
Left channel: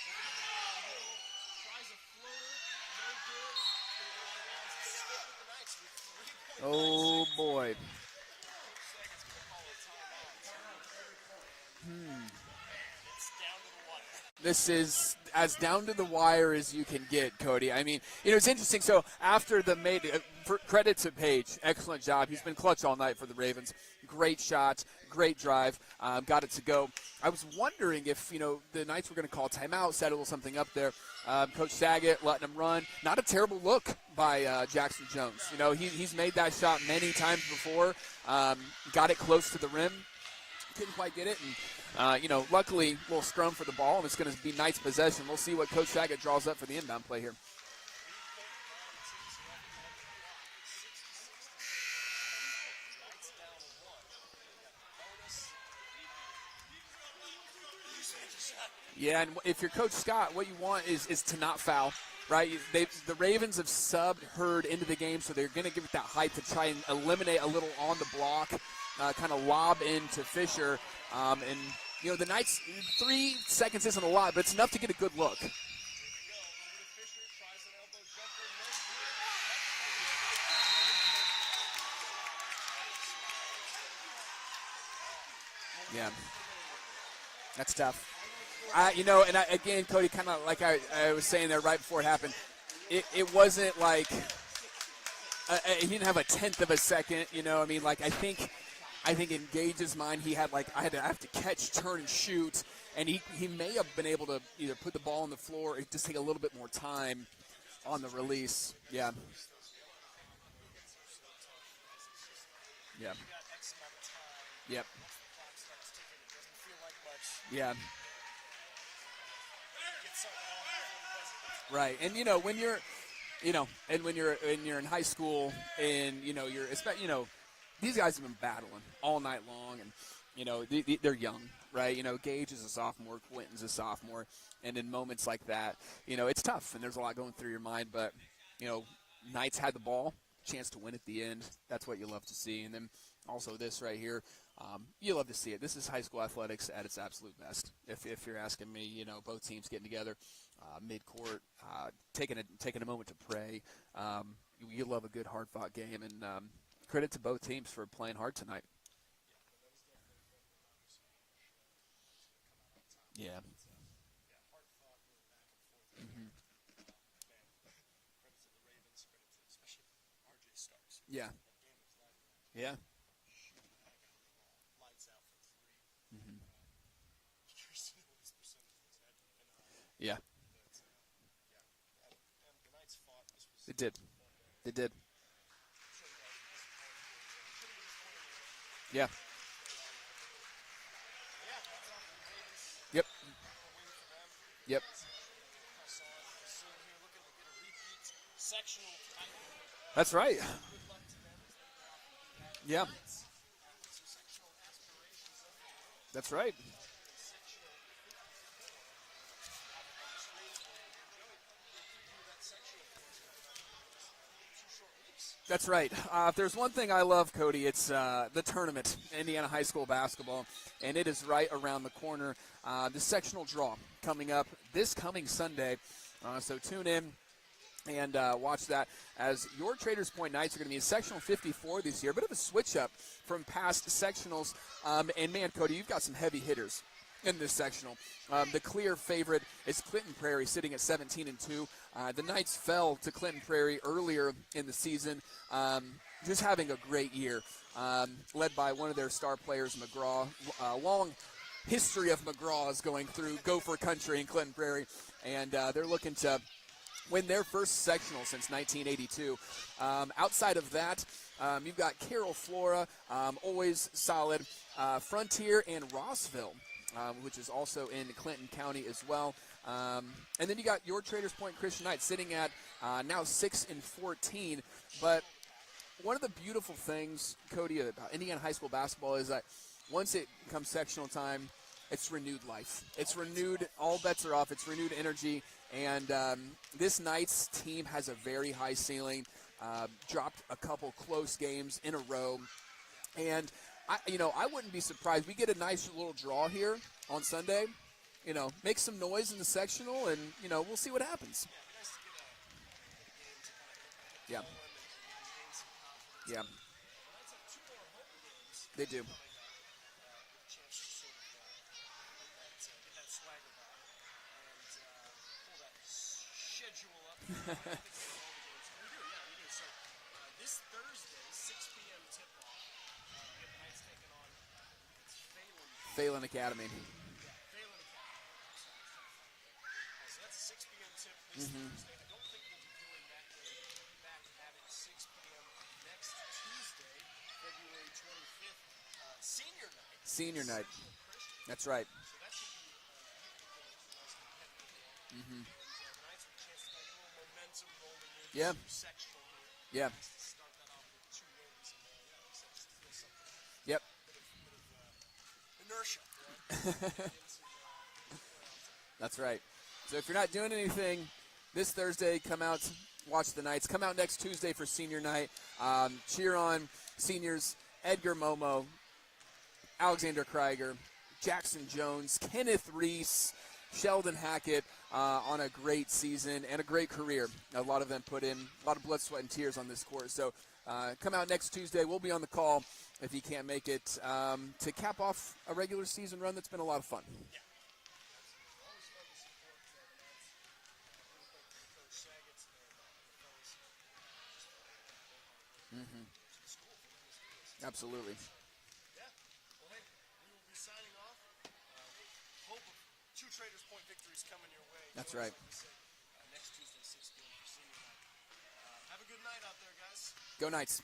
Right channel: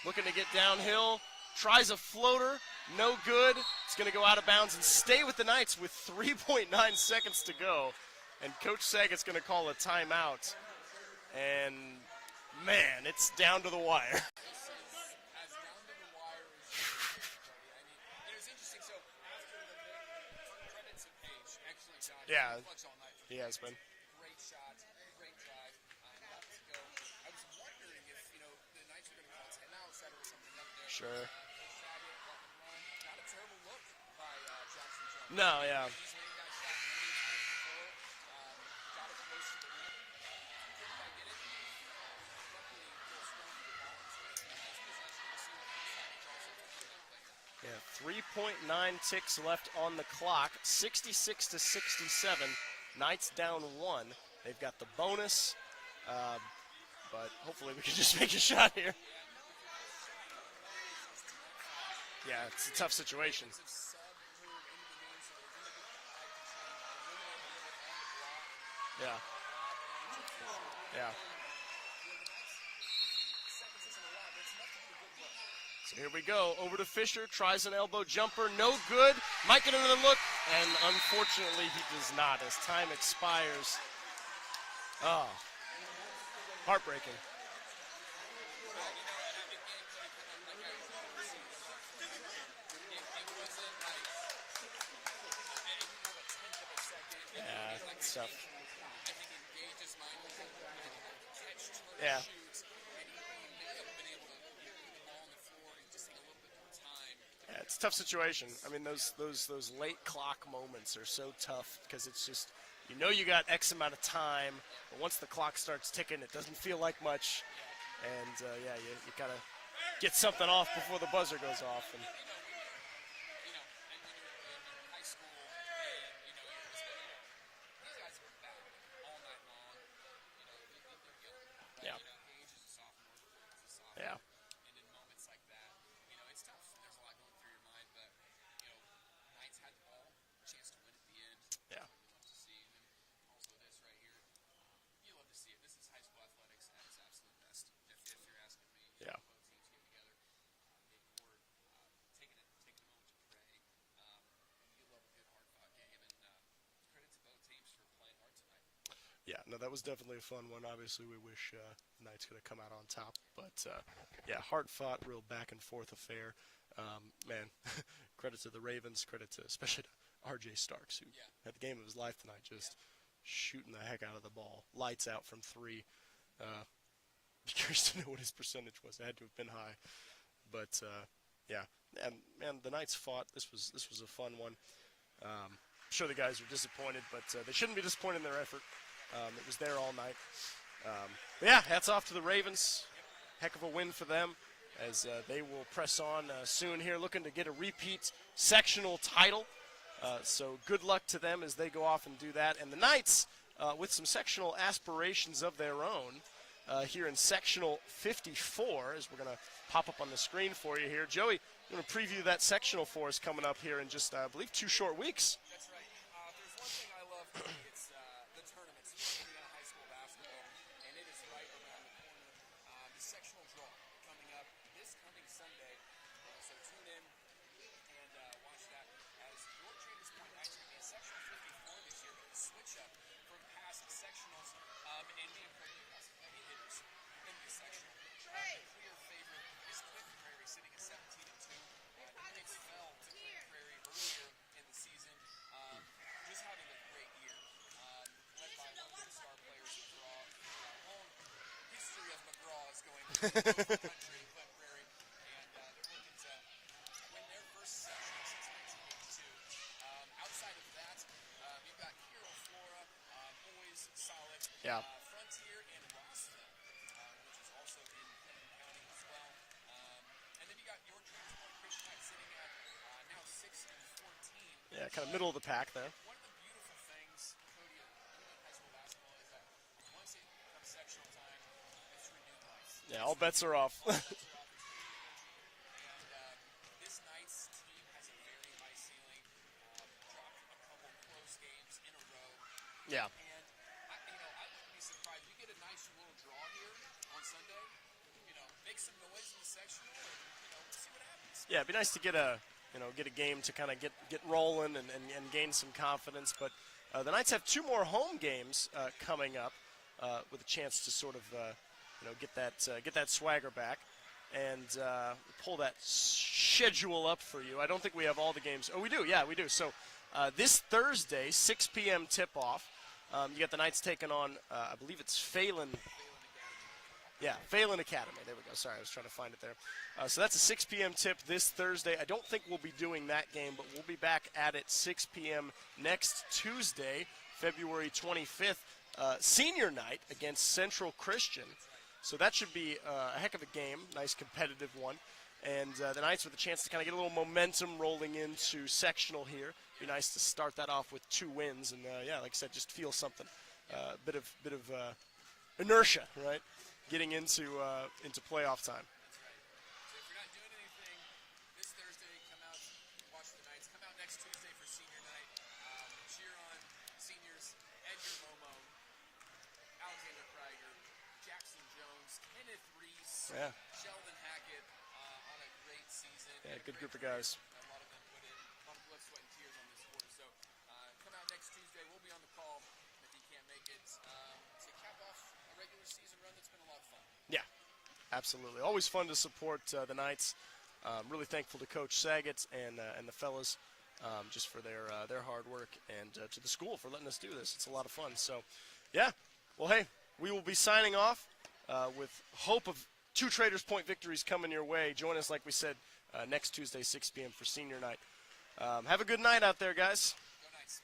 looking to get downhill. Tries a floater. No good. It's going to go out of bounds and stay with the Knights with 3.9 seconds to go. And Coach Saggett's going to call a timeout. And, man, it's down to the wire. This is as down to the wire as you can get, Cody. I mean, it's interesting. So after the credit to Page, excellent job. He's been clutch all night for the Ravens. Great shot, great drive, got it to go. I was wondering if, the Knights were going to call timeout, set a little something up there. Sure. Coach Saget letting him run. Not a terrible look by Jackson Jones. No, he's made that shot many times before. Got it close to the rim. Couldn't quite get it. And, luckily, a little scrum for the ball, and it's going to be Knights possession. We'll see what Coach Saget draws up for the inbound play here. Yeah, 3.9 ticks left on the clock, 66-67. Knights down 1. They've got the bonus, but hopefully we can just make a shot here. Yeah, and if you're Coach Scott, what you want is to not foul, right? The Ravens have subbed Hurd into the game, so they're going to give it that height to try and eliminate a little on the block, kind of lob into Fisher. Yeah. And, the Knights, 3 seconds isn't a lot, but it's enough to get a good look. Here we go. Over to Fisher. Tries an elbow jumper. No good. Might get another look. And unfortunately, he does not as time expires. Oh. Yeah. Heartbreaking. That's tough. Again, Cody, kind of like I was saying there right before it happened, it wasn't like he didn't have a tenth of a second. I think I think in Gage's mind, he had I have to catch, turn, and shoot, and he may have been able to either put the ball on the floor or just take a little bit more time. Yeah, it's a tough on the situation. release. I mean, those late clock moments are so tough because it's just you got X amount of time. Yep. But once the clock starts ticking, it doesn't feel like much. Yeah. And you gotta get something off before the buzzer goes off. Right, and when you're, when you're in high school, and these guys have been battling all night long, and they're young, right? Gage is a sophomore, Quentin's a sophomore, and in moments like that, it's tough, and there's a lot going through your mind. But Knights had the ball, chance to win at the end. That's what you love to see, and then also this right here. You love to see it. This is high school athletics at its absolute best. If you're asking me, both teams getting together, mid-court, taking a moment to pray. You love a good hard-fought game, and credit to both teams for playing hard tonight. Yeah, no, that was definitely a fun one. Obviously, we wish Knights could have come out on top. Yeah. But hard-fought, real back-and-forth affair. Man, credit to the Ravens, credit to especially to R.J. Starks, who had the game of his life tonight, just shooting the heck out of the ball. Lights out from three. Curious to know what his percentage was. It had to have been high. Yeah. But, and the Knights fought. This was a fun one. They did. I'm sure the guys were disappointed, but they shouldn't be disappointed in their effort. Yeah. It was there all night. Hats off to the Ravens. Yep. Heck of a win for them. Yep. As they will press on soon here, looking to get a repeat sectional title. That's right. So good luck to them as they go off and do that. And the Knights, with some sectional aspirations of their own. That's right. Here in sectional 54, as we're going to pop up on the screen for you here. Joey, you're going to preview that sectional for us coming up here in just, I believe, 2 short weeks. That's right. If there's one thing I love, Cody, it's the tournament, Indiana High School basketball, and it is right around the corner. The sectional draw coming up this coming Sunday, so tune in and watch that, as your Traders Point Knights are going to be in sectional 54 this year. A bit of a switch up from past sectionals, and man, Cody, you've got some heavy hitters in this sectional. The clear favorite is Clinton Prairie, sitting at 17-2. The Knights fell to Clinton Prairie earlier in the season, just having a great year, led by one of their star players, McGraw. Long history of McGraw's going through Gopher Country in Clinton Prairie, and they're looking to win their first sectional since 1982. Outside of that, you've got Carroll Flora, always solid. Frontier and Rossville, which is also in Clinton County as well. And then you got your Traders Point Christian Knights sitting at now 6-14. Yeah, kind of middle of the pack there. One of the beautiful things, Cody, about Indiana high school basketball is that once it comes sectional time, it's renewed life. Yeah, it's all bets are off. All bets are off. It's renewed energy. And this Knights team has a very high ceiling. Dropped a couple close games in a row. Yeah. And I wouldn't be surprised. We get a nice little draw here on Sunday. Make some noise in the sectional, and we'll see what happens. Yeah, it'd be nice to get a game to kind of get rolling and gain some confidence. Yeah. But the Knights have 2 more home games They do. coming up, with a chance to sort of get that swagger back. And pull that schedule up for you. I don't think we have all the games. Oh, we do. Yeah, we do. So this Thursday, 6 p.m. tip-off, you got the Knights taking on, I believe it's Phelan Academy. Yeah, Phelan Academy. There we go. Sorry, I was trying to find it there. So that's a 6 p.m. tip this Thursday. I don't think we'll be doing that game, but we'll be back at it 6 p.m. next Tuesday, February 25th. Senior night against Central Christian. That's right. So that should be a heck of a game, nice competitive one. And the Knights with a chance to kind of get a little momentum rolling into sectional here. Yeah. Nice to start that off with 2 wins, and like I said, just feel something. Yep. Bit of inertia, right? Getting into playoff time. That's right. So if you're not doing anything this Thursday, come out, watch the Knights. Come out next Tuesday for senior night. Cheer on seniors Edgar Momo, Alexander Krieger, Jackson Jones, Kenneth Reese, Sheldon Hackett on a great season and a great career. A lot of them put in a lot of blood, sweat, and tears on this court. So come out next Tuesday. We'll be on the call if you can't make it to cap off a regular season run that's been a lot of fun. Yeah, absolutely. Always fun to support the Knights. Really thankful to Coach Saget and the fellas just for their hard work, and to the school for letting us do this. It's a lot of fun. So Yeah. Well, hey, we will be signing off with hope of 2 Traders Point victories coming your way. Join us, right. like we said, next Tuesday, 6 p.m. for senior night. Have a good night out there, guys. Go Knights.